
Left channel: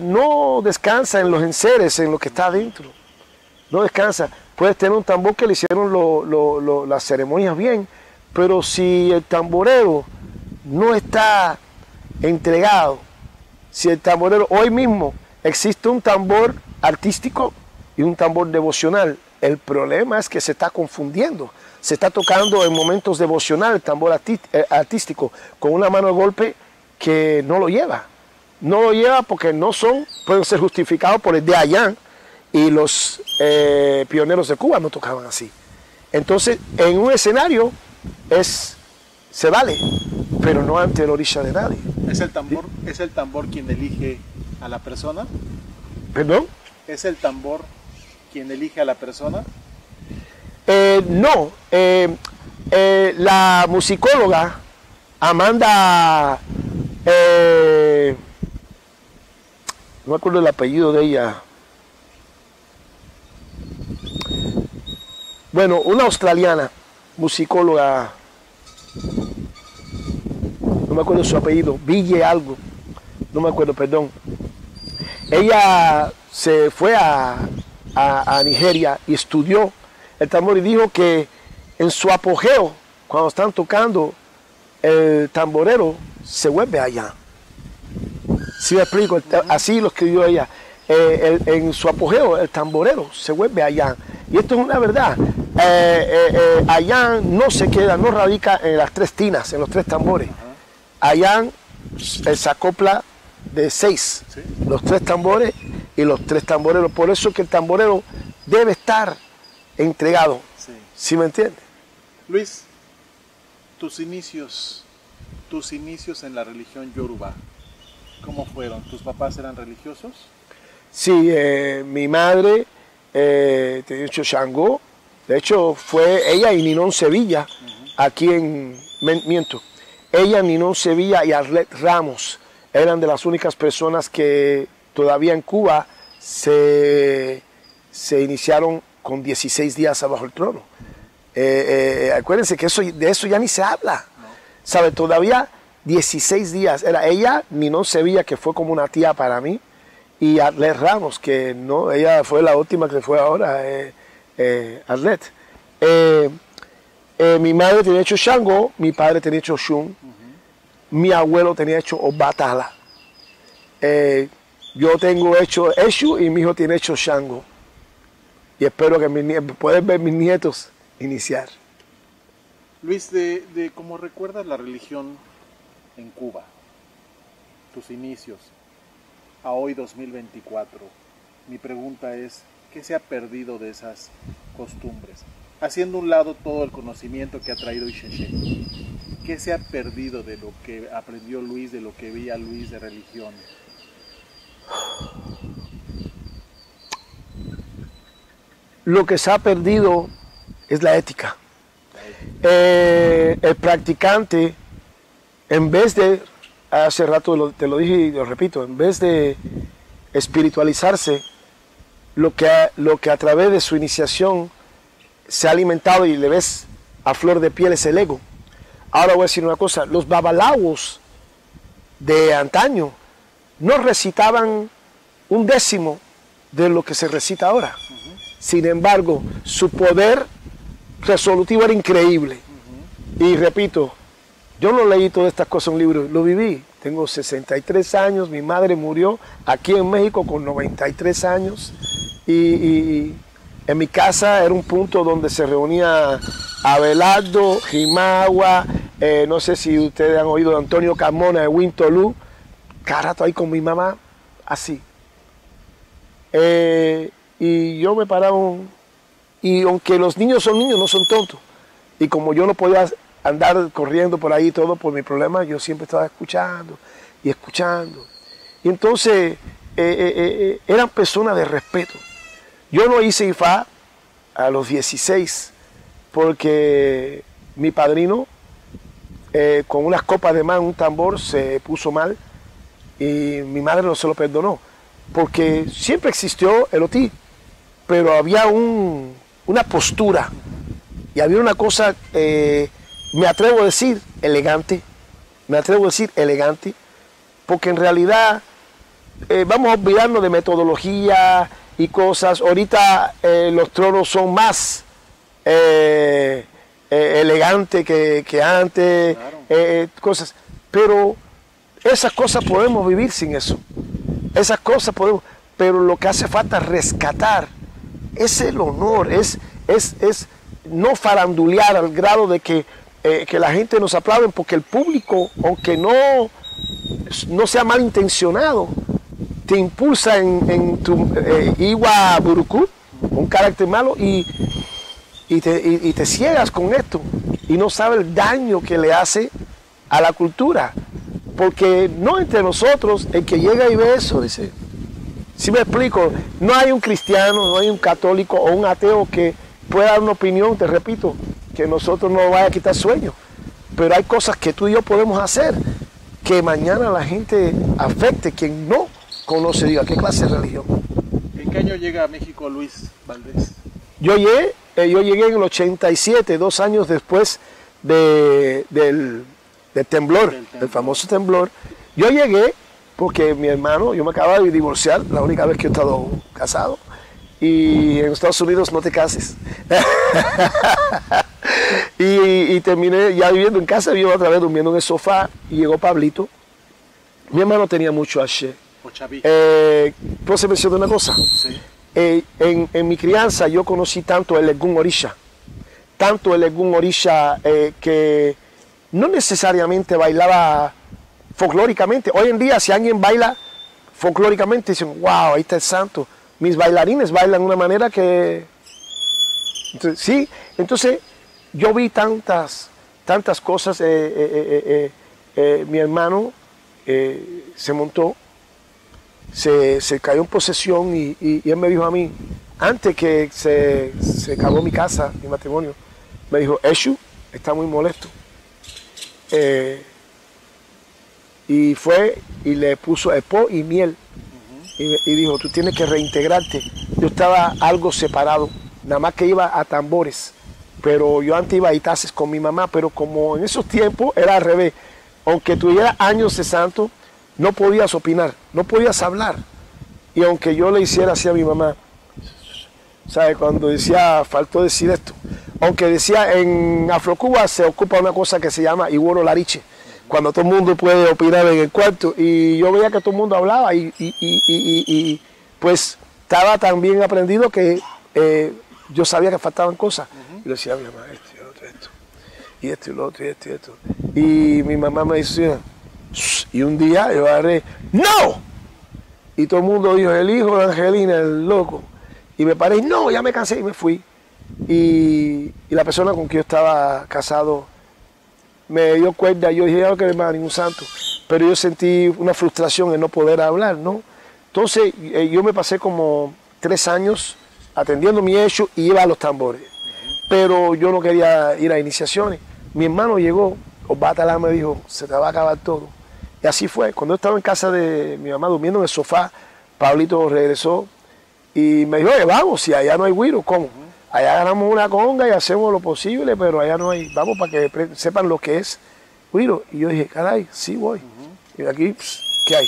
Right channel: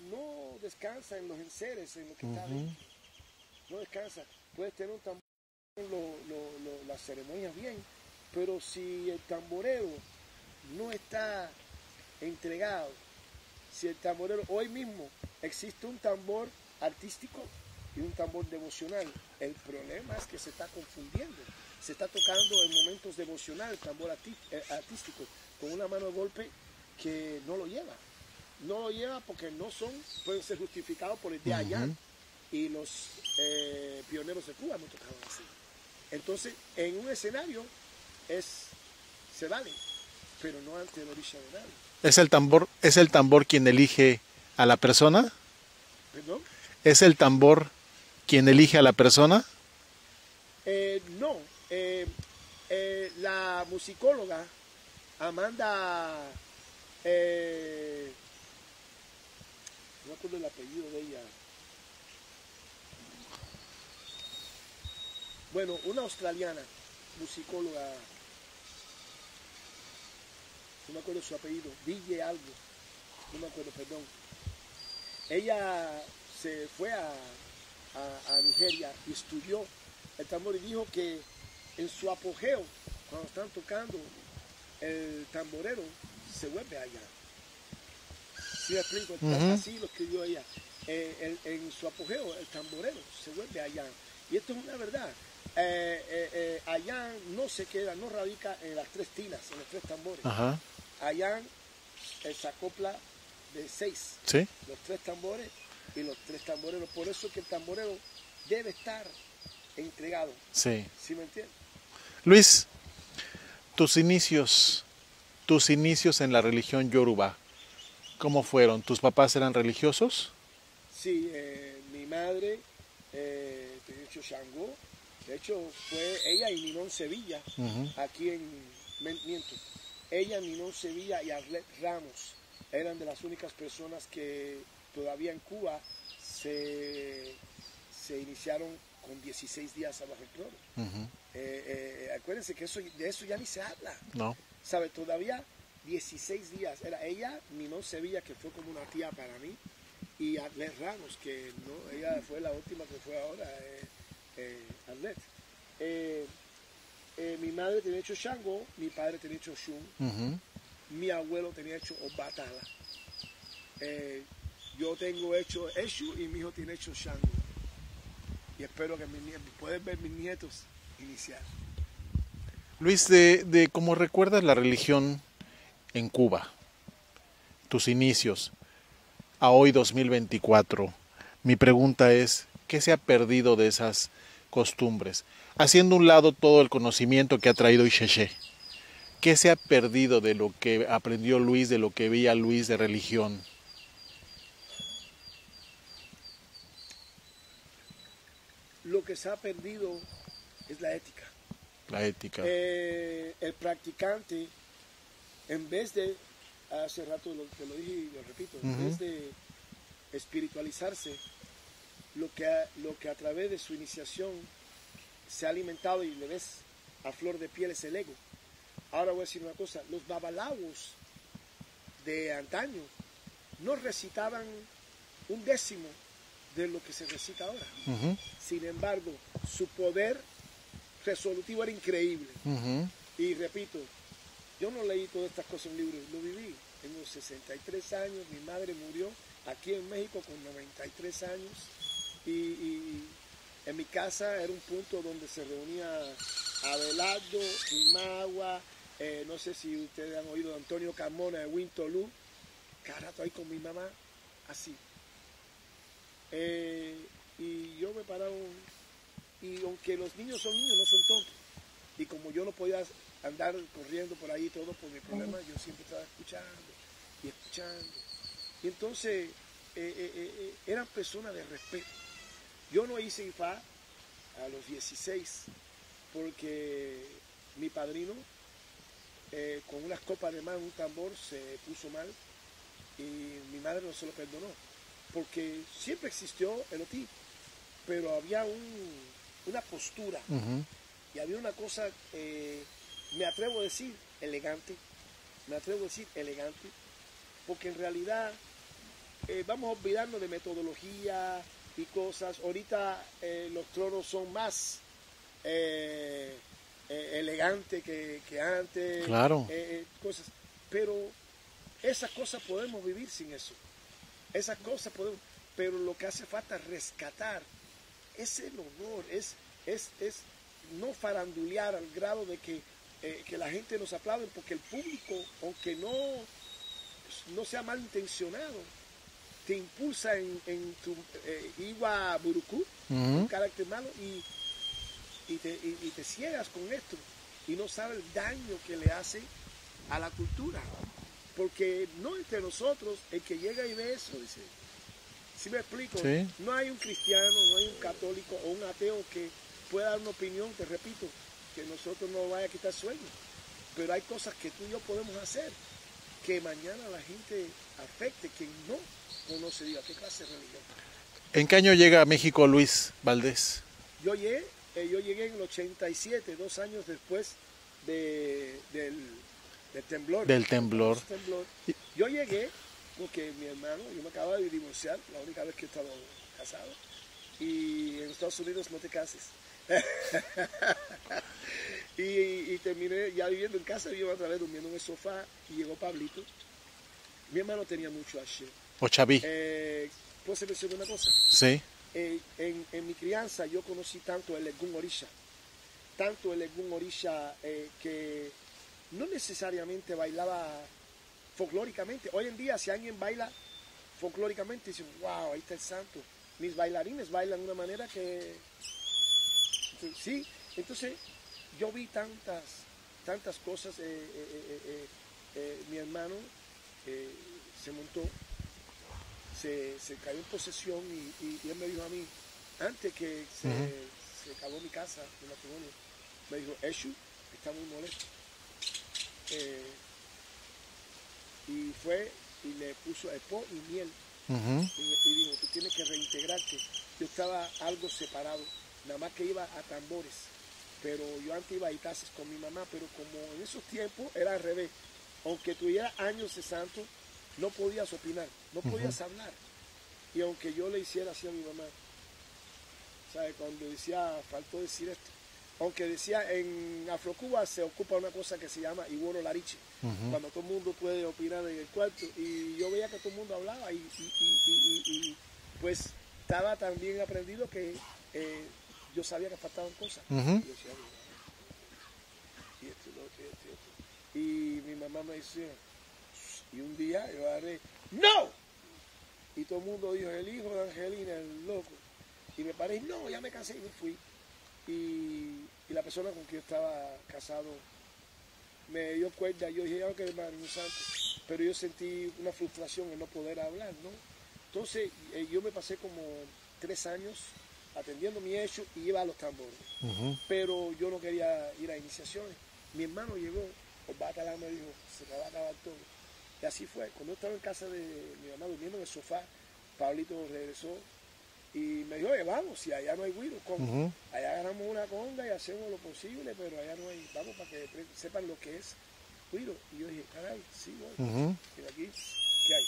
no descansa en los enseres, en lo que está adentro. No descansa. Puedes tener un tambor que le hicieron las ceremonias bien, pero si el tamborero no está entregado, si el tamborero, hoy mismo existe un tambor artístico y un tambor devocional. El problema es que se está confundiendo. Se está tocando en momentos devocionales el tambor artístico con una mano de golpe que no lo lleva. No lo lleva porque no pueden ser justificados por el de Ayán, y los pioneros de Cuba no tocaban así. Entonces, en un escenario se vale, pero no ante la orilla de nadie. ¿Es el tambor quien elige a la persona? ¿Perdón? ¿Es el tambor quien elige a la persona? No. La musicóloga Amanda, no me acuerdo el apellido de ella. Bueno, una australiana, musicóloga, no me acuerdo su apellido, Ville algo, no me acuerdo, perdón. Ella se fue a Nigeria y estudió el tambor y dijo que en su apogeo, cuando están tocando, el tamborero se vuelve allá. ¿Sí me explico? Así lo escribió ella. En su apogeo, el tamborero se vuelve allá. Y esto es una verdad. Allá no se queda, no radica en las tres tinas, en los tres tambores. Allá se acopla de 6, ¿sí? Los tres tambores y los tres tamboreros. Por eso que el tamborero debe estar entregado. Sí. ¿Sí me entiendes? Luis, tus inicios en la religión Yoruba, ¿cómo fueron? ¿Tus papás eran religiosos? Sí, mi madre tenía hecho Shango. De hecho, fue ella y Ninón Sevilla, aquí en Miento. Ella, Ninón Sevilla y Arlet Ramos eran de las únicas personas que todavía en Cuba se iniciaron con 16 días abajo el trono. Acuérdense que de eso ya ni se habla. No. ¿Sabe? Todavía 16 días. Era ella, Ninón Sevilla, que fue como una tía para mí, y Arlet Ramos, que no, ella fue la última que fue ahora, Arlet. Mi madre tenía hecho Shango, mi padre tenía hecho Shun, mi abuelo tenía hecho Obatala. Yo tengo hecho Eshu y mi hijo tiene hecho Shango. Y espero que puedan ver mis nietos iniciar. Luis, de cómo recuerdas la religión en Cuba, tus inicios, a hoy 2024, mi pregunta es, ¿qué se ha perdido de esas costumbres? Haciendo un lado todo el conocimiento que ha traído Ixexé, ¿qué se ha perdido de lo que aprendió Luis, de lo que veía Luis de religión? Lo que se ha perdido es la ética. La ética. El practicante, en vez de, hace rato te lo dije y lo repito, en vez de espiritualizarse, lo que a través de su iniciación se ha alimentado y le ves a flor de piel es el ego. Ahora voy a decir una cosa, los babalawos de antaño no recitaban un décimo de lo que se recita ahora. Sin embargo, su poder resolutivo era increíble. Y repito, yo no leí todas estas cosas en un libro, lo viví. Tengo 63 años, mi madre murió aquí en México con 93 años. Y en mi casa era un punto donde se reunía Abelardo, Jimagua, no sé si ustedes han oído de Antonio Carmona, de Wintolú, cada rato ahí con mi mamá, así. Y yo me paraba, y aunque los niños son niños, no son tontos. Y como yo no podía andar corriendo por ahí todo por mi problema, yo siempre estaba escuchando y escuchando. Y entonces eran personas de respeto. Yo no hice Ifá a los 16 porque mi padrino con unas copas de más en un tambor se puso mal y mi madre no se lo perdonó porque siempre existió el otí, pero había una postura y había una cosa, me atrevo a decir elegante, porque en realidad vamos a olvidarnos de metodología y cosas. Ahorita los tronos son más elegantes que antes, Claro. Cosas. Pero esas cosas podemos vivir sin eso. Esas cosas podemos. Pero lo que hace falta rescatar es el honor, es no farandulear al grado de que la gente nos aplaude, porque el público, aunque no sea malintencionado, te impulsa en tu Iwa Buruku, un carácter malo, y te ciegas con esto y no sabes el daño que le hace a la cultura, porque no entre nosotros el que llega y ve eso, dice, ¿sí me explico? No hay un cristiano, no hay un católico o un ateo que pueda dar una opinión, te repito, que nosotros no vaya a quitar sueño, pero hay cosas que tú y yo podemos hacer que mañana la gente afecte, quien no conoce, diga, ¿qué clase de religión? ¿En qué año llega a México Luis Valdés? Yo llegué en el 87, 2 años después del del temblor, Del temblor. el famoso temblor. Yo llegué porque mi hermano, yo me acababa de divorciar, la única vez que he estado casado, y en Estados Unidos no te cases. y terminé ya viviendo en casa, vivo otra vez durmiendo en el sofá, y llegó Pablito. Mi hermano tenía mucho H. O Chaví. ¿Puedo se mencionar una cosa? Sí. En mi crianza yo conocí tanto el Egun Orisha, que no necesariamente bailaba folclóricamente. Hoy en día, si alguien baila folclóricamente, dicen, wow, ahí está el santo. Mis bailarines bailan de una manera que... Entonces, sí, entonces yo vi tantas cosas. Mi hermano se montó, se cayó en posesión y él me dijo a mí, antes que se acabó mi casa, mi matrimonio, me dijo, Eshu está muy molesto. Y fue y le puso epo y miel. Y dijo, tú tienes que reintegrarte. Yo estaba algo separado, nada más que iba a tambores. Pero yo antes iba a itaces con mi mamá, pero como en esos tiempos era al revés. Aunque tuviera años de santo, no podías opinar, no podías hablar. Y aunque yo le hiciera así a mi mamá, ¿sabe? Cuando decía, faltó decir esto. Aunque decía, en Afrocuba se ocupa una cosa que se llama Iworo Lariche, cuando todo el mundo puede opinar en el cuarto. Y yo veía que todo el mundo hablaba y pues estaba tan bien aprendido que yo sabía que faltaban cosas. Y le decía a mi mamá, esto y lo otro, esto. Y esto y lo otro, y esto y esto. Y mi mamá me decía, y un día yo agarré, ¡no! Y todo el mundo dijo, el hijo de Angelina, el loco. Y me paré, no, ya me cansé y me fui. Y la persona con quien yo estaba casado me dio cuerda. Yo dije, ya no quiero más a ningún santo. Pero yo sentí una frustración en no poder hablar, ¿no? Entonces yo me pasé como 3 años atendiendo mi hecho y iba a los tambores. Pero yo no quería ir a iniciaciones. Mi hermano llegó, Osbatalá me dijo, se te va a acabar todo. Y así fue. Cuando yo estaba en casa de mi mamá durmiendo en el sofá, Pablito regresó y me dijo, oye, vamos, si allá no hay güiro, ¿cómo? Allá ganamos una conga y hacemos lo posible, pero allá no hay, vamos para que sepan lo que es güiro. Y yo dije, caray, sí voy. Y aquí, ¿qué hay?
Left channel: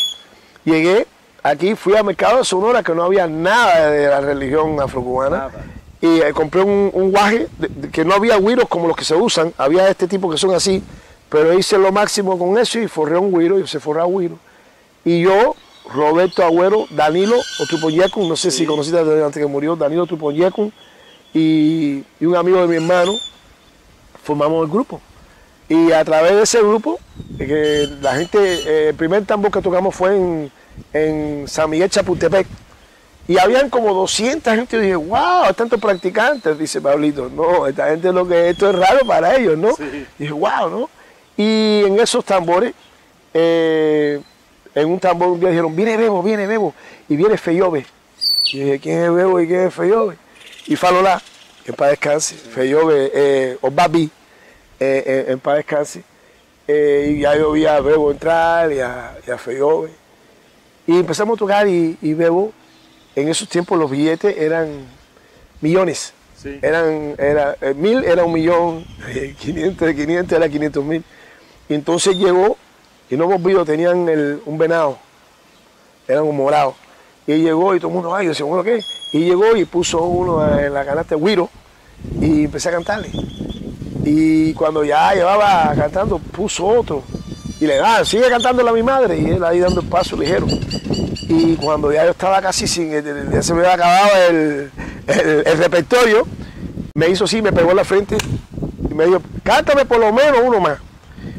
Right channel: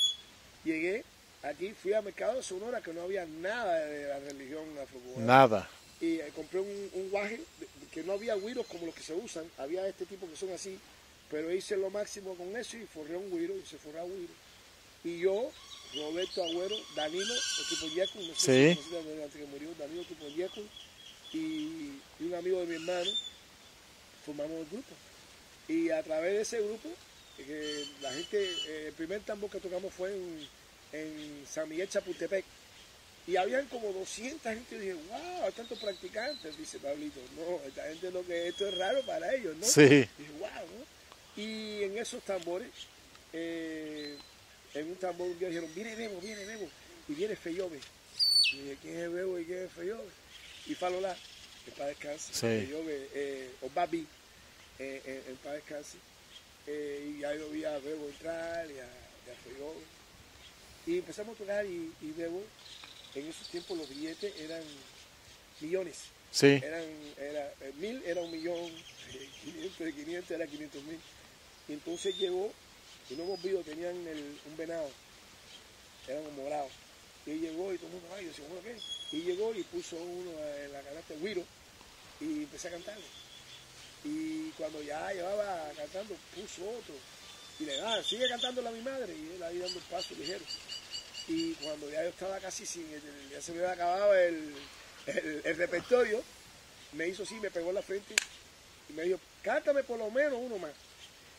Llegué, aquí fui al mercado de Sonora, que no había nada de la religión afrocubana. Nada. Y compré un guaje, que no había güiros como los que se usan, había este tipo que son así, pero hice lo máximo con eso y forré un güiro, y se forró un güiro. Y yo, Roberto Agüero, Danilo Otupoyecun, no sé si conociste antes que murió, Danilo Otupoyecun, y un amigo de mi hermano, formamos el grupo. Y a través de ese grupo, que la gente, el primer tambor que tocamos fue en San Miguel Chapultepec. Y habían como 200 gente. Y dije, wow, tantos practicantes, dice Pablito. No, esta gente esto es raro para ellos, ¿no? Sí. Y dije, wow, ¿no? Y en esos tambores, en un tambor un día dijeron, viene Bebo, y viene Feyobe. Y dije, ¿quién es Bebo y quién es Feyobe? Y Falolá, en paz descanse, sí. Feyobe, Obabi, en paz descanse. Y ya yo vi a Bebo entrar y a Feyobe. Y empezamos a tocar y Bebo, en esos tiempos los billetes eran millones. Sí. 1000 era 1.000.000, 500 era 500.000. Y entonces llegó, y no hemos visto, tenían un venado, eran un morado. Y él llegó y todo el mundo, ay, yo decía, bueno, ¿qué? Y llegó y puso uno en la canasta de güiro y empecé a cantarle. Y cuando ya llevaba cantando, puso otro. Y le daba, sigue cantándole a mi madre. Y él ahí dando el paso ligero. Y cuando ya yo estaba casi ya se me había acabado el repertorio, me hizo así, me pegó en la frente y me dijo, cántame por lo menos uno más.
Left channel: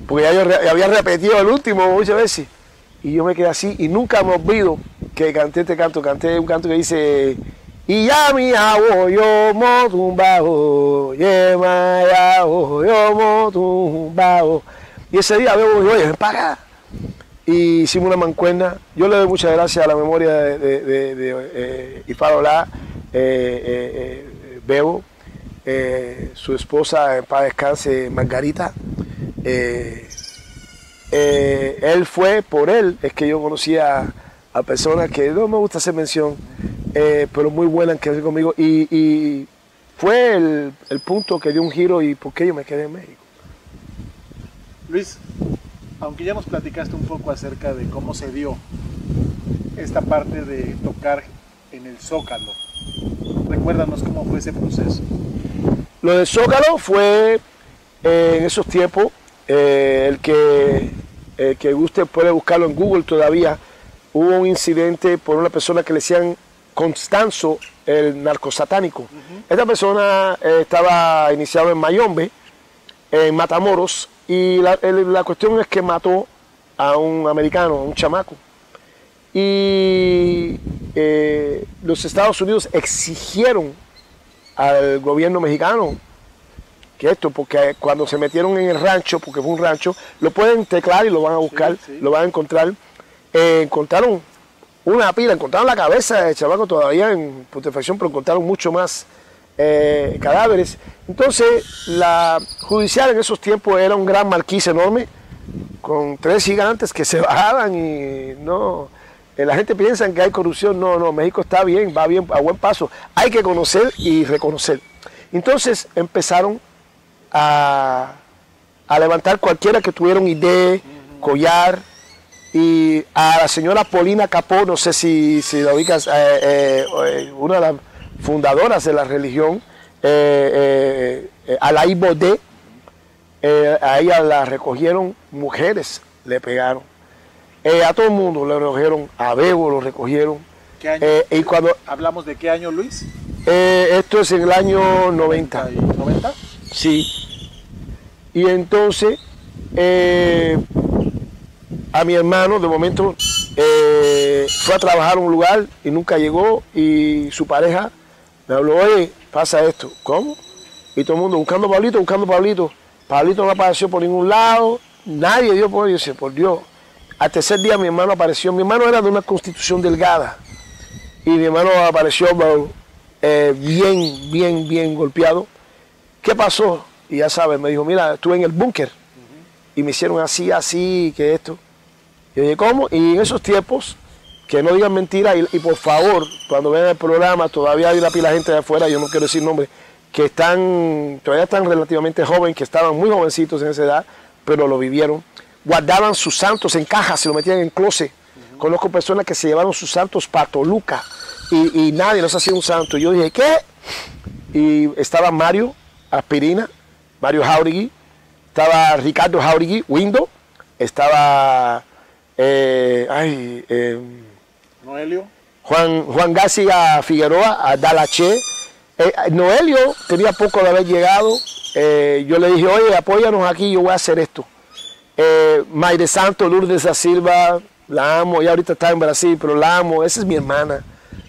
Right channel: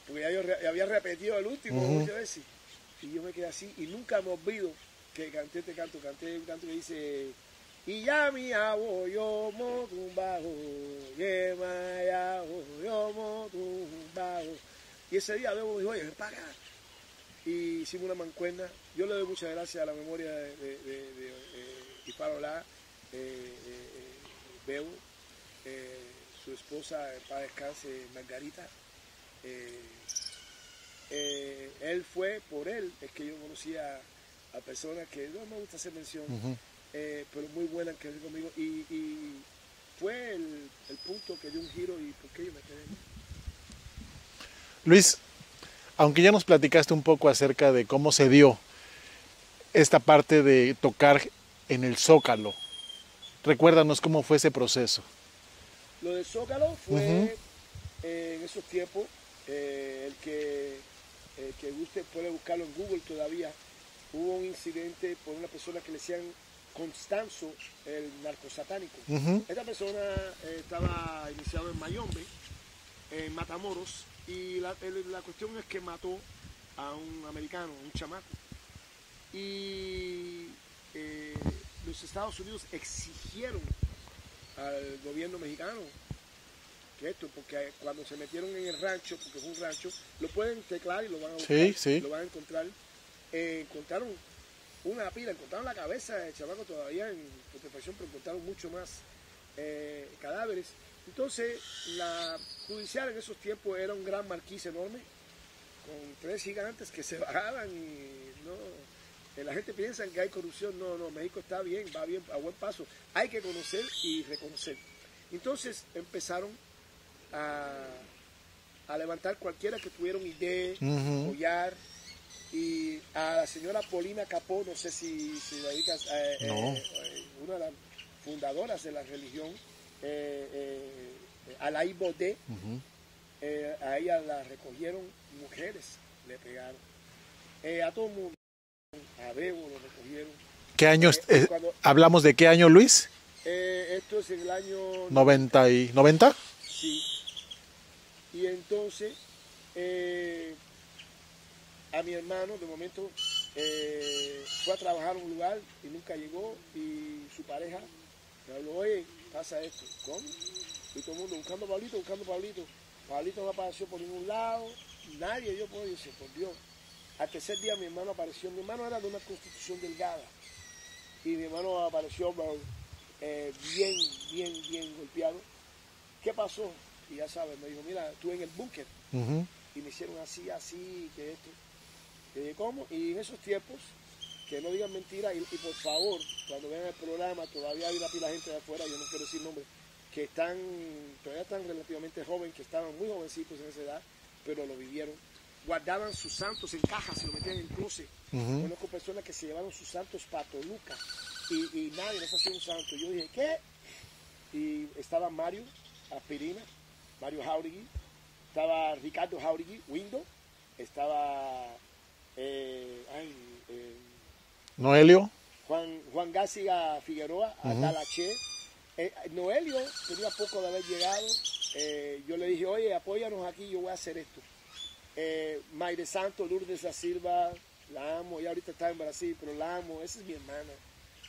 Porque ya yo había repetido el último muchas veces. Y yo me quedé así y nunca me olvido que canté este canto. Canté un canto que dice, y ya mi abuelo yo motumbao, yema ya yo motumbao. Y ese día veo, oye, ven para acá. Y hicimos una mancuerna. Yo le doy muchas gracias a la memoria de Ifalolá, Bebo, su esposa, en paz descanse, Margarita. Él fue, por él, es que yo conocía a personas que no me gusta hacer mención, pero muy buenas que hacer conmigo. Y fue el punto que dio un giro y por qué yo me quedé en México. Luis, aunque ya nos platicaste un poco acerca de cómo se dio esta parte de tocar en el Zócalo, recuérdanos cómo fue ese proceso. Lo del Zócalo fue en esos tiempos, el que usted puede buscarlo en Google todavía, hubo un incidente por una persona que le decían Constanzo, el narcosatánico. Esta persona estaba iniciado en Mayombe, en Matamoros, y la cuestión es que mató a un americano, a un chamaco. Y los Estados Unidos exigieron al gobierno mexicano que esto, porque cuando se metieron en el rancho, porque fue un rancho, lo pueden teclar y lo van a buscar, lo van a encontrar. Encontraron una pila, encontraron la cabeza del chamaco todavía en putrefacción, pero encontraron mucho más cadáveres. Entonces, la judicial en esos tiempos era un gran marquís enorme, con 3 gigantes que se bajaban y no... La gente piensa que hay corrupción. No, no, México está bien, va bien, a buen paso. Hay que conocer y reconocer. Entonces empezaron a levantar cualquiera que tuviera una idea, collar, y a la señora Paulina Capó, no sé si la ubicas, una de las fundadoras de la religión, Alaí Bodé, a ella la recogieron mujeres, le pegaron. A todo el mundo le recogieron, a Bebo lo recogieron. ¿Qué años? ¿Hablamos de qué año, Luis? Esto es en el año 90. ¿90? Sí. Y entonces, a mi hermano, de momento, fue a trabajar a un lugar y nunca llegó, y su pareja me habló, oye, pasa esto. ¿Cómo? Y todo el mundo buscando a Pablito, buscando a Pablito. Pablito no apareció por ningún lado, nadie dio por ello. Por Dios. Al tercer día mi hermano apareció. Mi hermano era de una constitución delgada y mi hermano apareció bien golpeado. ¿Qué pasó? Y ya sabes, me dijo, mira, estuve en el búnker y me hicieron así, que esto. Y yo dije, ¿cómo? Y en esos tiempos, que no digan mentiras, y por favor, cuando vean el programa, todavía hay una pila de gente de afuera, yo no quiero decir nombres, que todavía están relativamente jóvenes, que estaban muy jovencitos en esa edad, pero lo vivieron. Guardaban sus santos en cajas, se lo metían en closet. Conozco personas que se llevaron sus santos para Toluca y nadie los hacía un santo. Yo dije, ¿qué? Y estaba Mario Aspirina, Mario Jauregui, estaba Ricardo Jauregui, Windo, estaba Noelio. Juan García Figueroa, Dalache. Noelio tenía poco de haber llegado. Yo le dije, oye, apóyanos aquí, yo voy a hacer esto. Mayre Santo, Lourdes da Silva, la amo, ella ahorita está en Brasil, pero la amo, esa es mi hermana.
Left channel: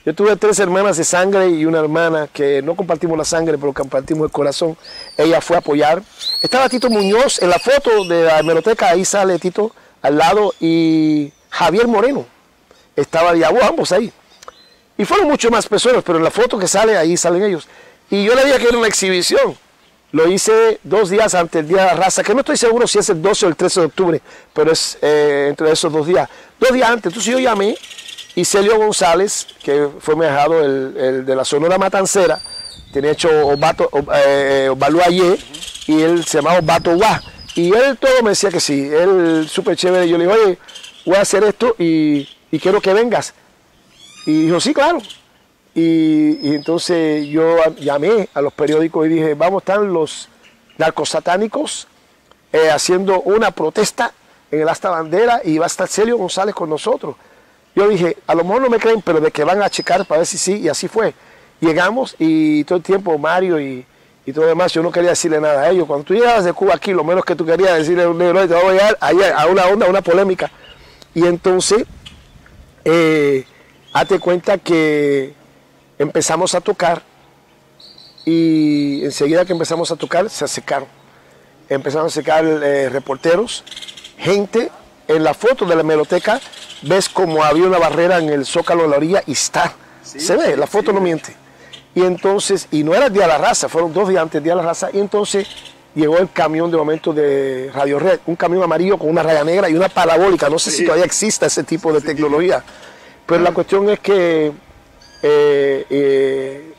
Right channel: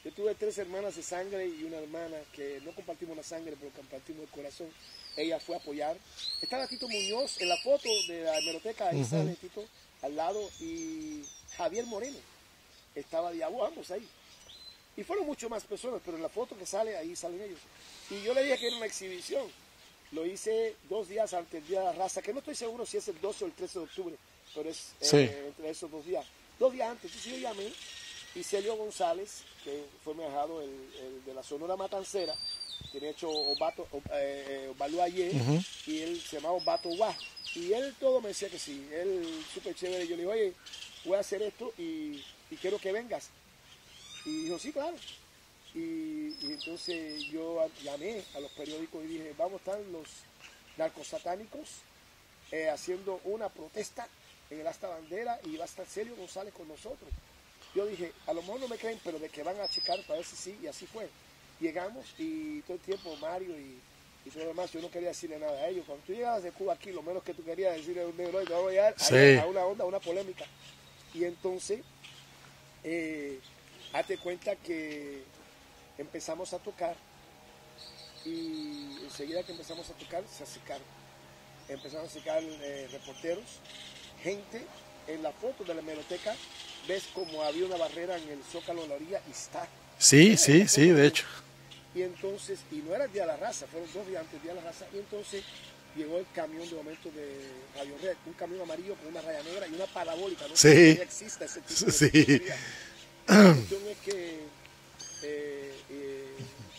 Yo tuve 3 hermanas de sangre y una hermana que no compartimos la sangre, pero compartimos el corazón. Ella fue a apoyar. Estaba Tito Muñoz en la foto de la hemeroteca, ahí sale Tito al lado, y Javier Moreno, estaba ambos ahí. Y fueron mucho más personas, pero en la foto que sale, ahí salen ellos. Y yo le dije que era una exhibición. Lo hice 2 días antes del Día de la Raza, que no estoy seguro si es el 12 o el 13 de octubre, pero es entre esos 2 días. 2 días antes, entonces yo llamé, y Celio González, que fue mi ahijado, el de la Sonora Matancera, tenía hecho Obalú Ayer, y él se llamaba Bato Guá. Y él todo me decía que sí, él súper chévere. Yo le dije, oye, voy a hacer esto y quiero que vengas. Y dijo, sí, claro. Y entonces yo llamé a los periódicos y dije, vamos a estar los narcosatánicos haciendo una protesta en el Asta Bandera y va a estar Celio González con nosotros. Yo dije, a lo mejor no me creen, pero de que van a checar para ver si sí, y así fue. Llegamos y todo el tiempo Mario y todo lo demás, yo no quería decirle nada a ellos. Cuando tú llegabas de Cuba aquí, lo menos que tú querías decirle a un negro, te voy a llegar a una onda, a una polémica. Y entonces, hazte cuenta que empezamos a tocar y enseguida que empezamos a tocar se acercaron. Empezaron a acercar reporteros, gente. En la foto de la hemeroteca ves como había una barrera en el Zócalo de la orilla y está. Sí, se ve, sí, la foto sí, no miente. Y entonces, y no era el Día de la Raza, fueron 2 días antes del Día de la Raza, y entonces llegó el camión de momento de Radio Red, un camión amarillo con una raya negra y una parabólica. No sé si todavía existe ese tipo de tecnología. Pero la cuestión es que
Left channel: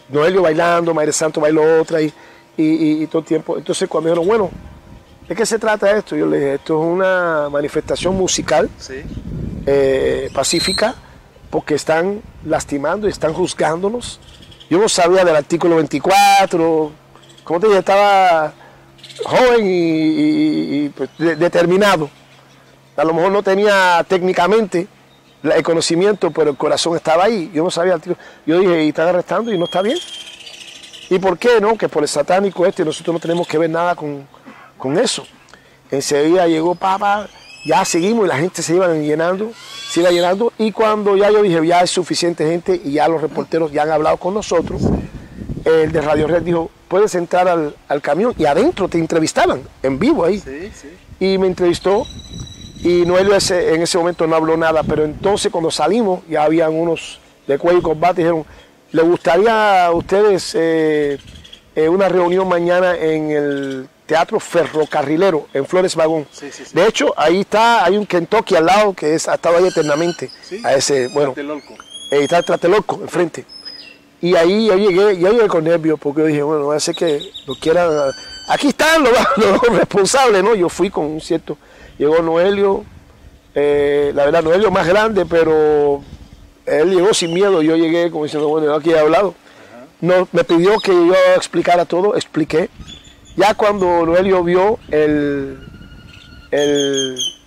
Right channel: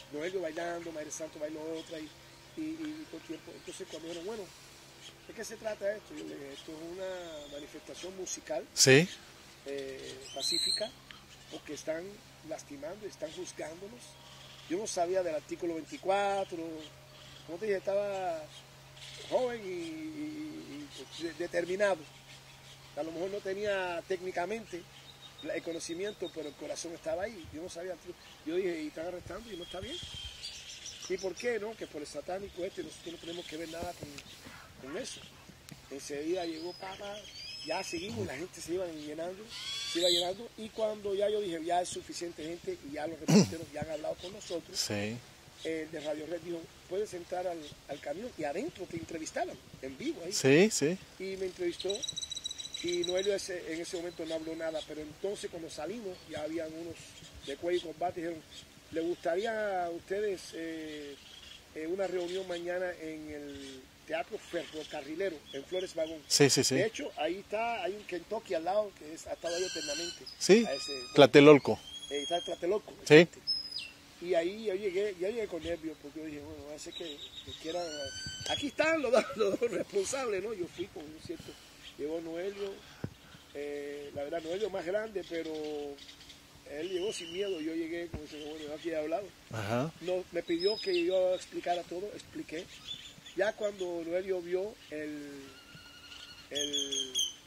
Noelio bailando, Mayre Santo bailó otra y todo el tiempo. Entonces cuando dijeron, bueno, ¿de qué se trata esto? Yo le dije, esto es una manifestación musical Sí. pacífica, porque están lastimando y están juzgándonos. Yo no sabía del artículo 24, como te dije, estaba joven y pues, determinado. A lo mejor no tenía técnicamente el conocimiento, pero el corazón estaba ahí. Yo no sabía. Yo dije, y están arrestando y no está bien. ¿Y por qué no? Que por el satánico nosotros no tenemos que ver nada con eso. Enseguida llegó Papa, ya seguimos y la gente se iba llenando. Y cuando ya yo dije, ya es suficiente gente y ya los reporteros ya han hablado con nosotros, el de Radio Red dijo, puedes entrar al camión y adentro te entrevistaban en vivo ahí. Sí, sí. Y me entrevistó y Noelio en ese momento no habló nada, pero entonces cuando salimos ya habían unos de cuello y combate y dijeron, ¿le gustaría a ustedes una reunión mañana en el Teatro Ferrocarrilero en Flores Magón? Sí, sí, sí. De hecho, ahí está, hay un Kentucky al lado que ha estado ahí eternamente. Sí, a ese, bueno, Tlatelolco. está el Tlatelolco enfrente. Y ahí yo llegué con nervios porque yo dije, bueno, va a ser que lo quieran. Aquí están los responsables, ¿no? Yo fui con un cierto. Llegó Noelio, la verdad, Noelio más grande, pero él llegó sin miedo. Yo llegué como diciendo, bueno, yo aquí he hablado. No, me pidió que yo explicara todo, expliqué. Ya cuando Noelio vio o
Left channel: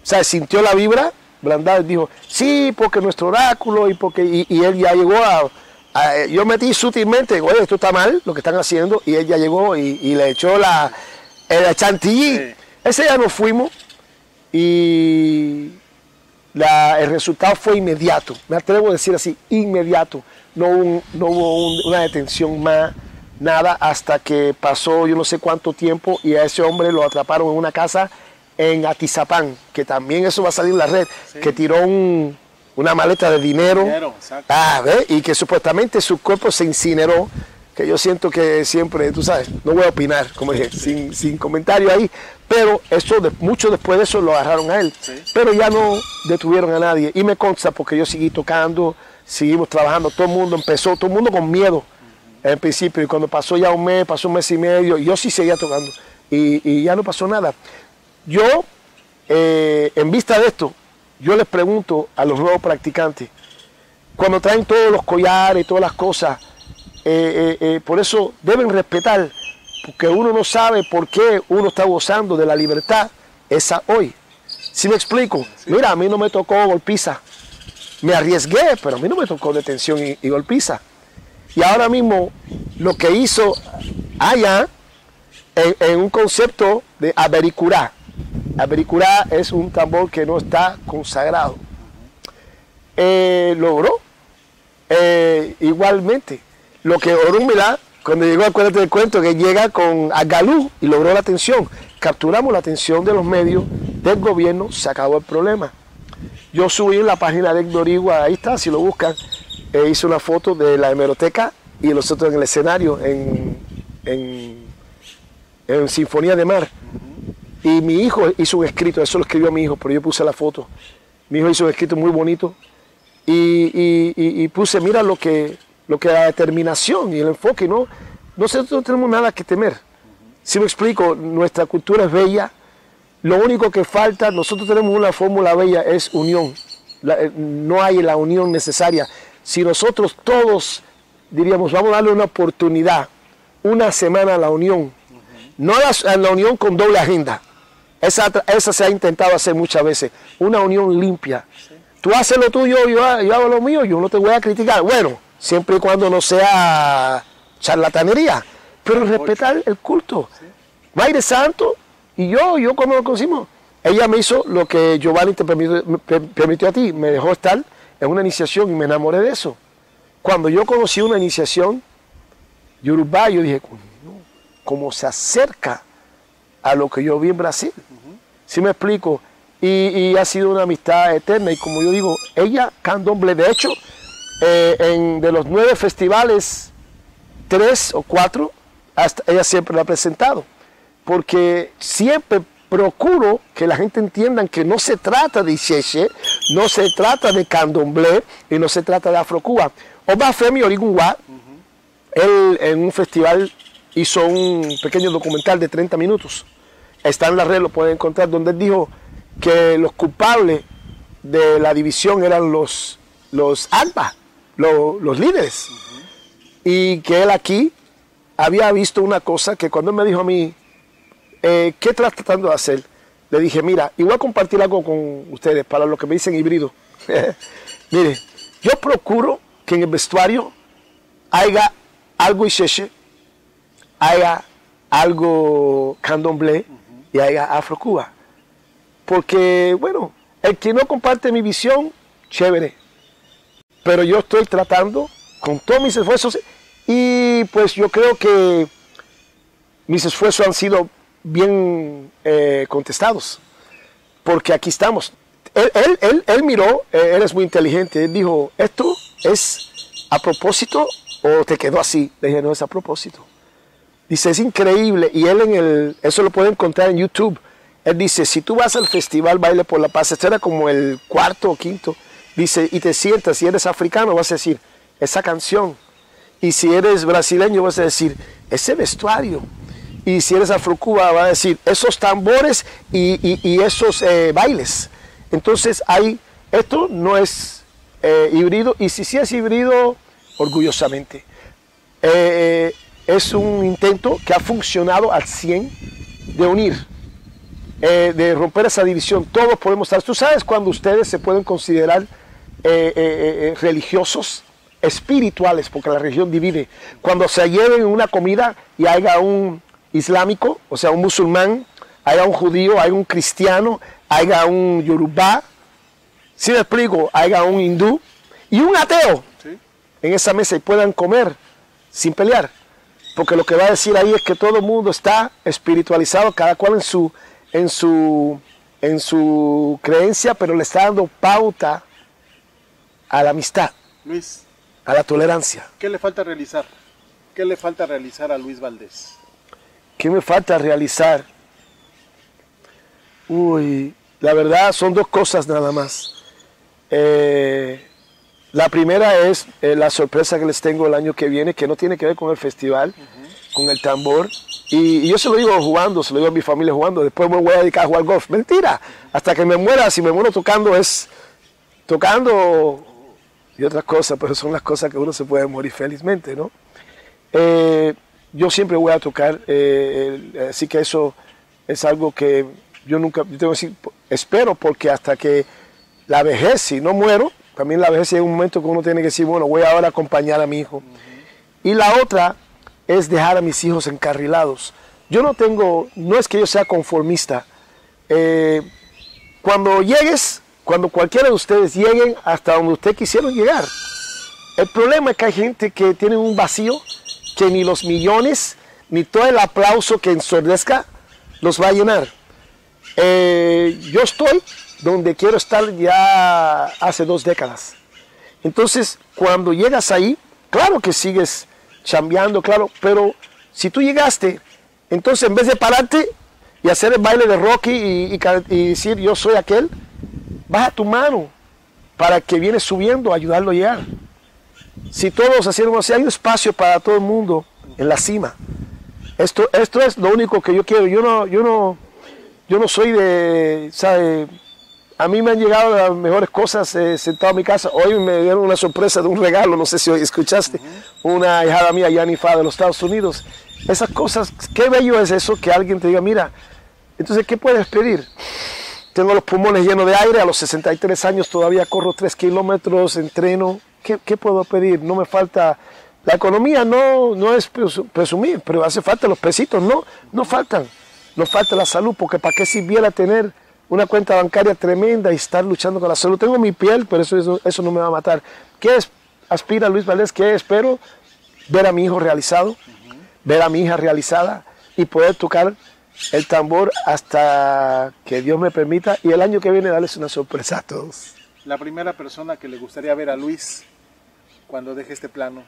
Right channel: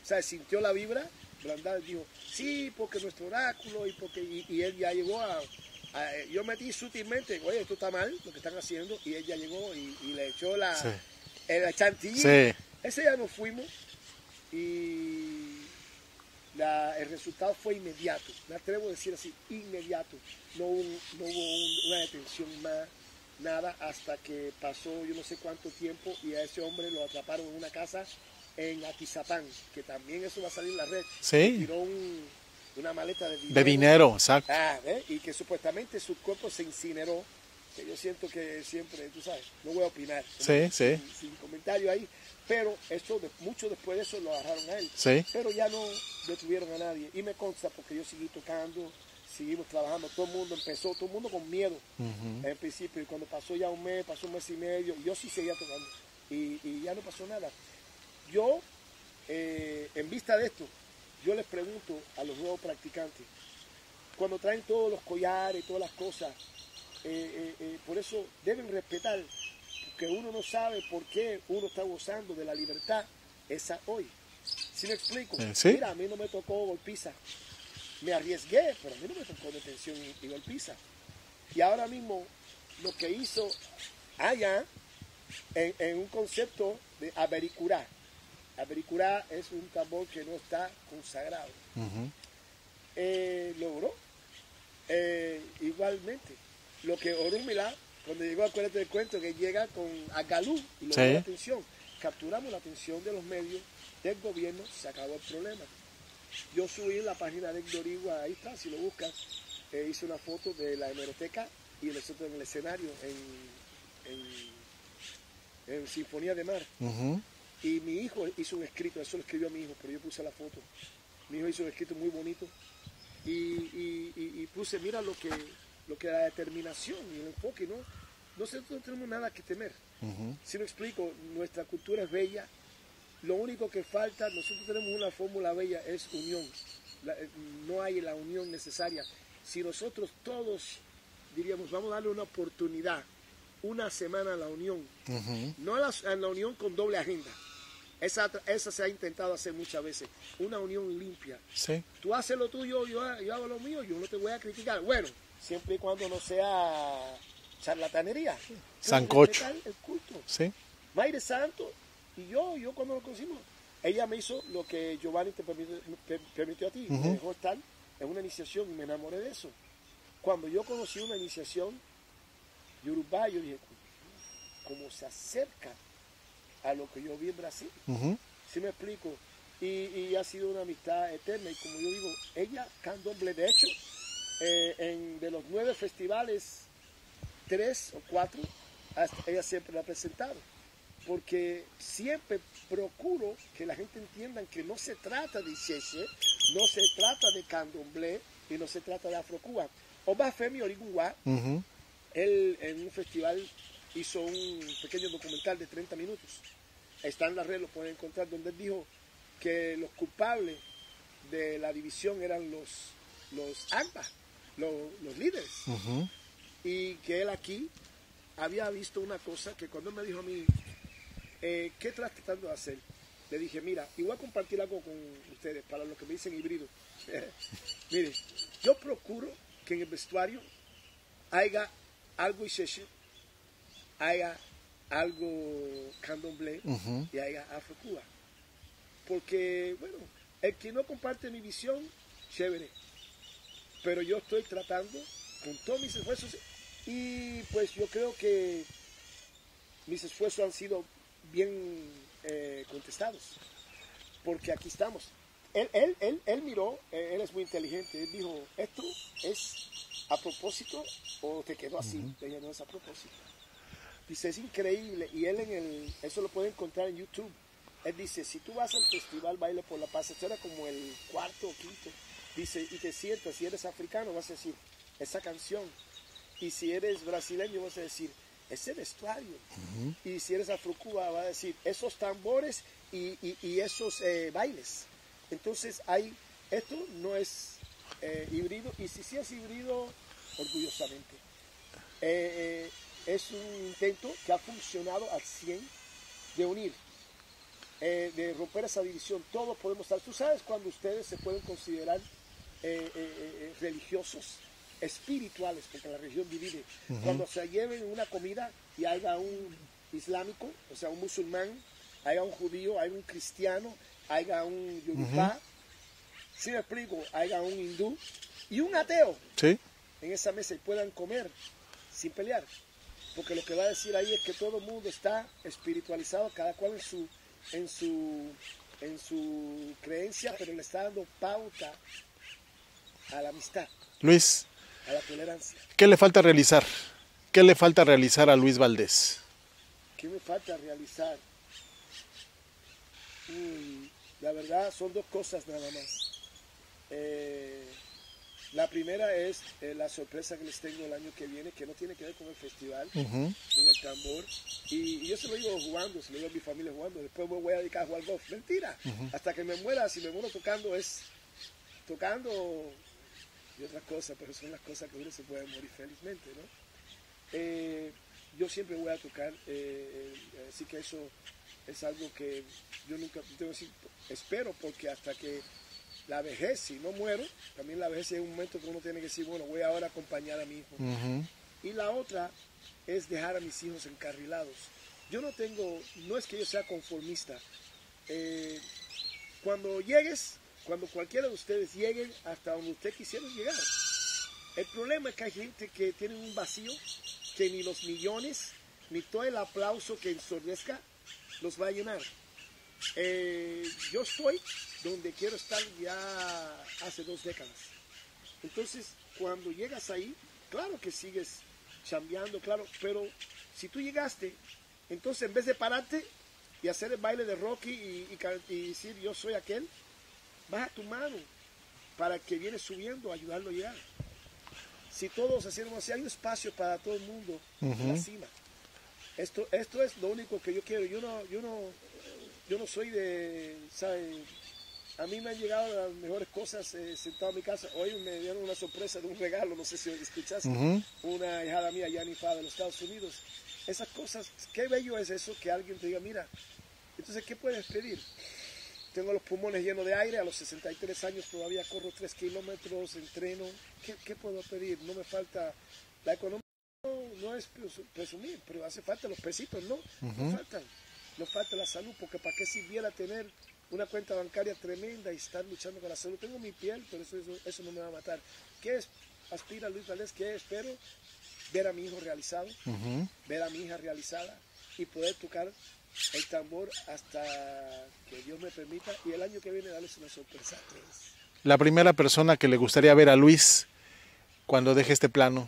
sea, sintió la vibra, Blandad dijo, sí, porque nuestro oráculo y él ya llegó yo metí sutilmente, oye, esto está mal, lo que están haciendo, y él ya llegó y le echó el chantilly. Sí. Ese día nos fuimos y el resultado fue inmediato, me atrevo a decir así, inmediato. No hubo una detención más, nada, hasta que pasó yo no sé cuánto tiempo y a ese hombre lo atraparon en una casa en Atizapán, que también eso va a salir en la red, ¿sí? Que tiró una maleta de dinero. Exacto. ¿Ves? Y que supuestamente su cuerpo se incineró, que yo siento que siempre, tú sabes, no voy a opinar, como dije, sin comentario ahí, pero eso mucho después de eso lo agarraron a él, pero ya no detuvieron a nadie, y me consta porque yo seguí tocando, seguimos trabajando, todo el mundo con miedo en principio, y cuando pasó ya pasó un mes y medio, yo sí seguía tocando, y ya no pasó nada. Yo, en vista de esto, yo les pregunto a los nuevos practicantes, cuando traen todos los collares y todas las cosas, por eso deben respetar, porque uno no sabe por qué uno está gozando de la libertad esa hoy. ¿Sí me explico? Sí. Mira, a mí no me tocó golpiza. Me arriesgué, pero a mí no me tocó detención y golpiza. Y ahora mismo lo que hizo allá en un concepto de avericurá. Avericurá es un tambor que no está consagrado. Logró igualmente lo que Orunmila, cuando llegó, acuérdate del cuento, que llega con Agalú y logró la atención. Capturamos la atención de los medios, del gobierno, se acabó el problema. Yo subí en la página de Héctor Igua, ahí está, si lo buscan, hice una foto de la hemeroteca y nosotros en el escenario en Sinfonía de Mar. Y mi hijo hizo un escrito, eso lo escribió mi hijo, pero yo puse la foto. Mi hijo hizo un escrito muy bonito y puse, mira lo que la determinación y el enfoque, ¿no? Nosotros no tenemos nada que temer. Si me explico, nuestra cultura es bella. Lo único que falta, nosotros tenemos una fórmula bella, es unión. No hay la unión necesaria. Si nosotros todos diríamos, vamos a darle una oportunidad, una semana a la unión, no a la unión con doble agenda. Esa se ha intentado hacer muchas veces. Una unión limpia. Sí. Tú haces lo tuyo, yo hago lo mío, yo no te voy a criticar. Bueno, siempre y cuando no sea charlatanería. Pero respetar el culto. Sí. Mayre Santo y yo cuando lo conocimos, ella me hizo lo que Giovanni te permitió a ti. Me dejó estar en una iniciación y me enamoré de eso. Cuando yo conocí una iniciación Yorubá, yo dije, ¿cómo se acerca a lo que yo vi en Brasil? ¿Sí me explico? Y ha sido una amistad eterna. Y como yo digo, ella, candomblé, de hecho, de los 9 festivales, 3 o 4, ella siempre lo ha presentado. Porque siempre procuro que la gente entienda que no se trata de Ixexé, no se trata de candomblé y no se trata de Afrocuba. Obafemi Origunwa, él en un festival hizo un pequeño documental de 30 minutos está en la red, lo pueden encontrar, donde él dijo que los culpables de la división eran los ALBA, los líderes. Y que él aquí había visto una cosa que cuando él me dijo a mí, ¿qué estás tratando de hacer? Le dije, mira, y voy a compartir algo con ustedes para los que me dicen híbrido. Mire, yo procuro que en el vestuario haya algo Ixeche, haya algo candomblé y haya Afro-Cuba. Porque, bueno, el que no comparte mi visión, chévere. Pero yo estoy tratando con todos mis esfuerzos y pues yo creo que mis esfuerzos han sido bien contestados. Porque aquí estamos. Él miró, él es muy inteligente, él dijo, ¿esto es a propósito o te quedó así? Le dije, no, es a propósito. Dice, es increíble, y él eso lo pueden encontrar en YouTube. Él dice, si tú vas al festival Baile por la Paz, este era como el cuarto o quinto, dice, y te sientas, si eres africano vas a decir, esa canción. Y si eres brasileño vas a decir, ese vestuario. Y si eres Afro-Cuba vas a decir, esos tambores y esos bailes. Entonces, esto no es híbrido, y si sí es híbrido, orgullosamente. Es un intento que ha funcionado al 100 de unir, de romper esa división. Todos podemos estar. Tú sabes cuando ustedes se pueden considerar religiosos, espirituales, porque la religión divide. Cuando se lleven una comida y haya un islámico, o sea, un musulmán, haya un judío, haya un cristiano, haya un yorubá, si me explico, haya un hindú y un ateo en esa mesa y puedan comer sin pelear. Porque lo que va a decir ahí es que todo el mundo está espiritualizado, cada cual en su creencia, pero le está dando pauta a la amistad. Luis, a la tolerancia. ¿Qué le falta realizar? ¿Qué le falta realizar a Luis Valdés? ¿Qué me falta realizar? Uy, la verdad son dos cosas nada más. La primera es la sorpresa que les tengo el año que viene, que no tiene que ver con el festival, con el tambor. Y yo se lo digo jugando, se lo digo a mi familia jugando. Después me voy a dedicar a jugar golf. Mentira. Hasta que me muera, si me muero tocando, es tocando y otras cosas, pero son las cosas que uno se puede morir felizmente, ¿no? Yo siempre voy a tocar, así que eso es algo que yo tengo que decir, espero, porque hasta que la vejez, si no muero, también la vejez es un momento que uno tiene que decir, bueno, voy ahora a acompañar a mi hijo. Y la otra es dejar a mis hijos encarrilados. Yo no es que yo sea conformista. Cuando cualquiera de ustedes lleguen hasta donde ustedes quisieron llegar, el problema es que hay gente que tiene un vacío que ni los millones, ni todo el aplauso que ensordezca los va a llenar. Yo estoy donde quiero estar ya hace 2 décadas. Entonces, cuando llegas ahí, claro que sigues chambeando, claro, pero si tú llegaste, entonces en vez de pararte y hacer el baile de Rocky y decir yo soy aquel, baja tu mano para que viene subiendo a ayudarlo a llegar. Si todos hacemos así, hay un espacio para todo el mundo en la cima. Esto es lo único que yo quiero. Yo no soy de, ¿sabe? A mí me han llegado las mejores cosas sentado en mi casa. Hoy me dieron una sorpresa de un regalo, no sé si hoy escuchaste, una hijada mía, Yanifa, de los Estados Unidos. Esas cosas, qué bello es eso, que alguien te diga, mira, entonces, ¿qué puedes pedir? Tengo los pulmones llenos de aire, a los 63 años todavía corro 3 kilómetros, entreno. ¿Qué puedo pedir? No me falta. La economía no es presumir, pero hace falta los pesitos, no faltan. Nos falta la salud, porque ¿para qué sirviera tener una cuenta bancaria tremenda y estar luchando con la salud? Tengo mi piel, pero eso no me va a matar. ¿Qué aspira Luis Valdés? ¿Qué espero? Ver a mi hijo realizado, ver a mi hija realizada y poder tocar el tambor hasta que Dios me permita, y el año que viene darles una sorpresa a todos. La primera persona que le gustaría ver a Luis cuando deje este plano,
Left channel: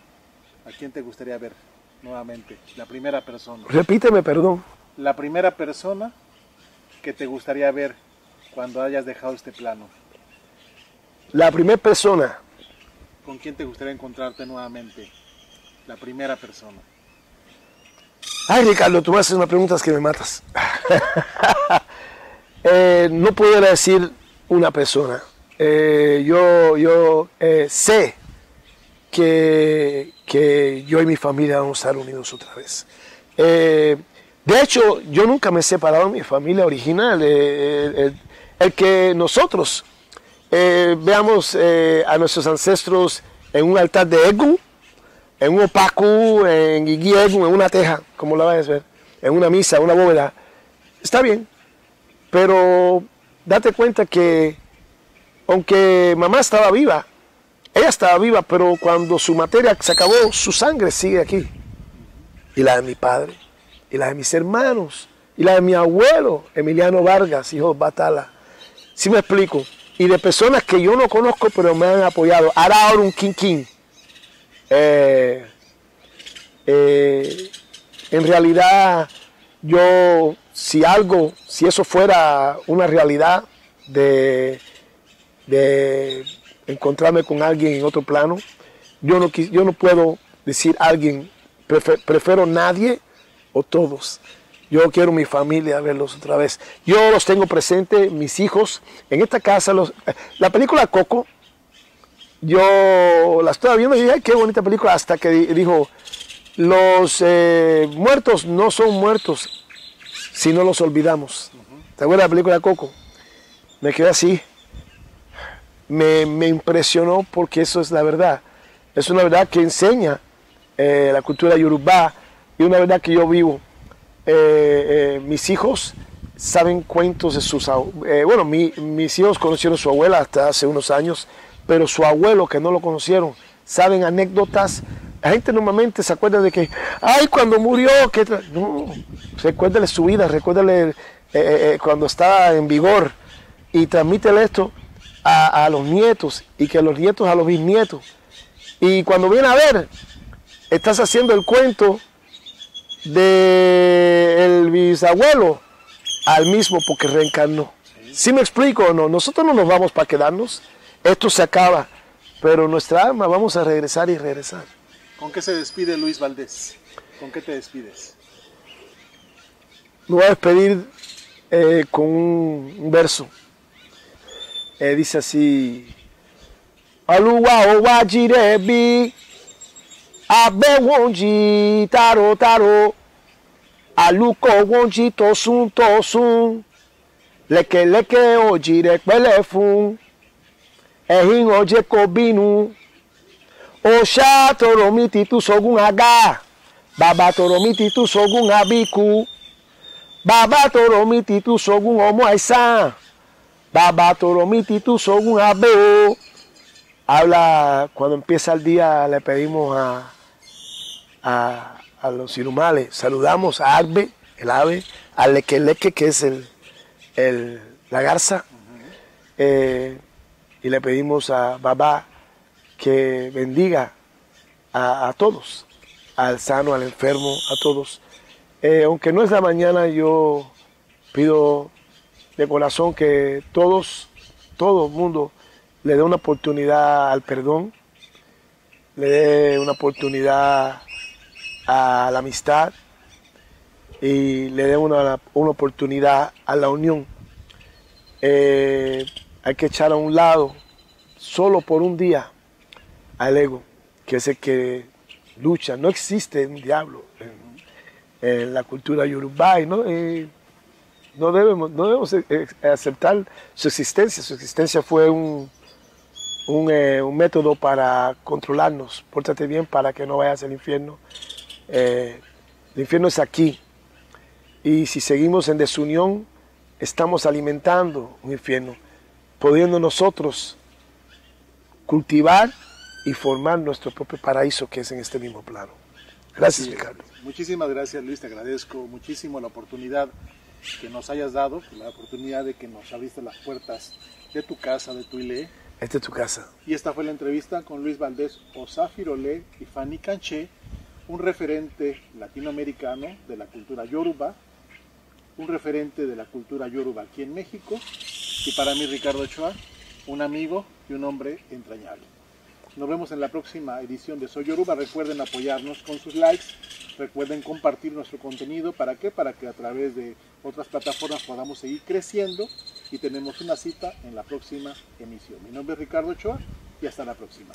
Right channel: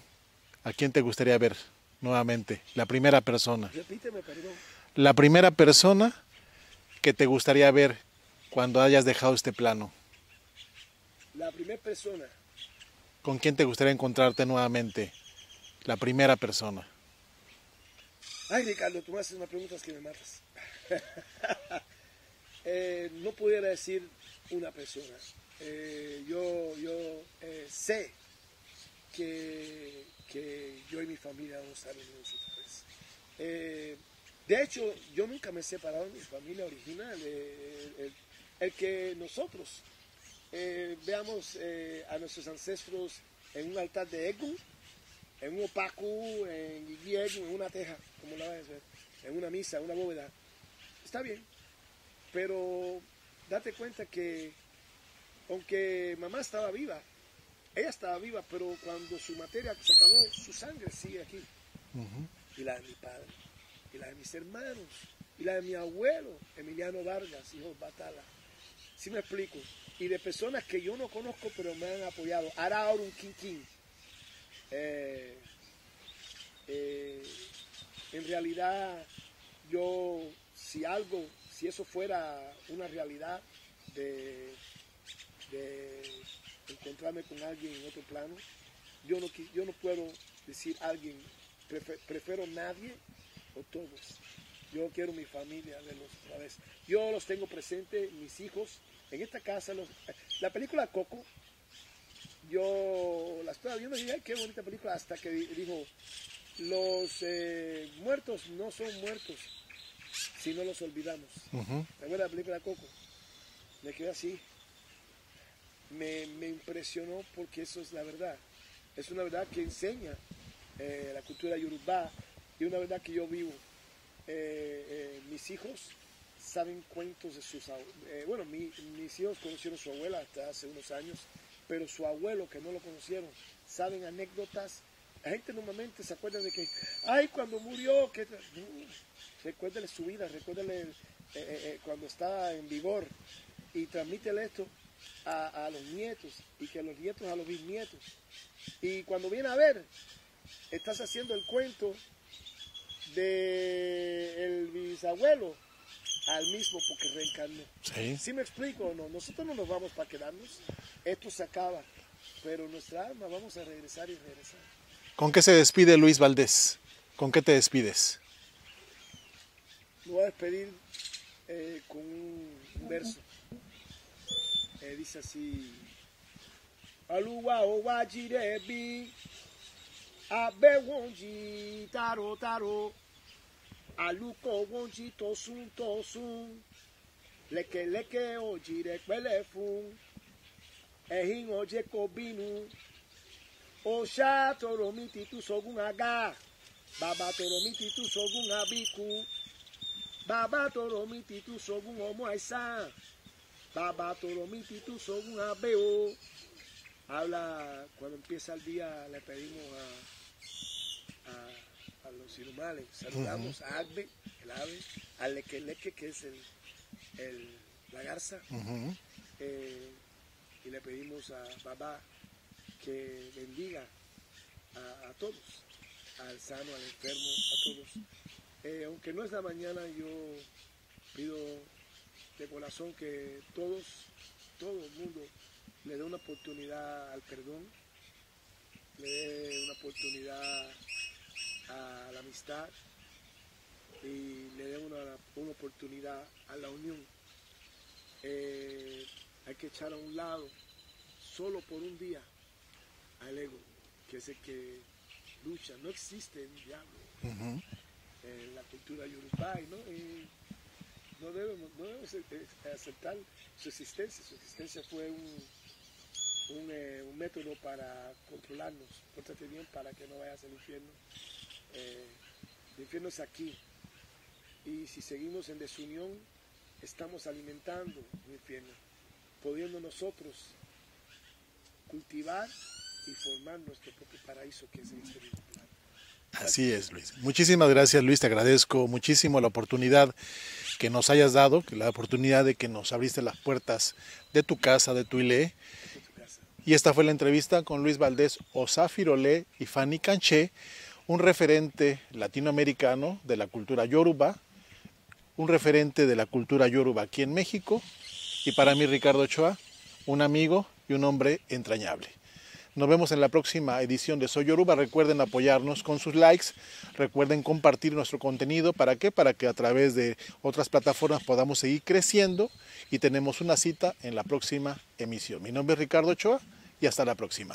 ¿a quién te gustaría ver nuevamente? La primera persona. Repíteme, perdón. La primera persona que te gustaría ver cuando hayas dejado este plano. La primera persona. ¿Con quién te gustaría encontrarte nuevamente? La primera persona. Ay, Ricardo, tú me haces unas preguntas que me matas. No pudiera decir una persona. Yo sé que yo y mi familia vamos a estar unidos otra vez. De hecho, yo nunca me he separado de mi familia original. El que nosotros veamos a nuestros ancestros en un altar de Egu, en un opacu, en Igi Egu, en una teja, como la vas a ver, en una misa, en una bóveda, está bien. Pero date cuenta que, aunque mamá estaba viva, ella estaba viva, pero cuando su materia se acabó, su sangre sigue aquí. Y la de mi padre, y la de mis hermanos, y la de mi abuelo, Emiliano Vargas, hijo de Batala. ¿Sí me explico? Y de personas que yo no conozco, pero me han apoyado. Ahora un quinquín. En realidad, yo, si eso fuera una realidad de encontrarme con alguien en otro plano, yo no puedo decir alguien, prefiero nadie o todos. Yo quiero mi familia verlos otra vez. Yo los tengo presentes, mis hijos, en esta casa. La película Coco, yo la estaba viendo y dije, ay, qué bonita película, hasta que dijo, los muertos no son muertos si no los olvidamos. ¿Te acuerdas de la película Coco? Me quedé así. Me impresionó porque eso es la verdad. Es una verdad que enseña la cultura yorubá y una verdad que yo vivo. Mis hijos saben cuentos de sus bueno, mis hijos conocieron a su abuela hasta hace unos años, pero su abuelo, que no lo conocieron, saben anécdotas. La gente normalmente se acuerda de que, ay, cuando murió, no, recuérdale su vida, recuérdale cuando estaba en vigor, y transmítele esto a los nietos, y que los nietos a los bisnietos. Y cuando viene a ver, estás haciendo el cuento del bisabuelo al mismo, porque reencarnó. ¿Sí me explico o no? Nosotros no nos vamos para quedarnos, esto se acaba, pero nuestra alma vamos a regresar y regresar. ¿Con qué se despide Luis Valdés? ¿Con qué te despides? Me voy a despedir con un verso. Dice así: Aluwa owa jirebi abe wonji taro taro aluko wonji tosun tosun leke leke ojire pele fun ehin oje ko binu Osha toromiti tu sogun aga, baba toromiti tu sogun abiku, baba toromiti tu sogun omo aisan, baba toromiti tu sogun abeo. Habla, cuando empieza el día le pedimos a los irumales, saludamos a Agbe, el ave, a Lequeleque, que es la garza, y le pedimos a Baba que bendiga a todos, al sano, al enfermo, a todos. Aunque no es la mañana, yo pido de corazón que todo el mundo le dé una oportunidad al perdón, le dé una oportunidad a la amistad y le dé una oportunidad a la unión. Hay que echar a un lado, solo por un día, al ego, que es el que lucha. No existe un diablo en la cultura yorubá, y no debemos aceptar su existencia. Su existencia fue un método para controlarnos. Pórtate bien para que no vayas al infierno. El infierno es aquí, y si seguimos en desunión, estamos alimentando un infierno, pudiendo nosotros cultivar y formar nuestro propio paraíso, que es en este mismo plano. Gracias, Ricardo. Muchísimas gracias, Luis. Te agradezco muchísimo la oportunidad que nos hayas dado, la oportunidad de que nos abriste las puertas de tu casa, de tu ILE. Esta es tu casa. Y esta fue la entrevista con Luis Valdés Osafirolé y Fanny Canché, un referente latinoamericano de la cultura yoruba, un referente de la cultura yoruba aquí en México, y para mí, Ricardo Ochoa, un amigo y un hombre entrañable. Nos vemos en la próxima edición de Soy Yoruba. Recuerden apoyarnos con sus likes, recuerden compartir nuestro contenido. ¿Para qué? Para que a través de otras plataformas podamos seguir creciendo, y tenemos una cita en la próxima emisión. Mi nombre es Ricardo Ochoa y hasta la próxima.